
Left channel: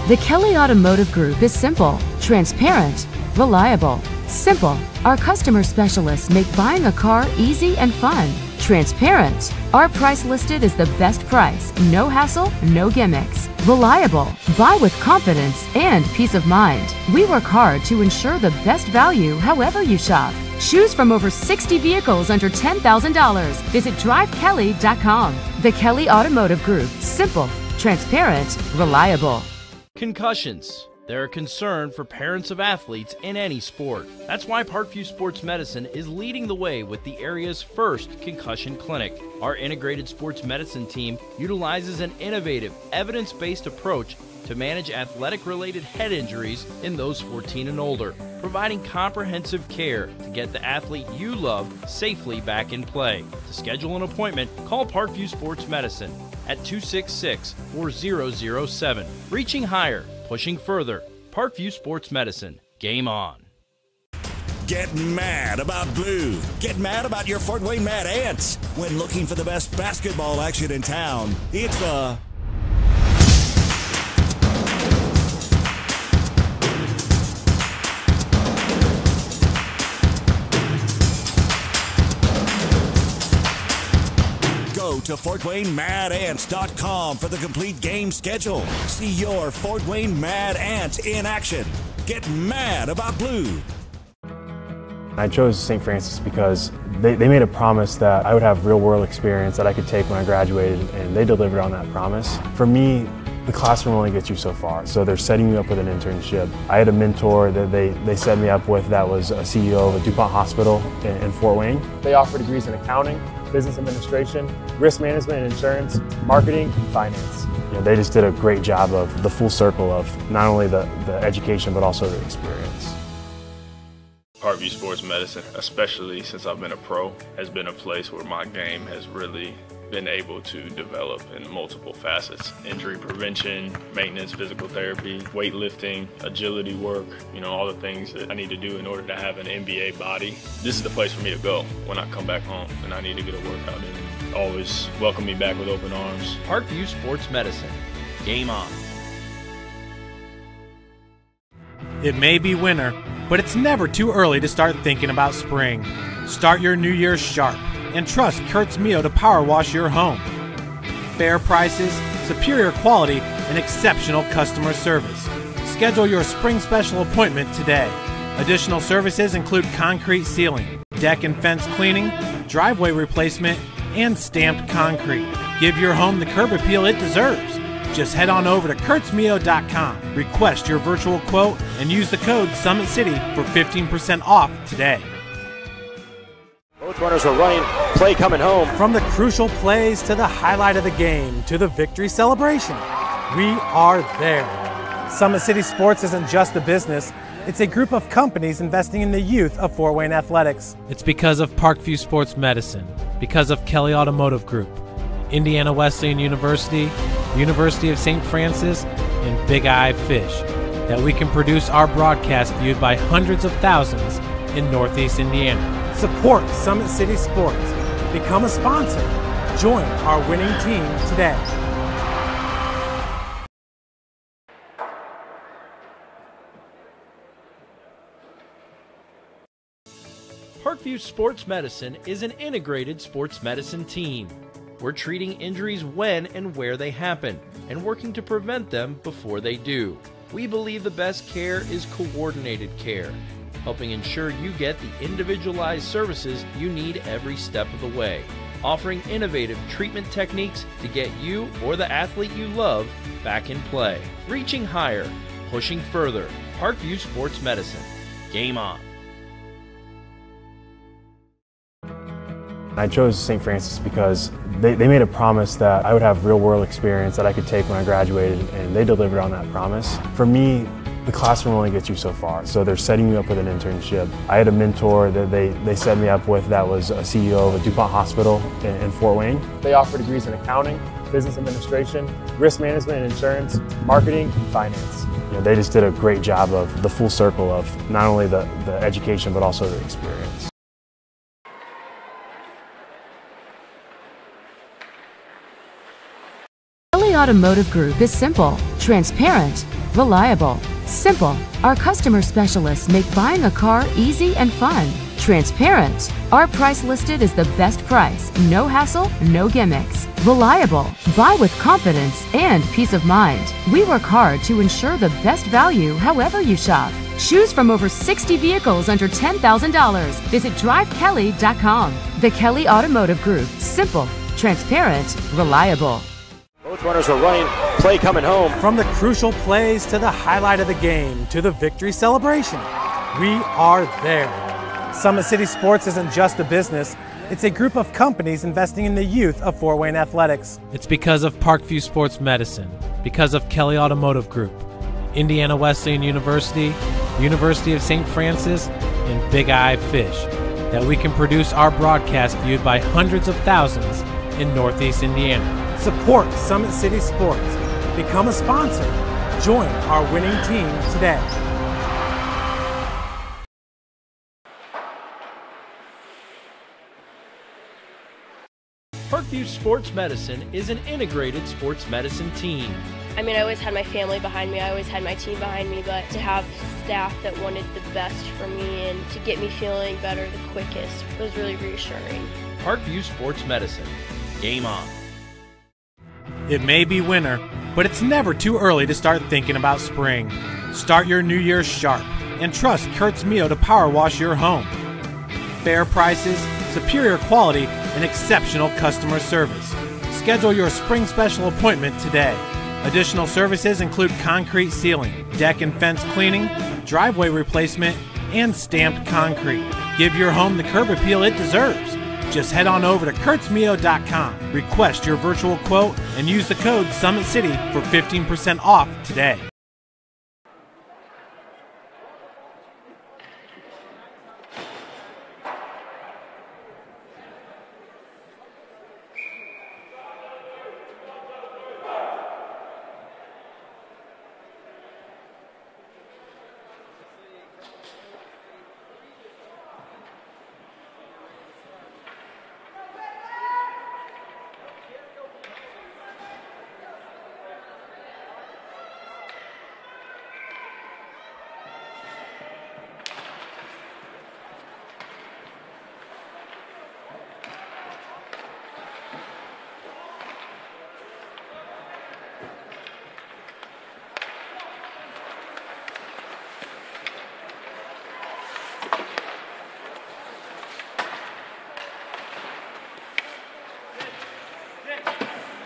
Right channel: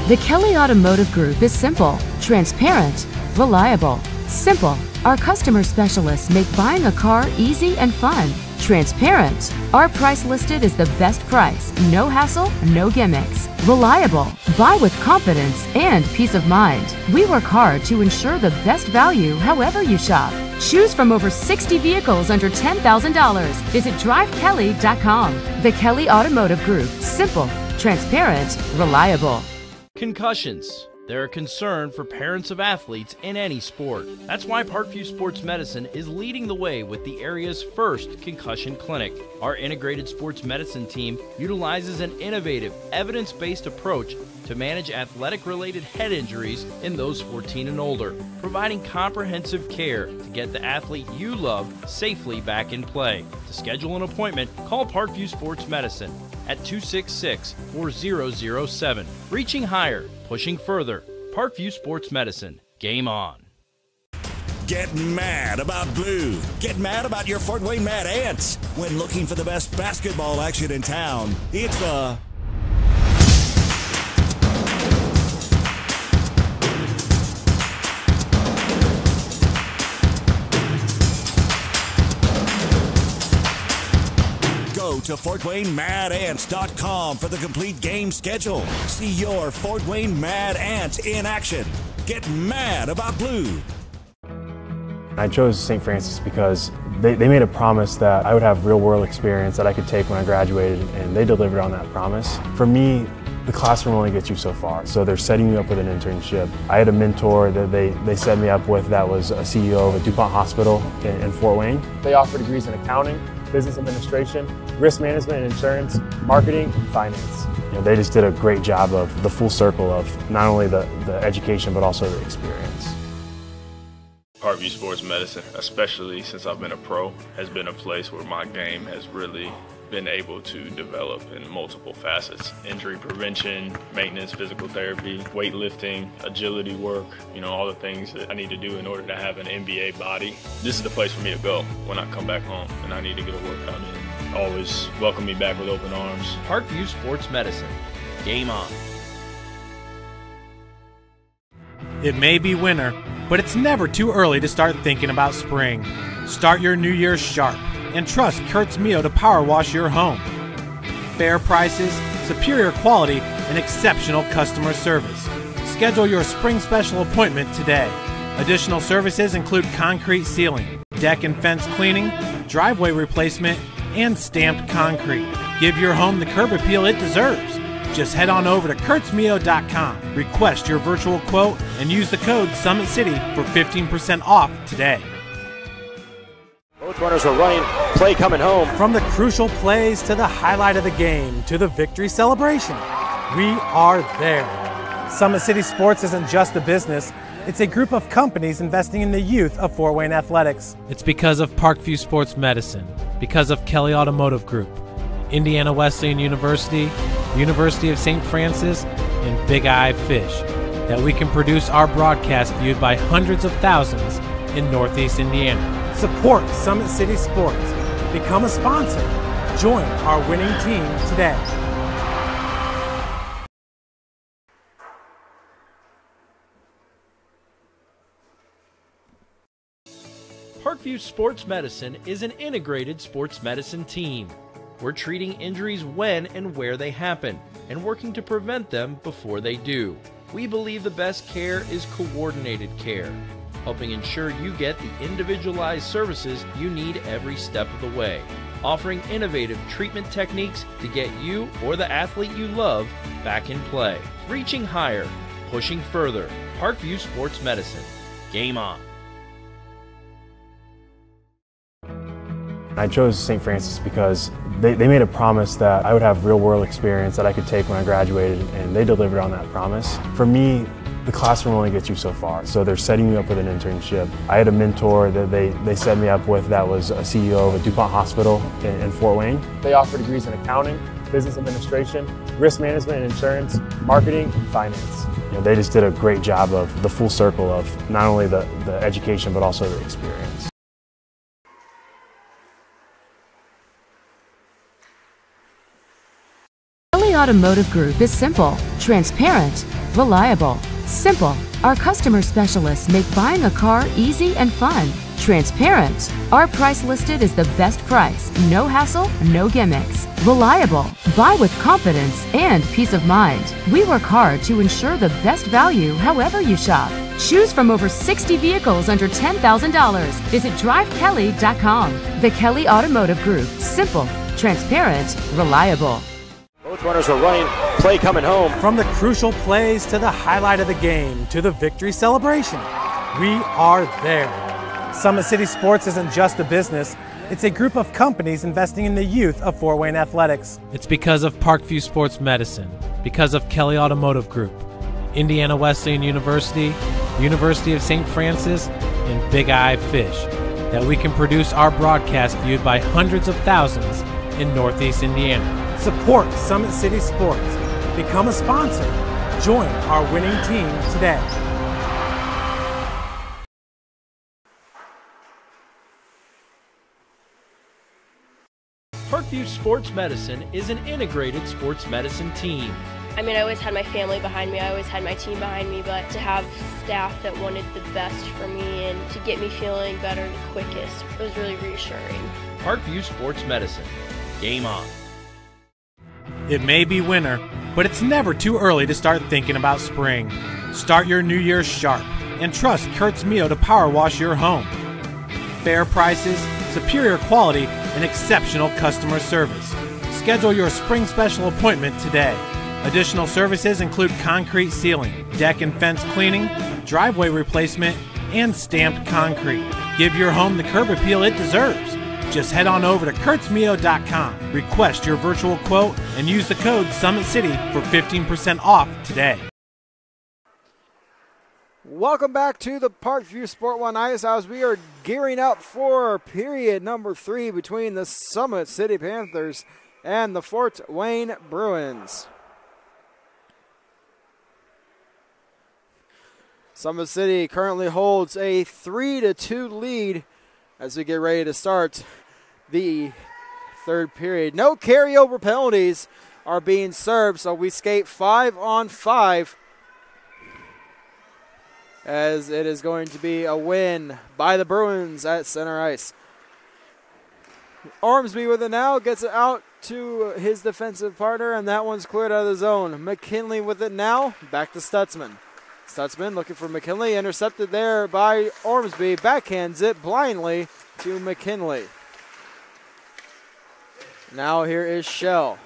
The Kelly Automotive Group is simple, transparent, reliable. Simple. Our customer specialists make buying a car easy and fun. Transparent. Our price listed is the best price. No hassle, no gimmicks. Reliable. Buy with confidence and peace of mind. We work hard to ensure the best value however you shop. Choose from over 60 vehicles under $10,000. Visit drivekelly.com. The Kelly Automotive Group. Simple, transparent, reliable. Concussions. They're a concern for parents of athletes in any sport. That's why Parkview Sports Medicine is leading the way with the area's first concussion clinic. Our integrated sports medicine team utilizes an innovative, evidence-based approach to manage athletic-related head injuries in those 14 and older, providing comprehensive care to get the athlete you love safely back in play. To schedule an appointment, call Parkview Sports Medicine at 266-4007. Reaching higher, pushing further. Parkview Sports Medicine. Game on. Get mad about blue. Get mad about your Fort Wayne Mad Ants. When looking for the best basketball action in town, it's the Go to FortWayneMadAnts.com for the complete game schedule. See your Fort Wayne Mad Ants in action. Get mad about blue. I chose St. Francis because they made a promise that I would have real-world experience that I could take when I graduated, and they delivered on that promise. For me, the classroom only gets you so far, so they're setting you up with an internship. I had a mentor that they set me up with that was a CEO of a DuPont hospital in Fort Wayne. They offer degrees in accounting, business administration, risk management and insurance, marketing, and finance. You know, they just did a great job of the full circle of not only the education but also the experience. Parkview Sports Medicine, especially since I've been a pro, has been a place where my game has really been able to develop in multiple facets. Injury prevention, maintenance, physical therapy, weightlifting, agility work, all the things that I need to do in order to have an NBA body. This is the place for me to go when I come back home and I need to get a workout in. Always welcome me back with open arms. Parkview Sports Medicine. Game on. It may be winter, but it's never too early to start thinking about spring. Start your new year sharp and trust Kurt's Mio to power wash your home. Fair prices, superior quality, and exceptional customer service. Schedule your spring special appointment today. Additional services include concrete sealing, deck and fence cleaning, driveway replacement, and stamped concrete. Give your home the curb appeal it deserves. Just head on over to kurtzmio.com, request your virtual quote, and use the code SummitCity for 15% off today. Both runners are running, play coming home. From the crucial plays to the highlight of the game to the victory celebration, we are there. Summit City Sports isn't just a business, it's a group of companies investing in the youth of Fort Wayne athletics. It's because of Parkview Sports Medicine, because of Kelly Automotive Group, Indiana Wesleyan University, University of St. Francis, and Big Eye Fish, that we can produce our broadcast viewed by hundreds of thousands in Northeast Indiana. Support Summit City Sports. Become a sponsor. Join our winning team today. Parkview Sports Medicine is an integrated sports medicine team. We're treating injuries when and where they happen and working to prevent them before they do. We believe the best care is coordinated care, helping ensure you get the individualized services you need every step of the way, offering innovative treatment techniques to get you or the athlete you love back in play. Reaching higher, pushing further. Parkview Sports Medicine. Game on. I chose St. Francis because they made a promise that I would have real-world experience that I could take when I graduated, and they delivered on that promise. For me, the classroom only gets you so far, so they're setting you up with an internship. I had a mentor that they set me up with that was a CEO of a DuPont hospital in Fort Wayne. They offer degrees in accounting, business administration, risk management and insurance, marketing, and finance. You know, they just did a great job of the full circle of not only the education but also the experience. Kelly Automotive Group is simple, transparent, reliable. Simple. Our customer specialists make buying a car easy and fun. Transparent. Our price listed is the best price. No hassle, no gimmicks. Reliable. Buy with confidence and peace of mind. We work hard to ensure the best value however you shop. Choose from over 60 vehicles under $10,000. Visit drivekelly.com. The Kelly Automotive Group. Simple, transparent, reliable. Both runners are running. Play coming home. From the crucial plays to the highlight of the game to the victory celebration, we are there. Summit City Sports isn't just a business. It's a group of companies investing in the youth of Fort Wayne athletics. It's because of Parkview Sports Medicine, because of Kelly Automotive Group, Indiana Wesleyan University, University of St. Francis, and Big Eye Fish, that we can produce our broadcast viewed by hundreds of thousands in Northeast Indiana. Support Summit City Sports. Become a sponsor. Join our winning team today. Parkview Sports Medicine is an integrated sports medicine team. I mean, I always had my family behind me, I always had my team behind me, but to have staff that wanted the best for me and to get me feeling better the quickest was really reassuring. Parkview Sports Medicine. Game on. It may be winter, but it's never too early to start thinking about spring. Start your new year sharp and trust Kurt's Mio to power wash your home. Fair prices, superior quality, and exceptional customer service. Schedule your spring special appointment today. Additional services include concrete sealing, deck and fence cleaning, driveway replacement, and stamped concrete. Give your home the curb appeal it deserves. Just head on over to kurtzmio.com, request your virtual quote, and use the code SummitCity for 15% off today. Welcome back to the Parkview Sport One Ice House. We are gearing up for period number 3 between the Summit City Panthers and the Fort Wayne Bruins. Summit City currently holds a 3-2 lead as we get ready to start the third period. No carryover penalties are being served, so we skate 5-on-5 as it is going to be a win by the Bruins at center ice. Ormsby with it now, gets it out to his defensive partner, and that one's cleared out of the zone. McKinley with it now, back to Stutzman. Stutzman looking for McKinley, intercepted there by Ormsby, backhands it blindly to McKinley. Now here is Shell.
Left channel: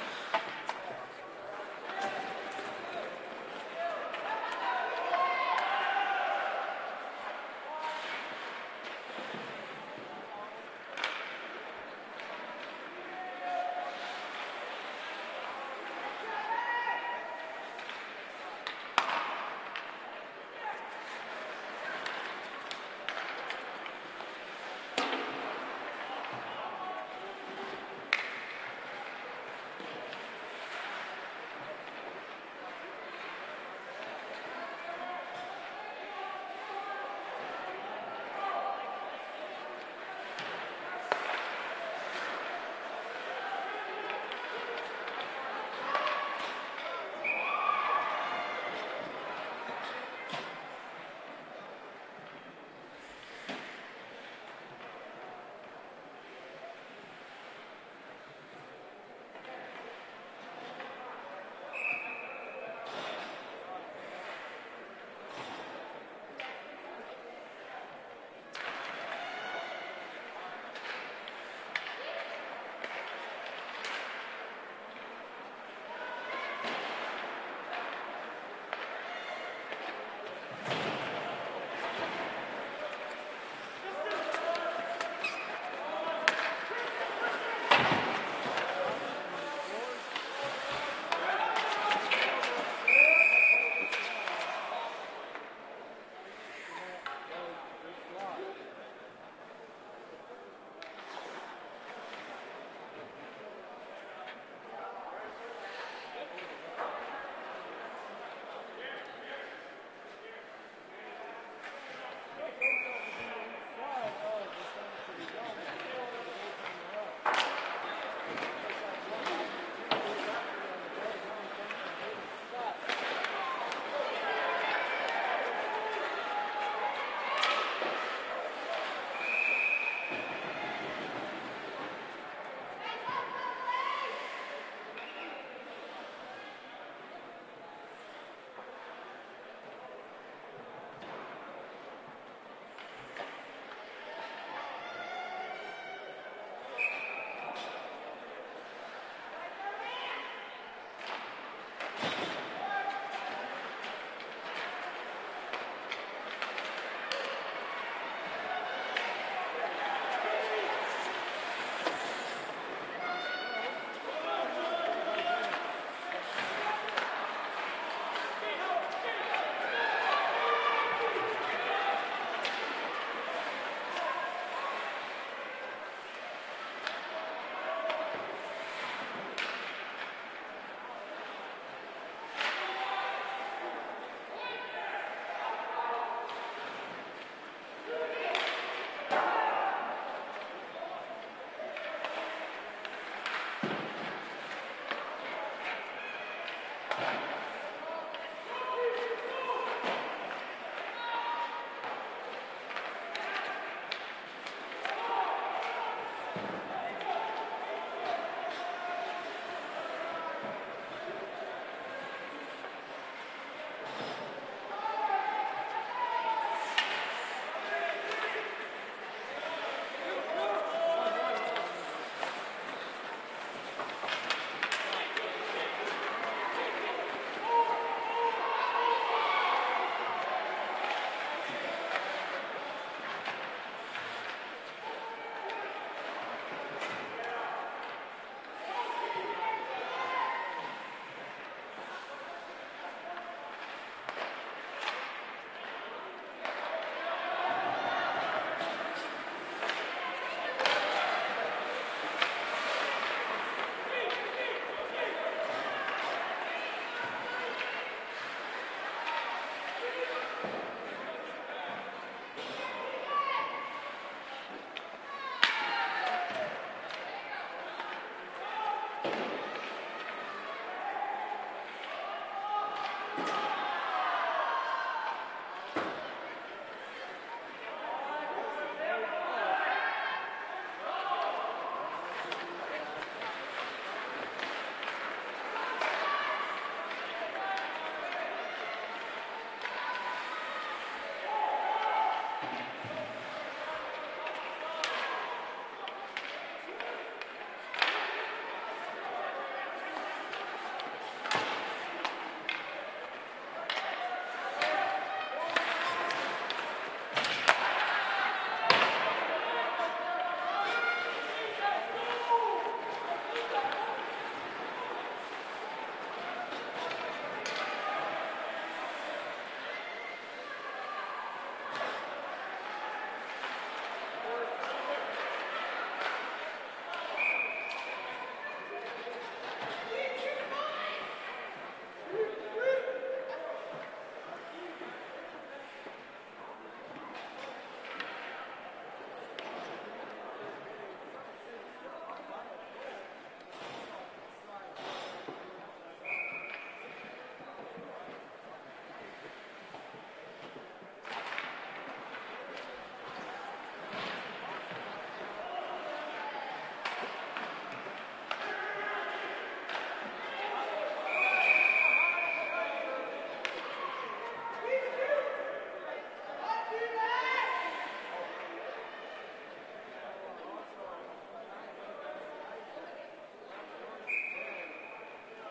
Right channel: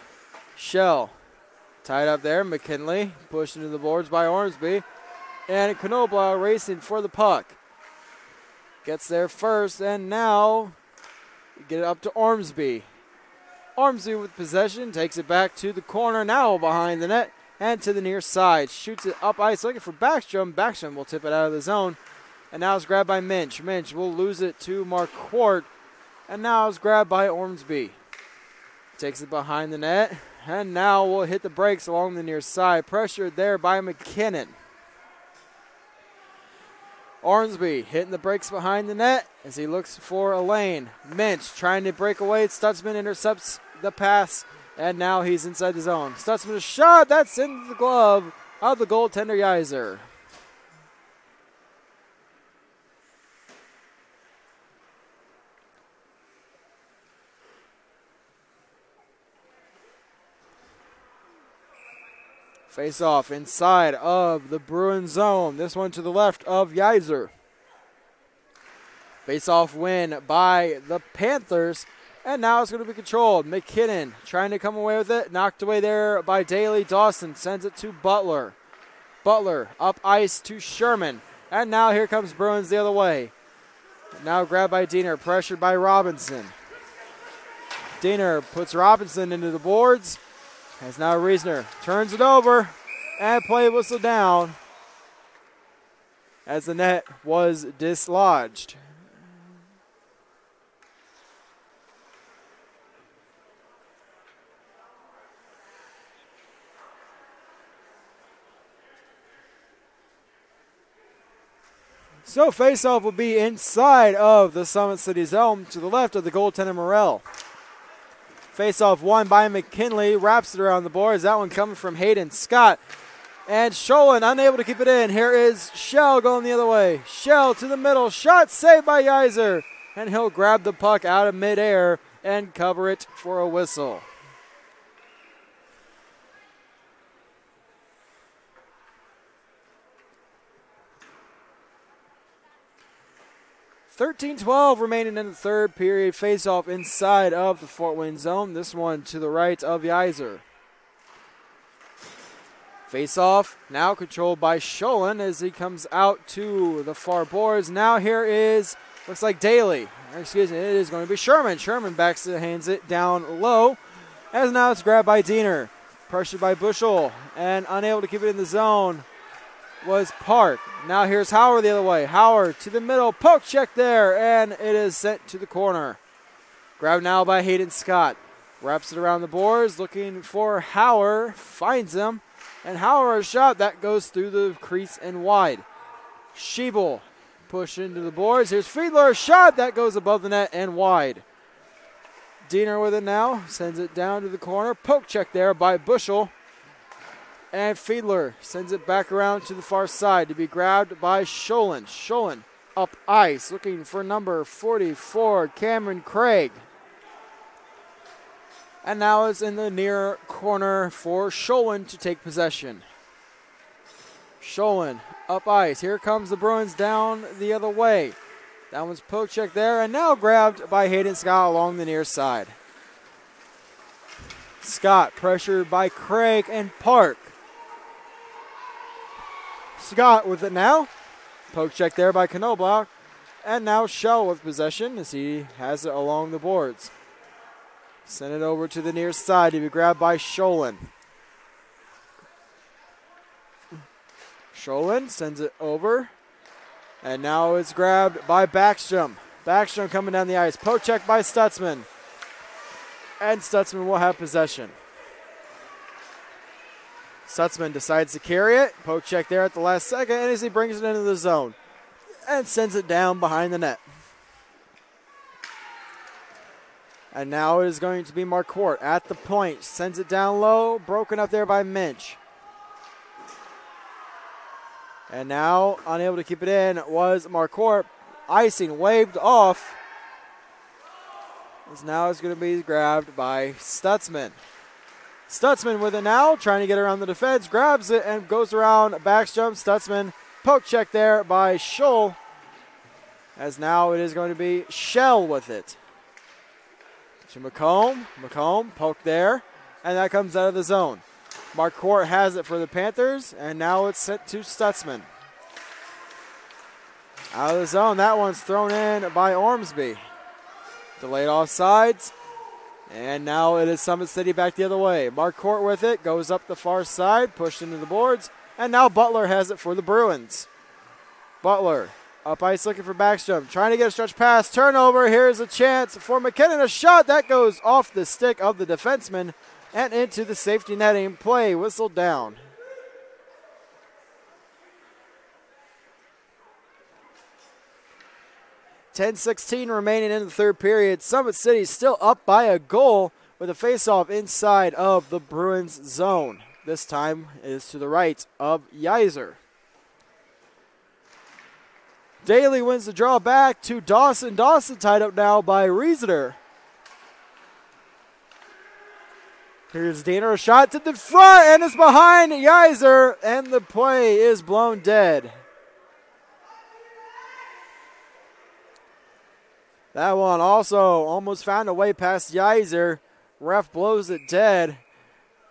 Shell tied up there, McKinley pushed into the boards by Ormsby, and Knoblau racing for the puck. Gets there first, and now get it up to Ormsby. Ormsby with possession, takes it back to the corner, now behind the net and to the near side. Shoots it up ice, looking for Backstrom. Backstrom will tip it out of the zone, and now it's grabbed by Minch. Minch will lose it to Marquardt, and now it's grabbed by Ormsby. Takes it behind the net, and now will hit the brakes along the near side. Pressured there by McKinnon. Ormsby hitting the brakes behind the net as he looks for a lane. Minch trying to break away. Stutzman intercepts the pass, and now he's inside the zone. Stutzman's shot, that's in the glove of the goaltender Yeiser. Face off inside of the Bruins zone. This one to the left of Yeiser. Face off win by the Panthers. And now it's going to be controlled. McKinnon trying to come away with it. Knocked away there by Daly. Dawson sends it to Butler. Butler up ice to Sherman. And now here comes Bruins the other way. Now grabbed by Diener. Pressured by Robinson. Diener puts Robinson into the boards. As now Reisner turns it over, and play whistle down as the net was dislodged. So faceoff will be inside of the Summit City zone to the left of the goaltender Morrell. Face-off won by McKinley. Wraps it around the boards. That one coming from Hayden Scott. And Sholin unable to keep it in. Here is Shell going the other way. Shell to the middle. Shot saved by Yeiser. And he'll grab the puck out of midair and cover it for a whistle. .13-12 remaining in the third period. Face-off inside of the Fort Wayne zone. This one to the right of Yeiser. Face-off now controlled by Sholin as he comes out to the far boards. Now here is, looks like Daly. Excuse me, it is going to be Sherman. Sherman backs it, hands it down low. As now it's grabbed by Diener. Pressured by Bushel and unable to keep it in the zone was Park. Now here's Howard the other way. Howard to the middle, poke check there, and it is sent to the corner. Grabbed now by Hayden Scott. Wraps it around the boards, looking for Howard, finds him, and Howard's shot that goes through the crease and wide. Schiebel push into the boards. Here's Friedler's shot that goes above the net and wide. Diener with it now, sends it down to the corner. Poke check there by Bushel. And Fiedler sends it back around to the far side to be grabbed by Sholin. Sholin up ice, looking for number 44, Cameron Craig. And now it's in the near corner for Sholin to take possession. Sholin up ice. Here comes the Bruins down the other way. That one's poke check there, and now grabbed by Hayden Scott along the near side. Scott pressured by Craig and Park. Scott with it now. Poke check there by Knobloch. And now Shell with possession as he has it along the boards. Send it over to the near side to be grabbed by Sholin. Sholin sends it over. And now it's grabbed by Backstrom. Backstrom coming down the ice. Poke check by Stutzman. And Stutzman will have possession. Stutzman decides to carry it. Poke check there at the last second, and as he brings it into the zone and sends it down behind the net. And now it is going to be Marquardt at the point. Sends it down low, broken up there by Minch. And now unable to keep it in was Marquardt. Icing waved off. Now it's going to be grabbed by Stutzman. Stutzman with it now, trying to get around the defense, grabs it and goes around Backstrom. Stutzman, poke check there by Scholl. As now it is going to be Shell with it. To McComb. McComb, poke there, and that comes out of the zone. Marquardt has it for the Panthers, and now it's sent to Stutzman. Out of the zone, that one's thrown in by Ormsby. Delayed offsides, and now it is Summit City back the other way. Marquardt with it, goes up the far side, pushed into the boards, and now Butler has it for the Bruins. Butler up ice looking for Backstrom, trying to get a stretch pass, turnover. Here's a chance for McKinnon, a shot that goes off the stick of the defenseman and into the safety netting. Play whistled down. .10-16 remaining in the third period. Summit City still up by a goal with a faceoff inside of the Bruins zone. This time is to the right of Yeiser. Daly wins the draw back to Dawson. Dawson tied up now by Riesener. Here's Diener, a shot to the front, and it's behind Yeiser, and the play is blown dead. That one also almost found a way past Yeiser. Ref blows it dead.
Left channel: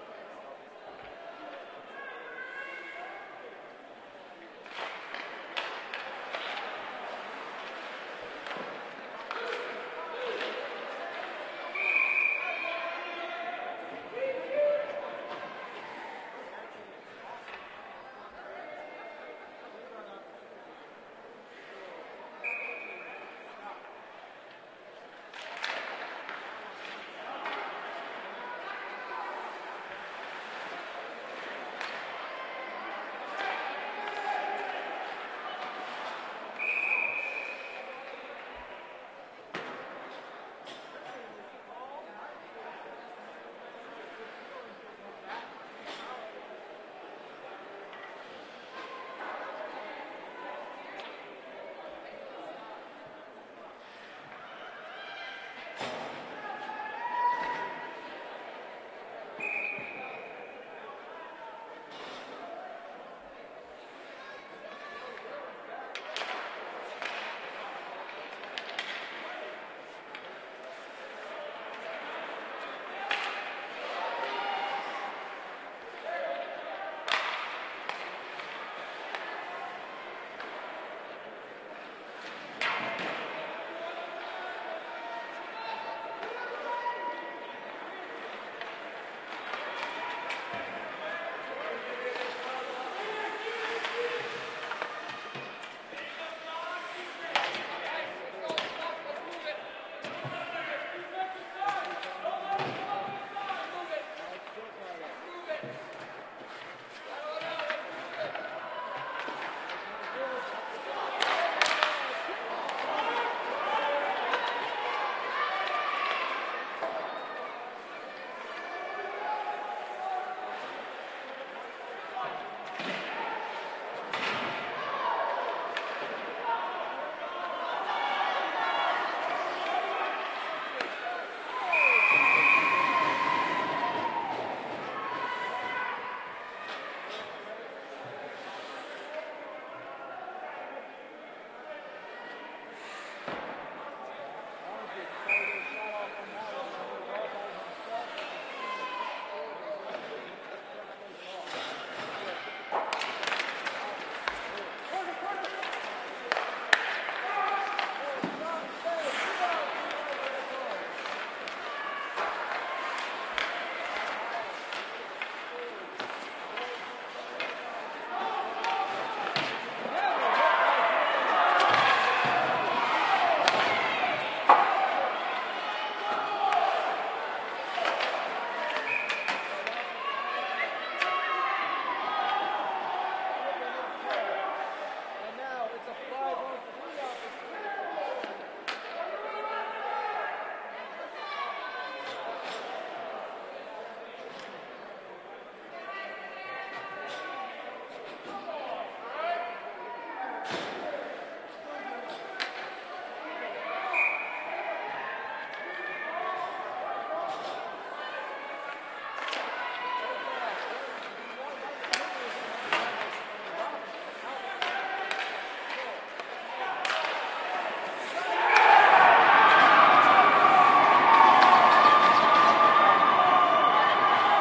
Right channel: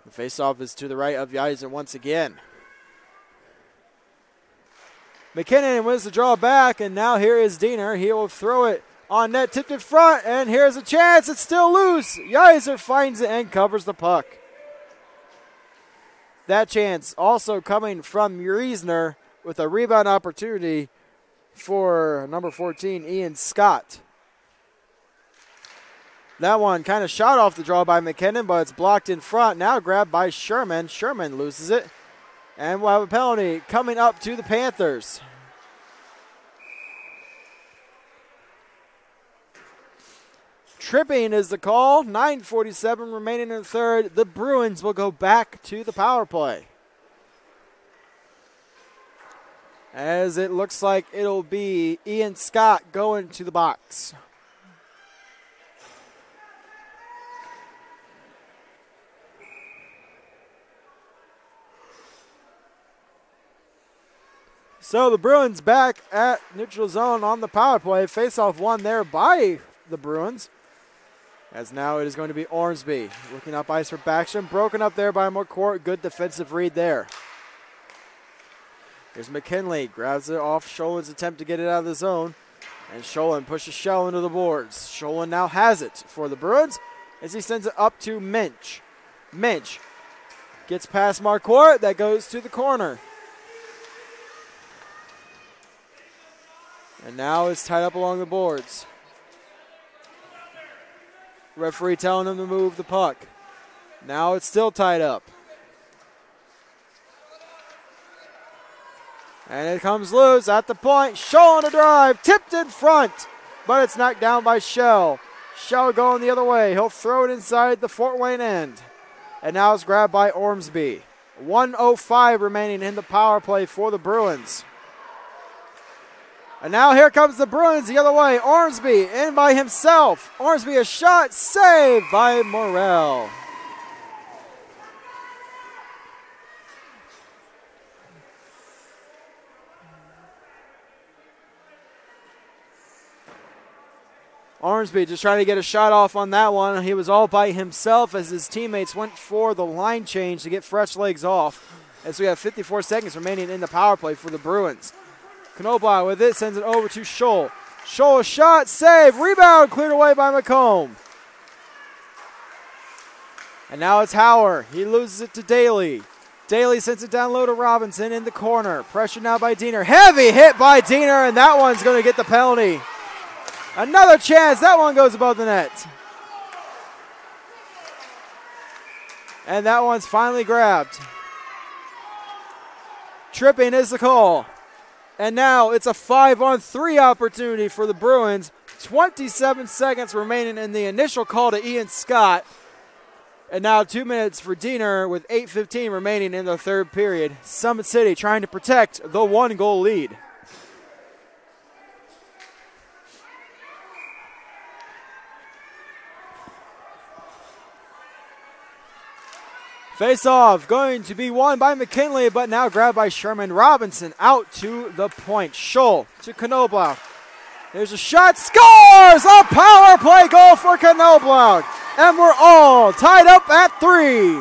The faceoff is to the right of Yeiser once again. McKinnon wins the draw back, and now here is Diener. He will throw it on net, tipped in front, and here's a chance. It's still loose. Yeiser finds it and covers the puck. That chance also coming from Riesener with a rebound opportunity for number 14, Ian Scott. That one kind of shot off the draw by McKinnon, but it's blocked in front. Now grabbed by Sherman. Sherman loses it. And we'll have a penalty coming up to the Panthers. Tripping is the call. 9:47 remaining in the third. The Bruins will go back to the power play. As it looks like it'll be Ian Scott going to the box. So the Bruins back at neutral zone on the power play. Face-off won there by the Bruins. As now it is going to be Ormsby looking up ice for Backstrom. Broken up there by McCourt. Good defensive read there. There's McKinley. Grabs it off Scholen's attempt to get it out of the zone. And Scholen pushes Shell into the boards. Scholen now has it for the Bruins as he sends it up to Minch. Minch gets past Marquardt. That goes to the corner. And now it's tied up along the boards. Referee telling him to move the puck. Now it's still tied up. And it comes loose at the point. Scholl on a drive, tipped in front, but it's knocked down by Shell. Shell going the other way. He'll throw it inside the Fort Wayne end. And now it's grabbed by Ormsby. 1:05 remaining in the power play for the Bruins. And now here comes the Bruins the other way. Ormsby in by himself. Ormsby a shot saved by Morrell. Ormsby just trying to get a shot off on that one. He was all by himself as his teammates went for the line change to get fresh legs off. As we have 54 seconds remaining in the power play for the Bruins. Knobloch with it, sends it over to Scholl. Scholl a shot, save, rebound, cleared away by McComb. And now it's Hauer. He loses it to Daly. Daly sends it down low to Robinson in the corner. Pressure now by Diener. Heavy hit by Diener, and that one's going to get the penalty. Another chance. That one goes above the net. And that one's finally grabbed. Tripping is the call. And now it's a 5-on-3 opportunity for the Bruins. 27 seconds remaining in the initial call to Ian Scott. And now 2 minutes for Diener with 8:15 remaining in the third period. Summit City trying to protect the 1-goal lead. Face-off going to be won by McKinley, but now grabbed by Sherman. Robinson out to the point. Scholl to Knobloch. There's a shot, scores! A power play goal for Knobloch. And we're all tied up at 3.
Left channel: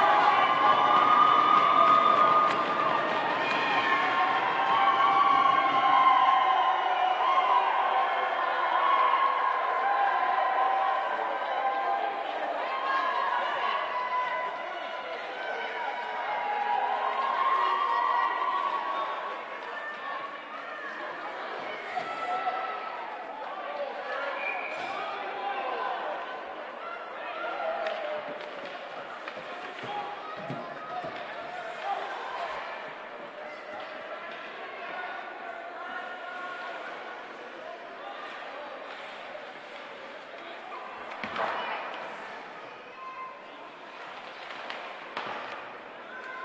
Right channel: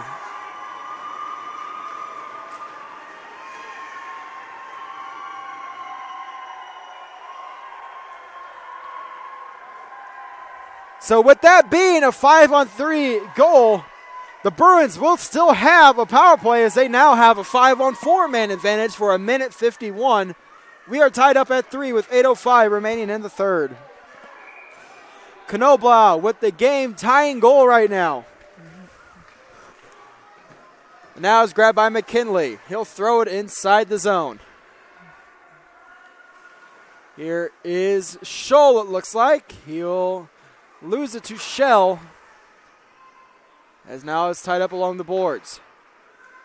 So with that being a 5-on-3 goal, the Bruins will still have a power play as they now have a 5-on-4 man advantage for 1:51. We are tied up at 3 with 8:05 remaining in the third. Knobloch with the game tying goal right now. Now it's grabbed by McKinley. He'll throw it inside the zone. Here is Scholl, it looks like. He'll lose it to Shell. As now it's tied up along the boards.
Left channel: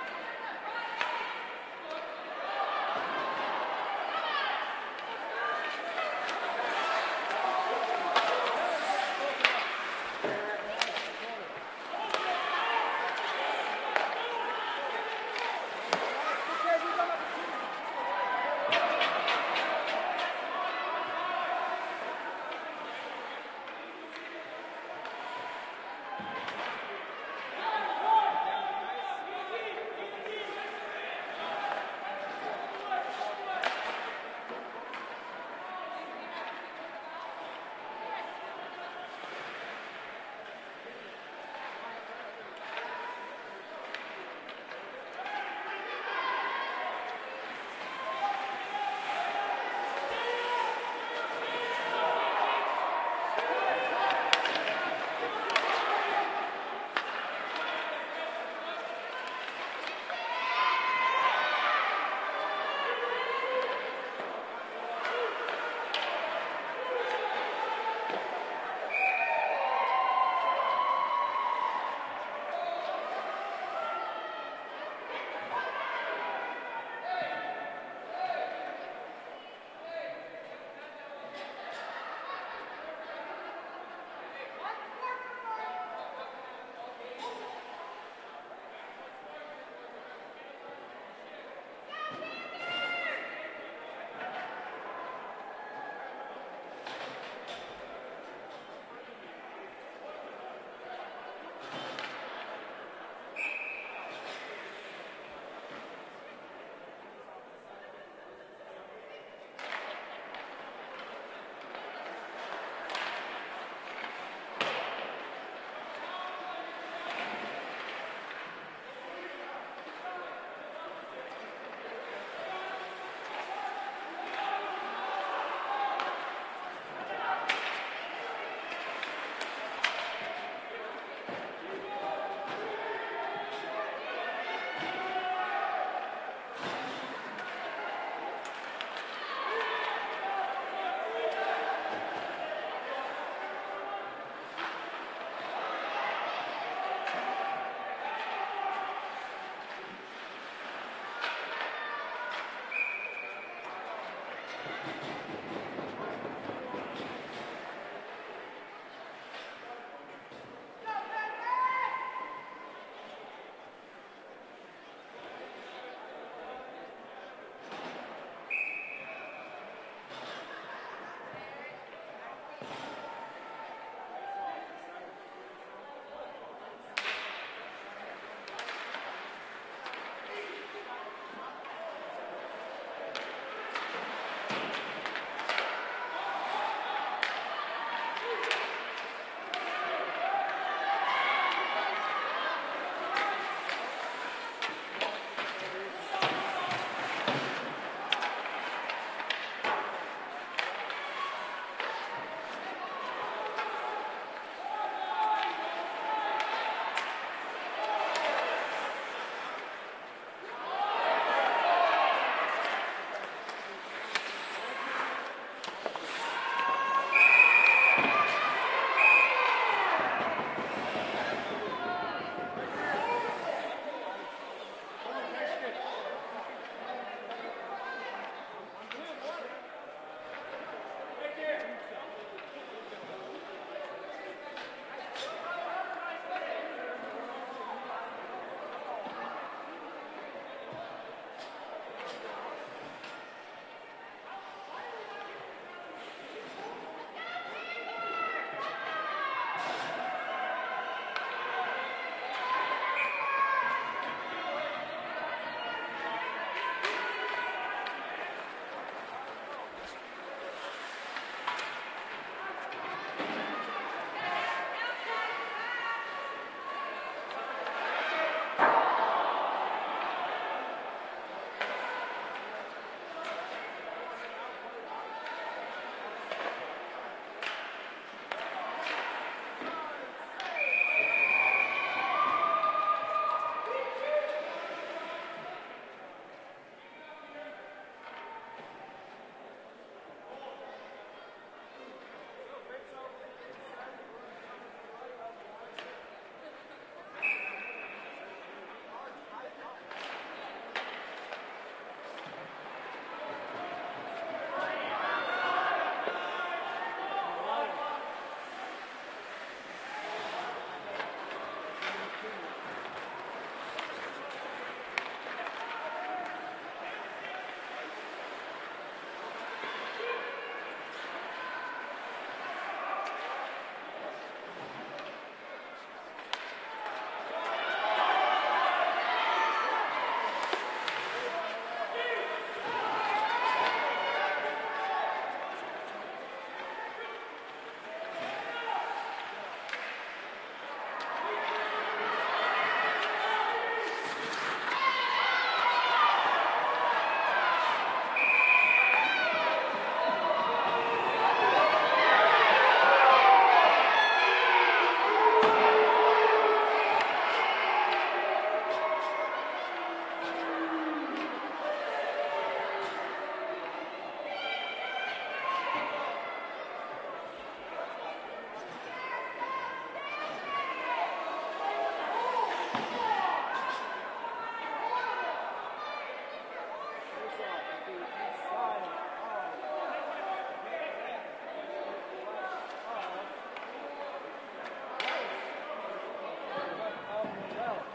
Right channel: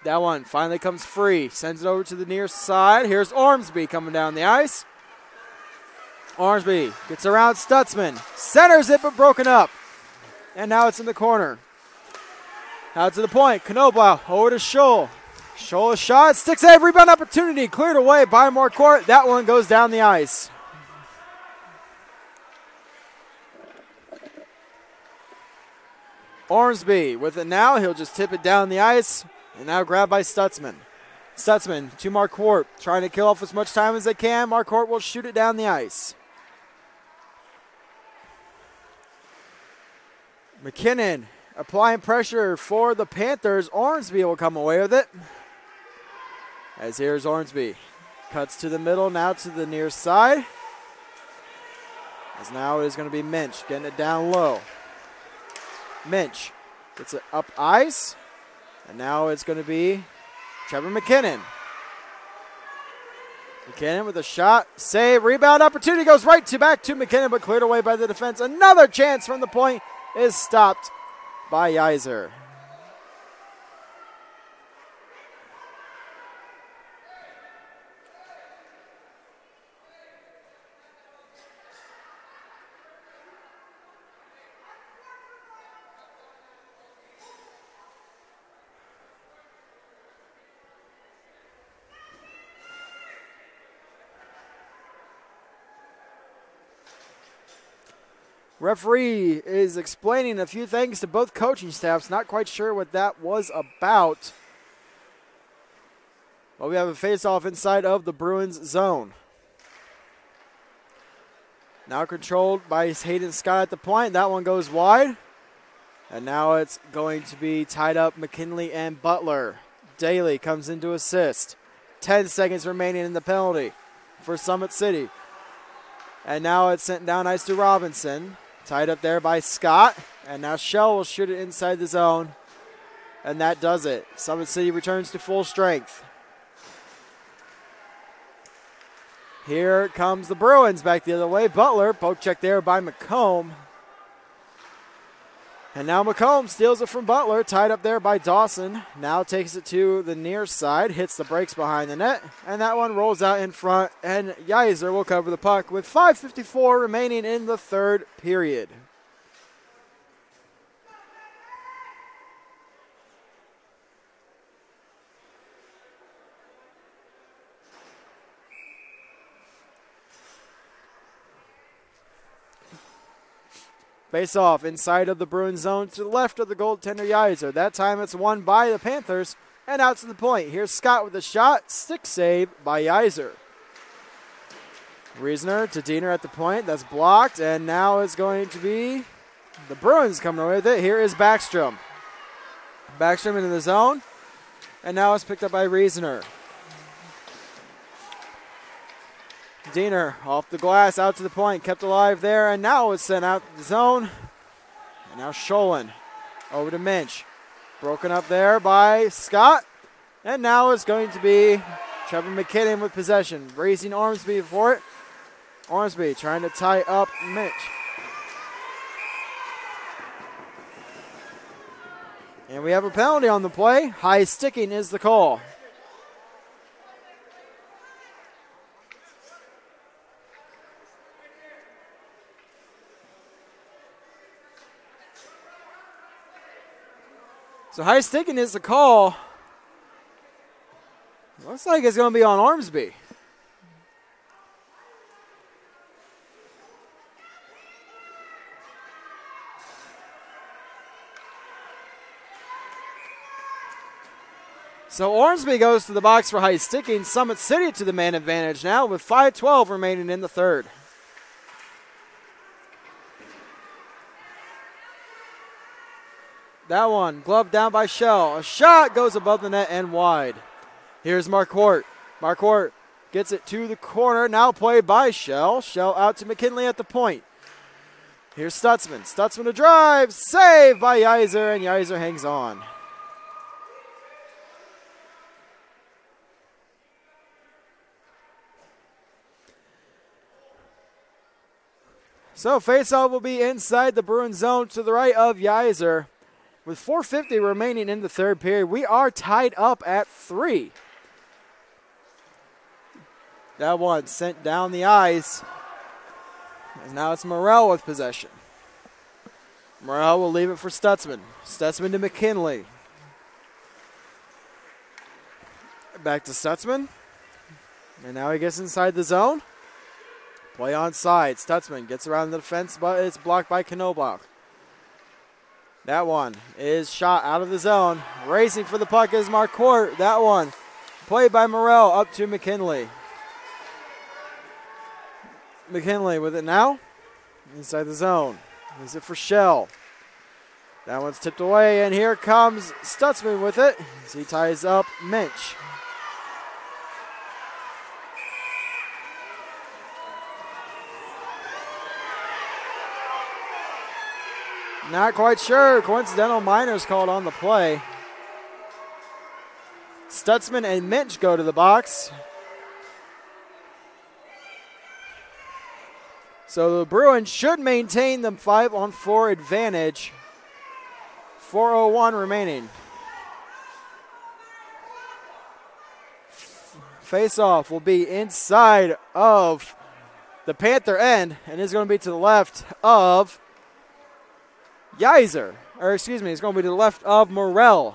That one finally comes free. Sends it over to the near side. Here's Ormsby coming down the ice. Ormsby gets around Stutzman. Centers it but broken up. And now it's in the corner. Out to the point. Knobloch over to Scholl. Scholl a shot. Stick save. Rebound opportunity. Cleared away by Marquardt. That one goes down the ice. Ormsby with it now. He'll just tip it down the ice. And now grabbed by Stutzman. Stutzman to Marquardt. Trying to kill off as much time as they can. Marquardt will shoot it down the ice. McKinnon applying pressure for the Panthers. Ormsby will come away with it. As here's Ormsby. Cuts to the middle, now to the near side. As now it is going to be Minch getting it down low. Minch gets it up ice. And now it's going to be Trevor McKinnon. McKinnon with a shot, save, rebound opportunity, goes right back to McKinnon, but cleared away by the defense. Another chance from the point is stopped by Yeiser. Referee is explaining a few things to both coaching staffs. Not quite sure what that was about. Well, we have a face-off inside of the Bruins zone. Now controlled by Hayden Scott at the point. That one goes wide. And now it's going to be tied up McKinley and Butler. Daly comes in to assist. 10 seconds remaining in the penalty for Summit City. And now it's sent down ice to Robinson. Tied up there by Scott. And now Shell will shoot it inside the zone. And that does it. Summit City returns to full strength. Here comes the Bruins back the other way. Butler, poke check there by McComb. And now McComb steals it from Butler, tied up there by Dawson. Now takes it to the near side, hits the brakes behind the net, and that one rolls out in front, and Yeiser will cover the puck with 5:54 remaining in the third period. Face off inside of the Bruins zone to the left of the goaltender Yeiser. That time it's won by the Panthers and out to the point. Here's Scott with a shot. Stick save by Yeiser. Reisner to Diener at the point. That's blocked, and now it's going to be the Bruins coming away with it. Here is Backstrom. Backstrom into the zone, and now it's picked up by Reisner. Diener off the glass, out to the point, kept alive there, and now it's sent out to the zone. And now Scholin over to Minch. Broken up there by Scott. And now it's going to be Trevor McKinnon with possession. Racing Ormsby for it. Ormsby trying to tie up Minch. And we have a penalty on the play. High sticking is the call. So high sticking is the call. Looks like it's going to be on Ormsby. So Ormsby goes to the box for high sticking. Summit City to the man advantage now with 5:12 remaining in the third. That one, gloved down by Shell. A shot goes above the net and wide. Here's Marquardt. Marquardt gets it to the corner, now played by Shell. Shell out to McKinley at the point. Here's Stutzman. Stutzman to drive, saved by Yeiser, and Yeiser hangs on. So faceoff will be inside the Bruins zone to the right of Yeiser. With 4:50 remaining in the third period, we are tied up at 3. That one sent down the ice. And now it's Morrell with possession. Morrell will leave it for Stutzman. Stutzman to McKinley. Back to Stutzman. And now he gets inside the zone. Play on side. Stutzman gets around the defense, but it's blocked by Knobloch. That one is shot out of the zone. Racing for the puck is Marquardt. That one played by Morrell up to McKinley. McKinley with it now. Inside the zone. Is it for Shell? That one's tipped away, and here comes Stutzman with it as he ties up Minch. Not quite sure. Coincidental minors called on the play. Stutzman and Minch go to the box. So the Bruins should maintain the 5-on-4 advantage. 4:01 remaining. Face-off will be inside of the Panther end, and is going to be to the left of Geyser. Or excuse me, it's going to be to the left of Morrell.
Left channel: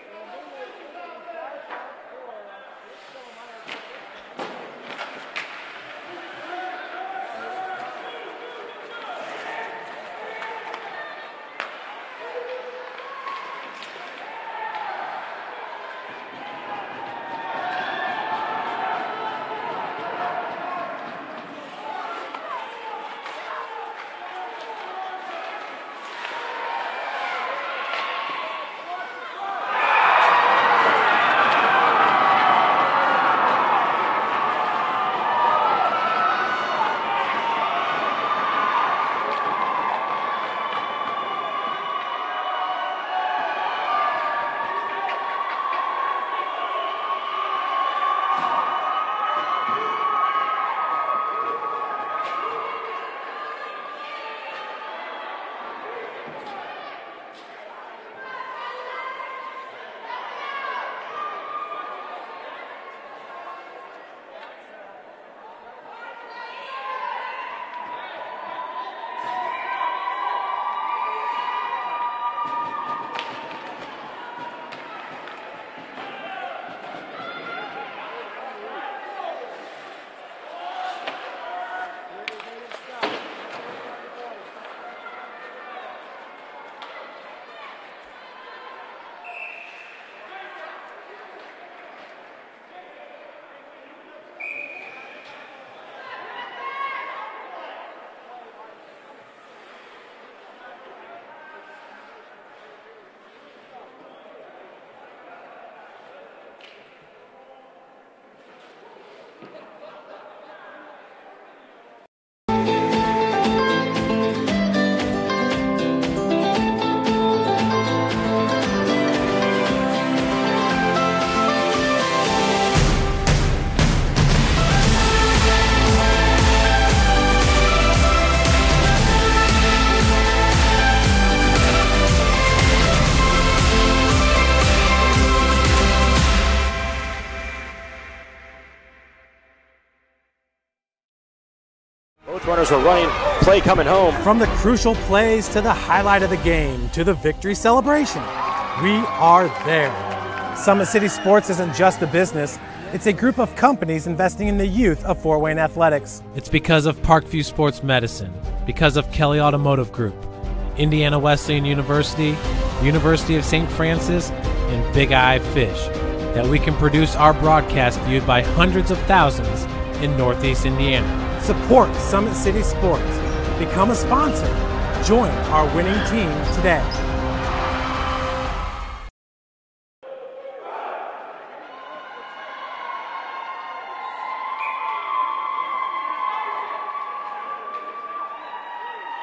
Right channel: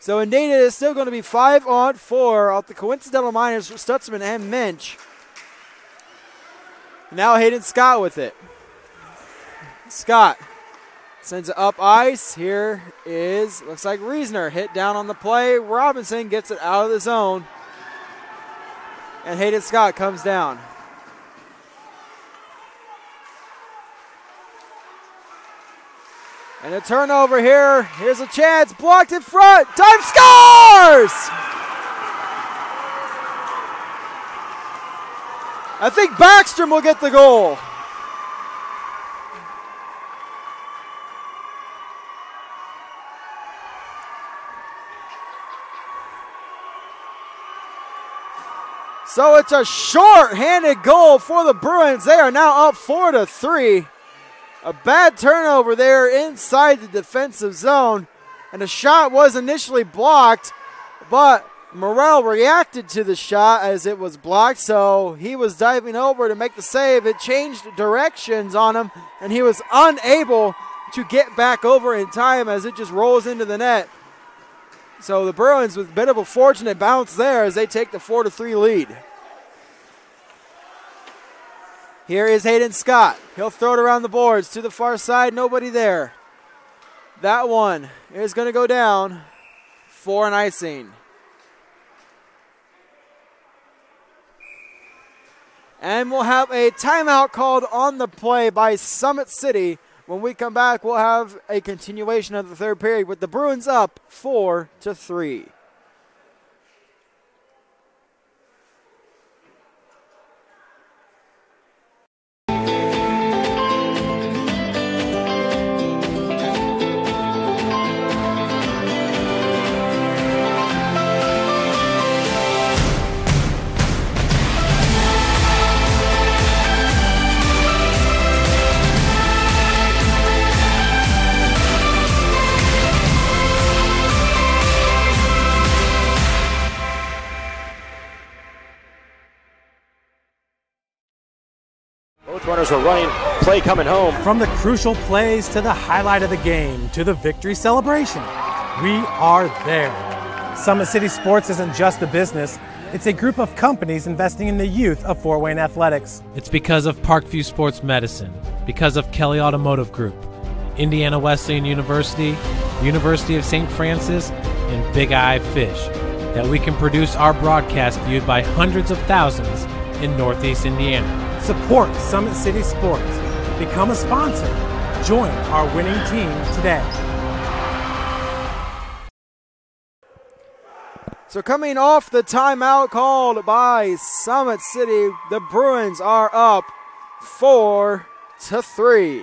So indeed it is still going to be 5-on-4 off the coincidental minors for Stutzman and Minch. Now Hayden Scott with it. Scott sends it up ice. Here is, looks like Reisner hit down on the play. Robinson gets it out of the zone. And Hayden Scott comes down. And a turnover here. Here's a chance. Blocked in front. Time scores! I think Backstrom will get the goal. So it's a short-handed goal for the Bruins. They are now up 4-3. A bad turnover there inside the defensive zone. And the shot was initially blocked, but Morrell reacted to the shot as it was blocked, so he was diving over to make the save. It changed directions on him, and he was unable to get back over in time as it just rolls into the net. So the Bruins with a bit of a fortunate bounce there as they take the 4-3 lead. Here is Hayden Scott. He'll throw it around the boards to the far side. Nobody there. That one is going to go down for an icing. And we'll have a timeout called on the play by Summit City. When we come back, we'll have a continuation of the third period with the Bruins up 4-3. Runners are running, play coming home. From the crucial plays to the highlight of the game to the victory celebration, we are there. Summit City Sports isn't just a business, it's a group of companies investing in the youth of Fort Wayne athletics. It's because of Parkview Sports Medicine, because of Kelly Automotive Group, Indiana Wesleyan University, University of St. Francis, and Big Eye Fish, that we can produce our broadcast viewed by hundreds of thousands in Northeast Indiana. Support Summit City Sports. Become a sponsor. Join our winning team today. So coming off the timeout called by Summit City, the Bruins are up 4-3.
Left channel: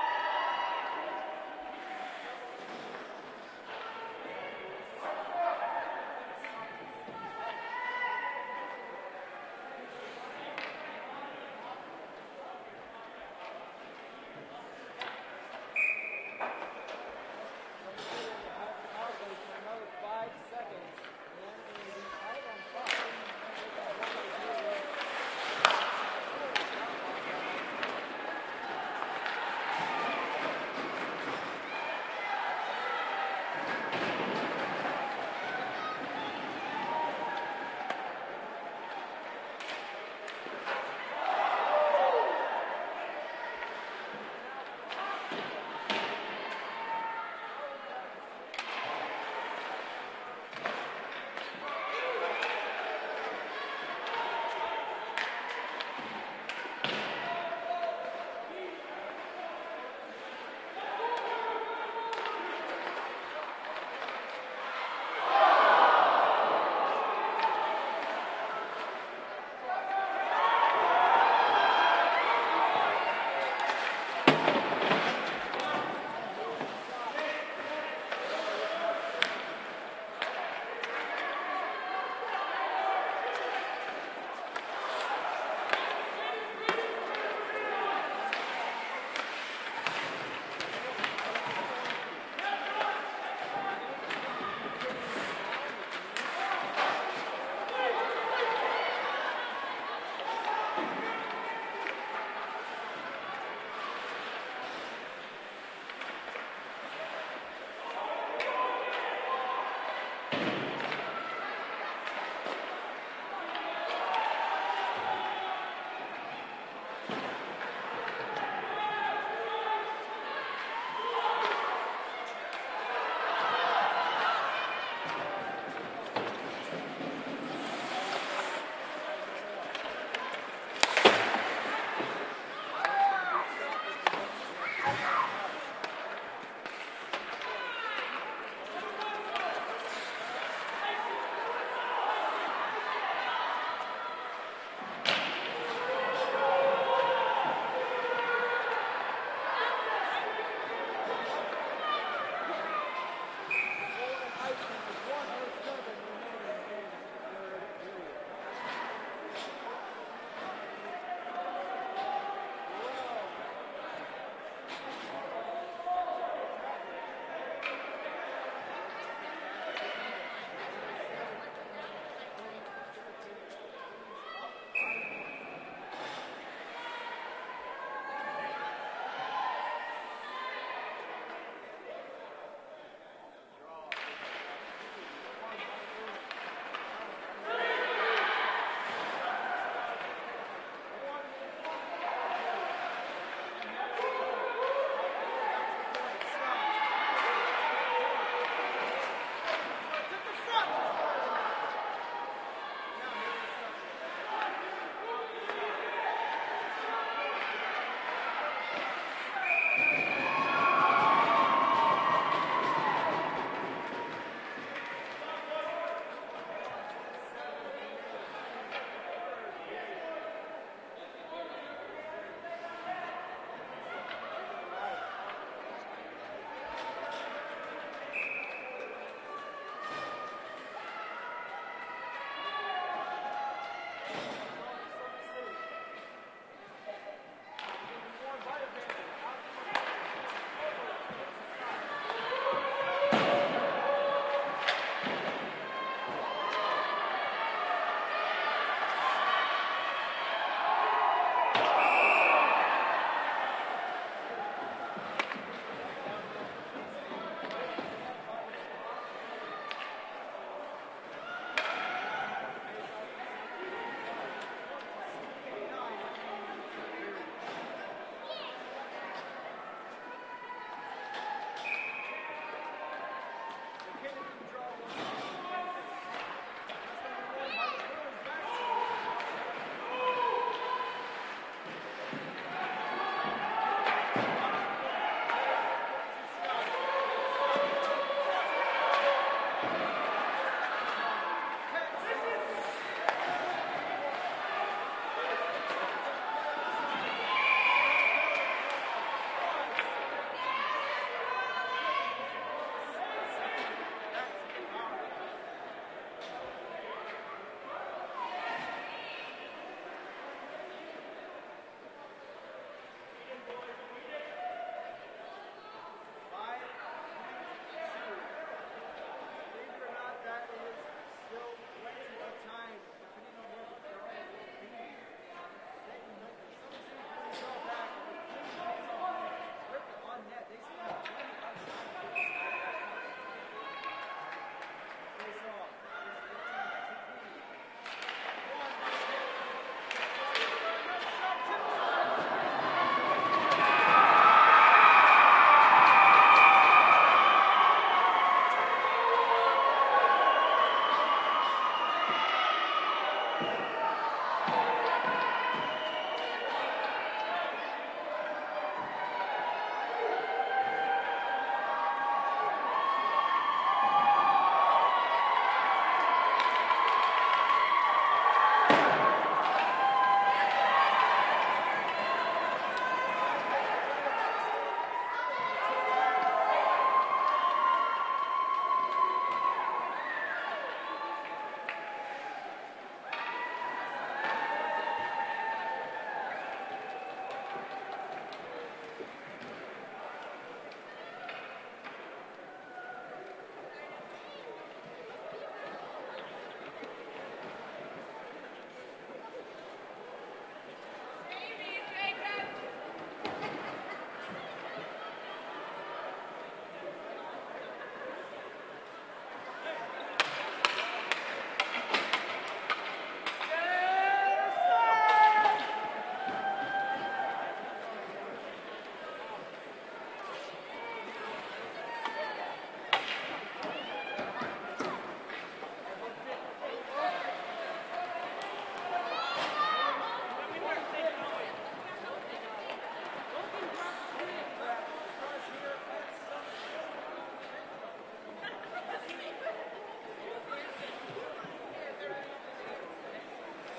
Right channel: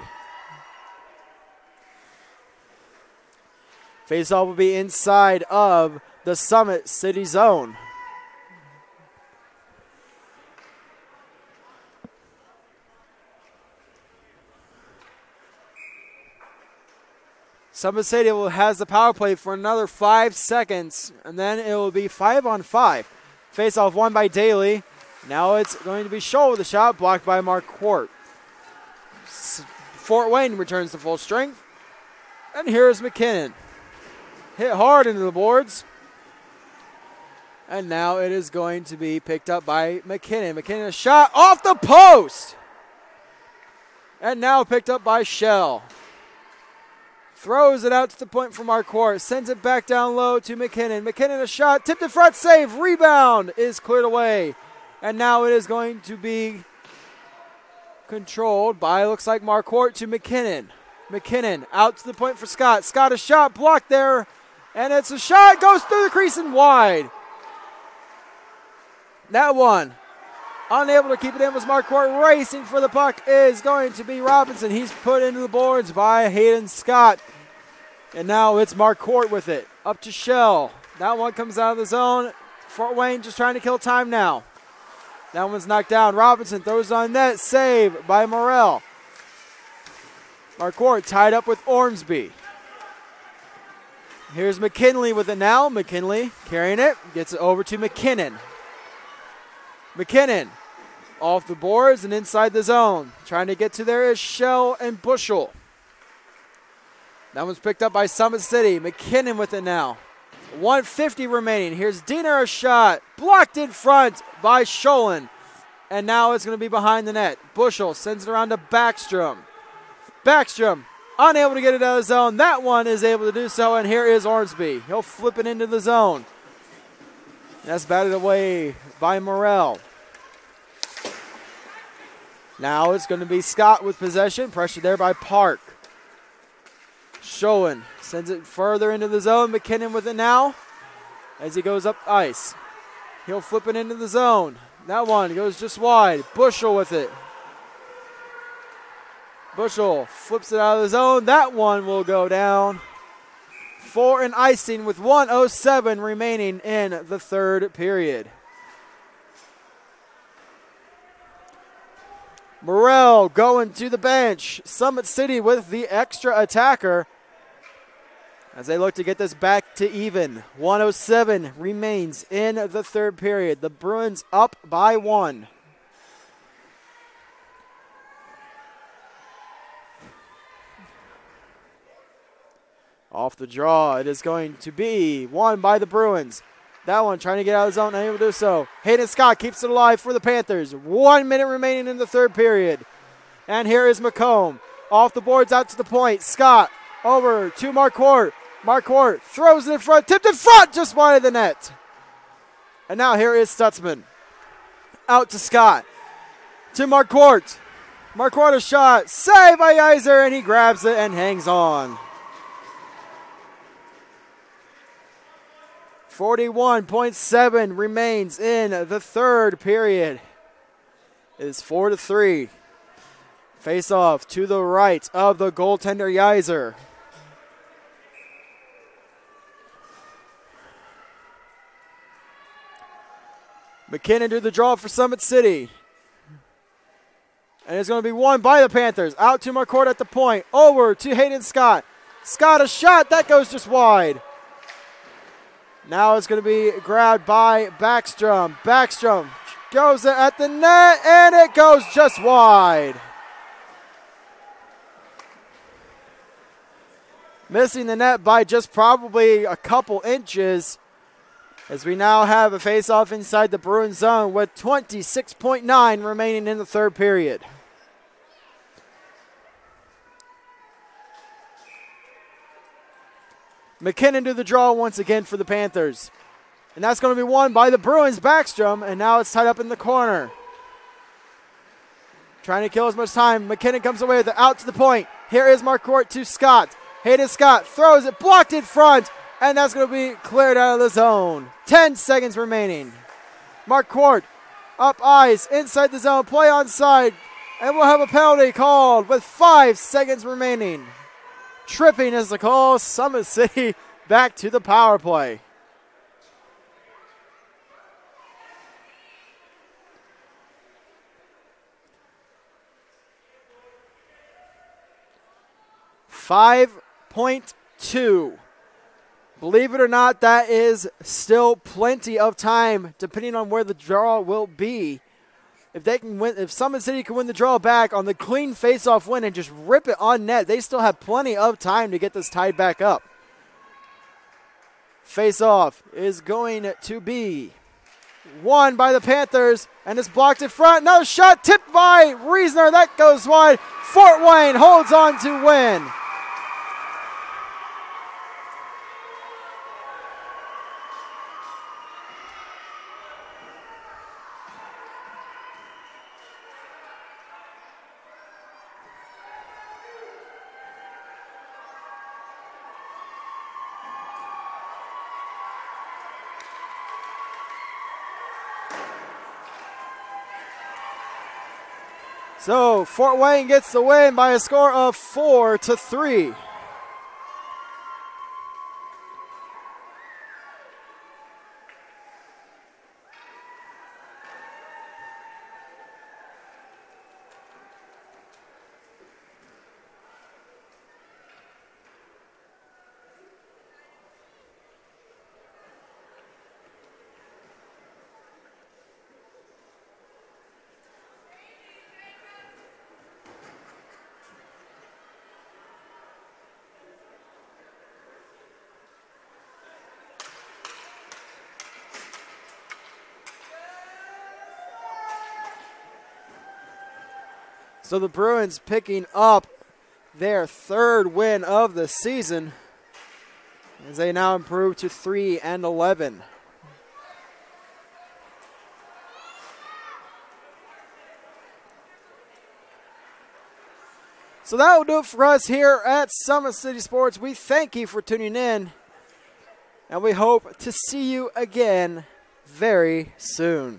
Faceoff will be inside of the Summit City zone. Summit City has the power play for another 5 seconds, and then it will be 5-on-5. Face-off won by Daly. Now it's going to be Scholl with a shot blocked by Mark Quart. Fort Wayne returns to full strength. And here's McKinnon. Hit hard into the boards. And now it is going to be picked up by McKinnon. McKinnon, a shot off the post. And now picked up by Shell. Throws it out to the point for Marquardt. Sends it back down low to McKinnon. McKinnon a shot. Tipped in front. Save. Rebound is cleared away. And now it is going to be controlled by, looks like, Marquardt to McKinnon. McKinnon out to the point for Scott. Scott a shot. Blocked there. And it's a shot. Goes through the crease and wide. That one. Unable to keep it in was Marquardt. Racing for the puck is going to be Robinson. He's put into the boards by Hayden Scott. And now it's Marquardt with it. Up to Shell. That one comes out of the zone. Fort Wayne just trying to kill time now. That one's knocked down. Robinson throws on net. Save by Morrell. Marquardt tied up with Ormsby. Here's McKinley with it now. McKinley carrying it. Gets it over to McKinnon. McKinnon off the boards and inside the zone. Trying to get to there is Shell and Bushel. That one's picked up by Summit City. McKinnon with it now. 1:50 remaining. Here's Diener, a shot. Blocked in front by Scholin. And now it's going to be behind the net. Bushel sends it around to Backstrom. Backstrom unable to get it out of the zone. That one is able to do so, and here is Ormsby. He'll flip it into the zone. That's batted away by Morrell. Now it's going to be Scott with possession. Pressure there by Park. Scholin sends it further into the zone. McKinnon with it now as he goes up ice. He'll flip it into the zone. That one goes just wide. Bushel with it. Bushel flips it out of the zone. That one will go down for an icing with 1:07 remaining in the third period. Morrell going to the bench. Summit City with the extra attacker as they look to get this back to even. 1:07 remains in the third period. The Bruins up by 1. Off the draw, it is going to be won by the Bruins. That one trying to get out of the zone, unable to do so. Hayden Scott keeps it alive for the Panthers. 1 minute remaining in the third period. And here is McComb. Off the boards out to the point. Scott over to Marquardt. Marquardt throws it in front, tipped in front, just wide of the net. And now here is Stutzman. Out to Scott. To Marquardt. Marquardt a shot. Saved by Geiser, and he grabs it and hangs on. 41.7 remains in the third period. It is 4-3. Face off to the right of the goaltender Geiser. McKinnon to the draw for Summit City. And it's going to be won by the Panthers. Out to Marquardt at the point. Over to Hayden Scott. Scott a shot. That goes just wide. Now it's going to be grabbed by Backstrom. Backstrom goes at the net, and it goes just wide. Missing the net by just probably a couple inches, as we now have a face-off inside the Bruins zone with 26.9 remaining in the third period. McKinnon to the draw once again for the Panthers. And that's going to be won by the Bruins, Backstrom, and now it's tied up in the corner. Trying to kill as much time. McKinnon comes away with it out to the point. Here is Marquardt to Scott. Hayden Scott throws it, blocked in front, and that's going to be cleared out of the zone. 10 seconds remaining. Marquardt up ice, inside the zone, play onside, and we'll have a penalty called with 5 seconds remaining. Tripping is the call. Summit City back to the power play. .2. Believe it or not, that is still plenty of time, depending on where the draw will be. If they can win, if Summit City can win the draw back on the clean face-off win and just rip it on net, they still have plenty of time to get this tied back up. Face-off is going to be won by the Panthers, and it's blocked in front. No shot, tipped by Reisner. That goes wide. Fort Wayne holds on to win. So Fort Wayne gets the win by a score of 4-3. So the Bruins picking up their 3rd win of the season as they now improve to 3-11. So that will do it for us here at Summit City Sports. We thank you for tuning in, and we hope to see you again very soon.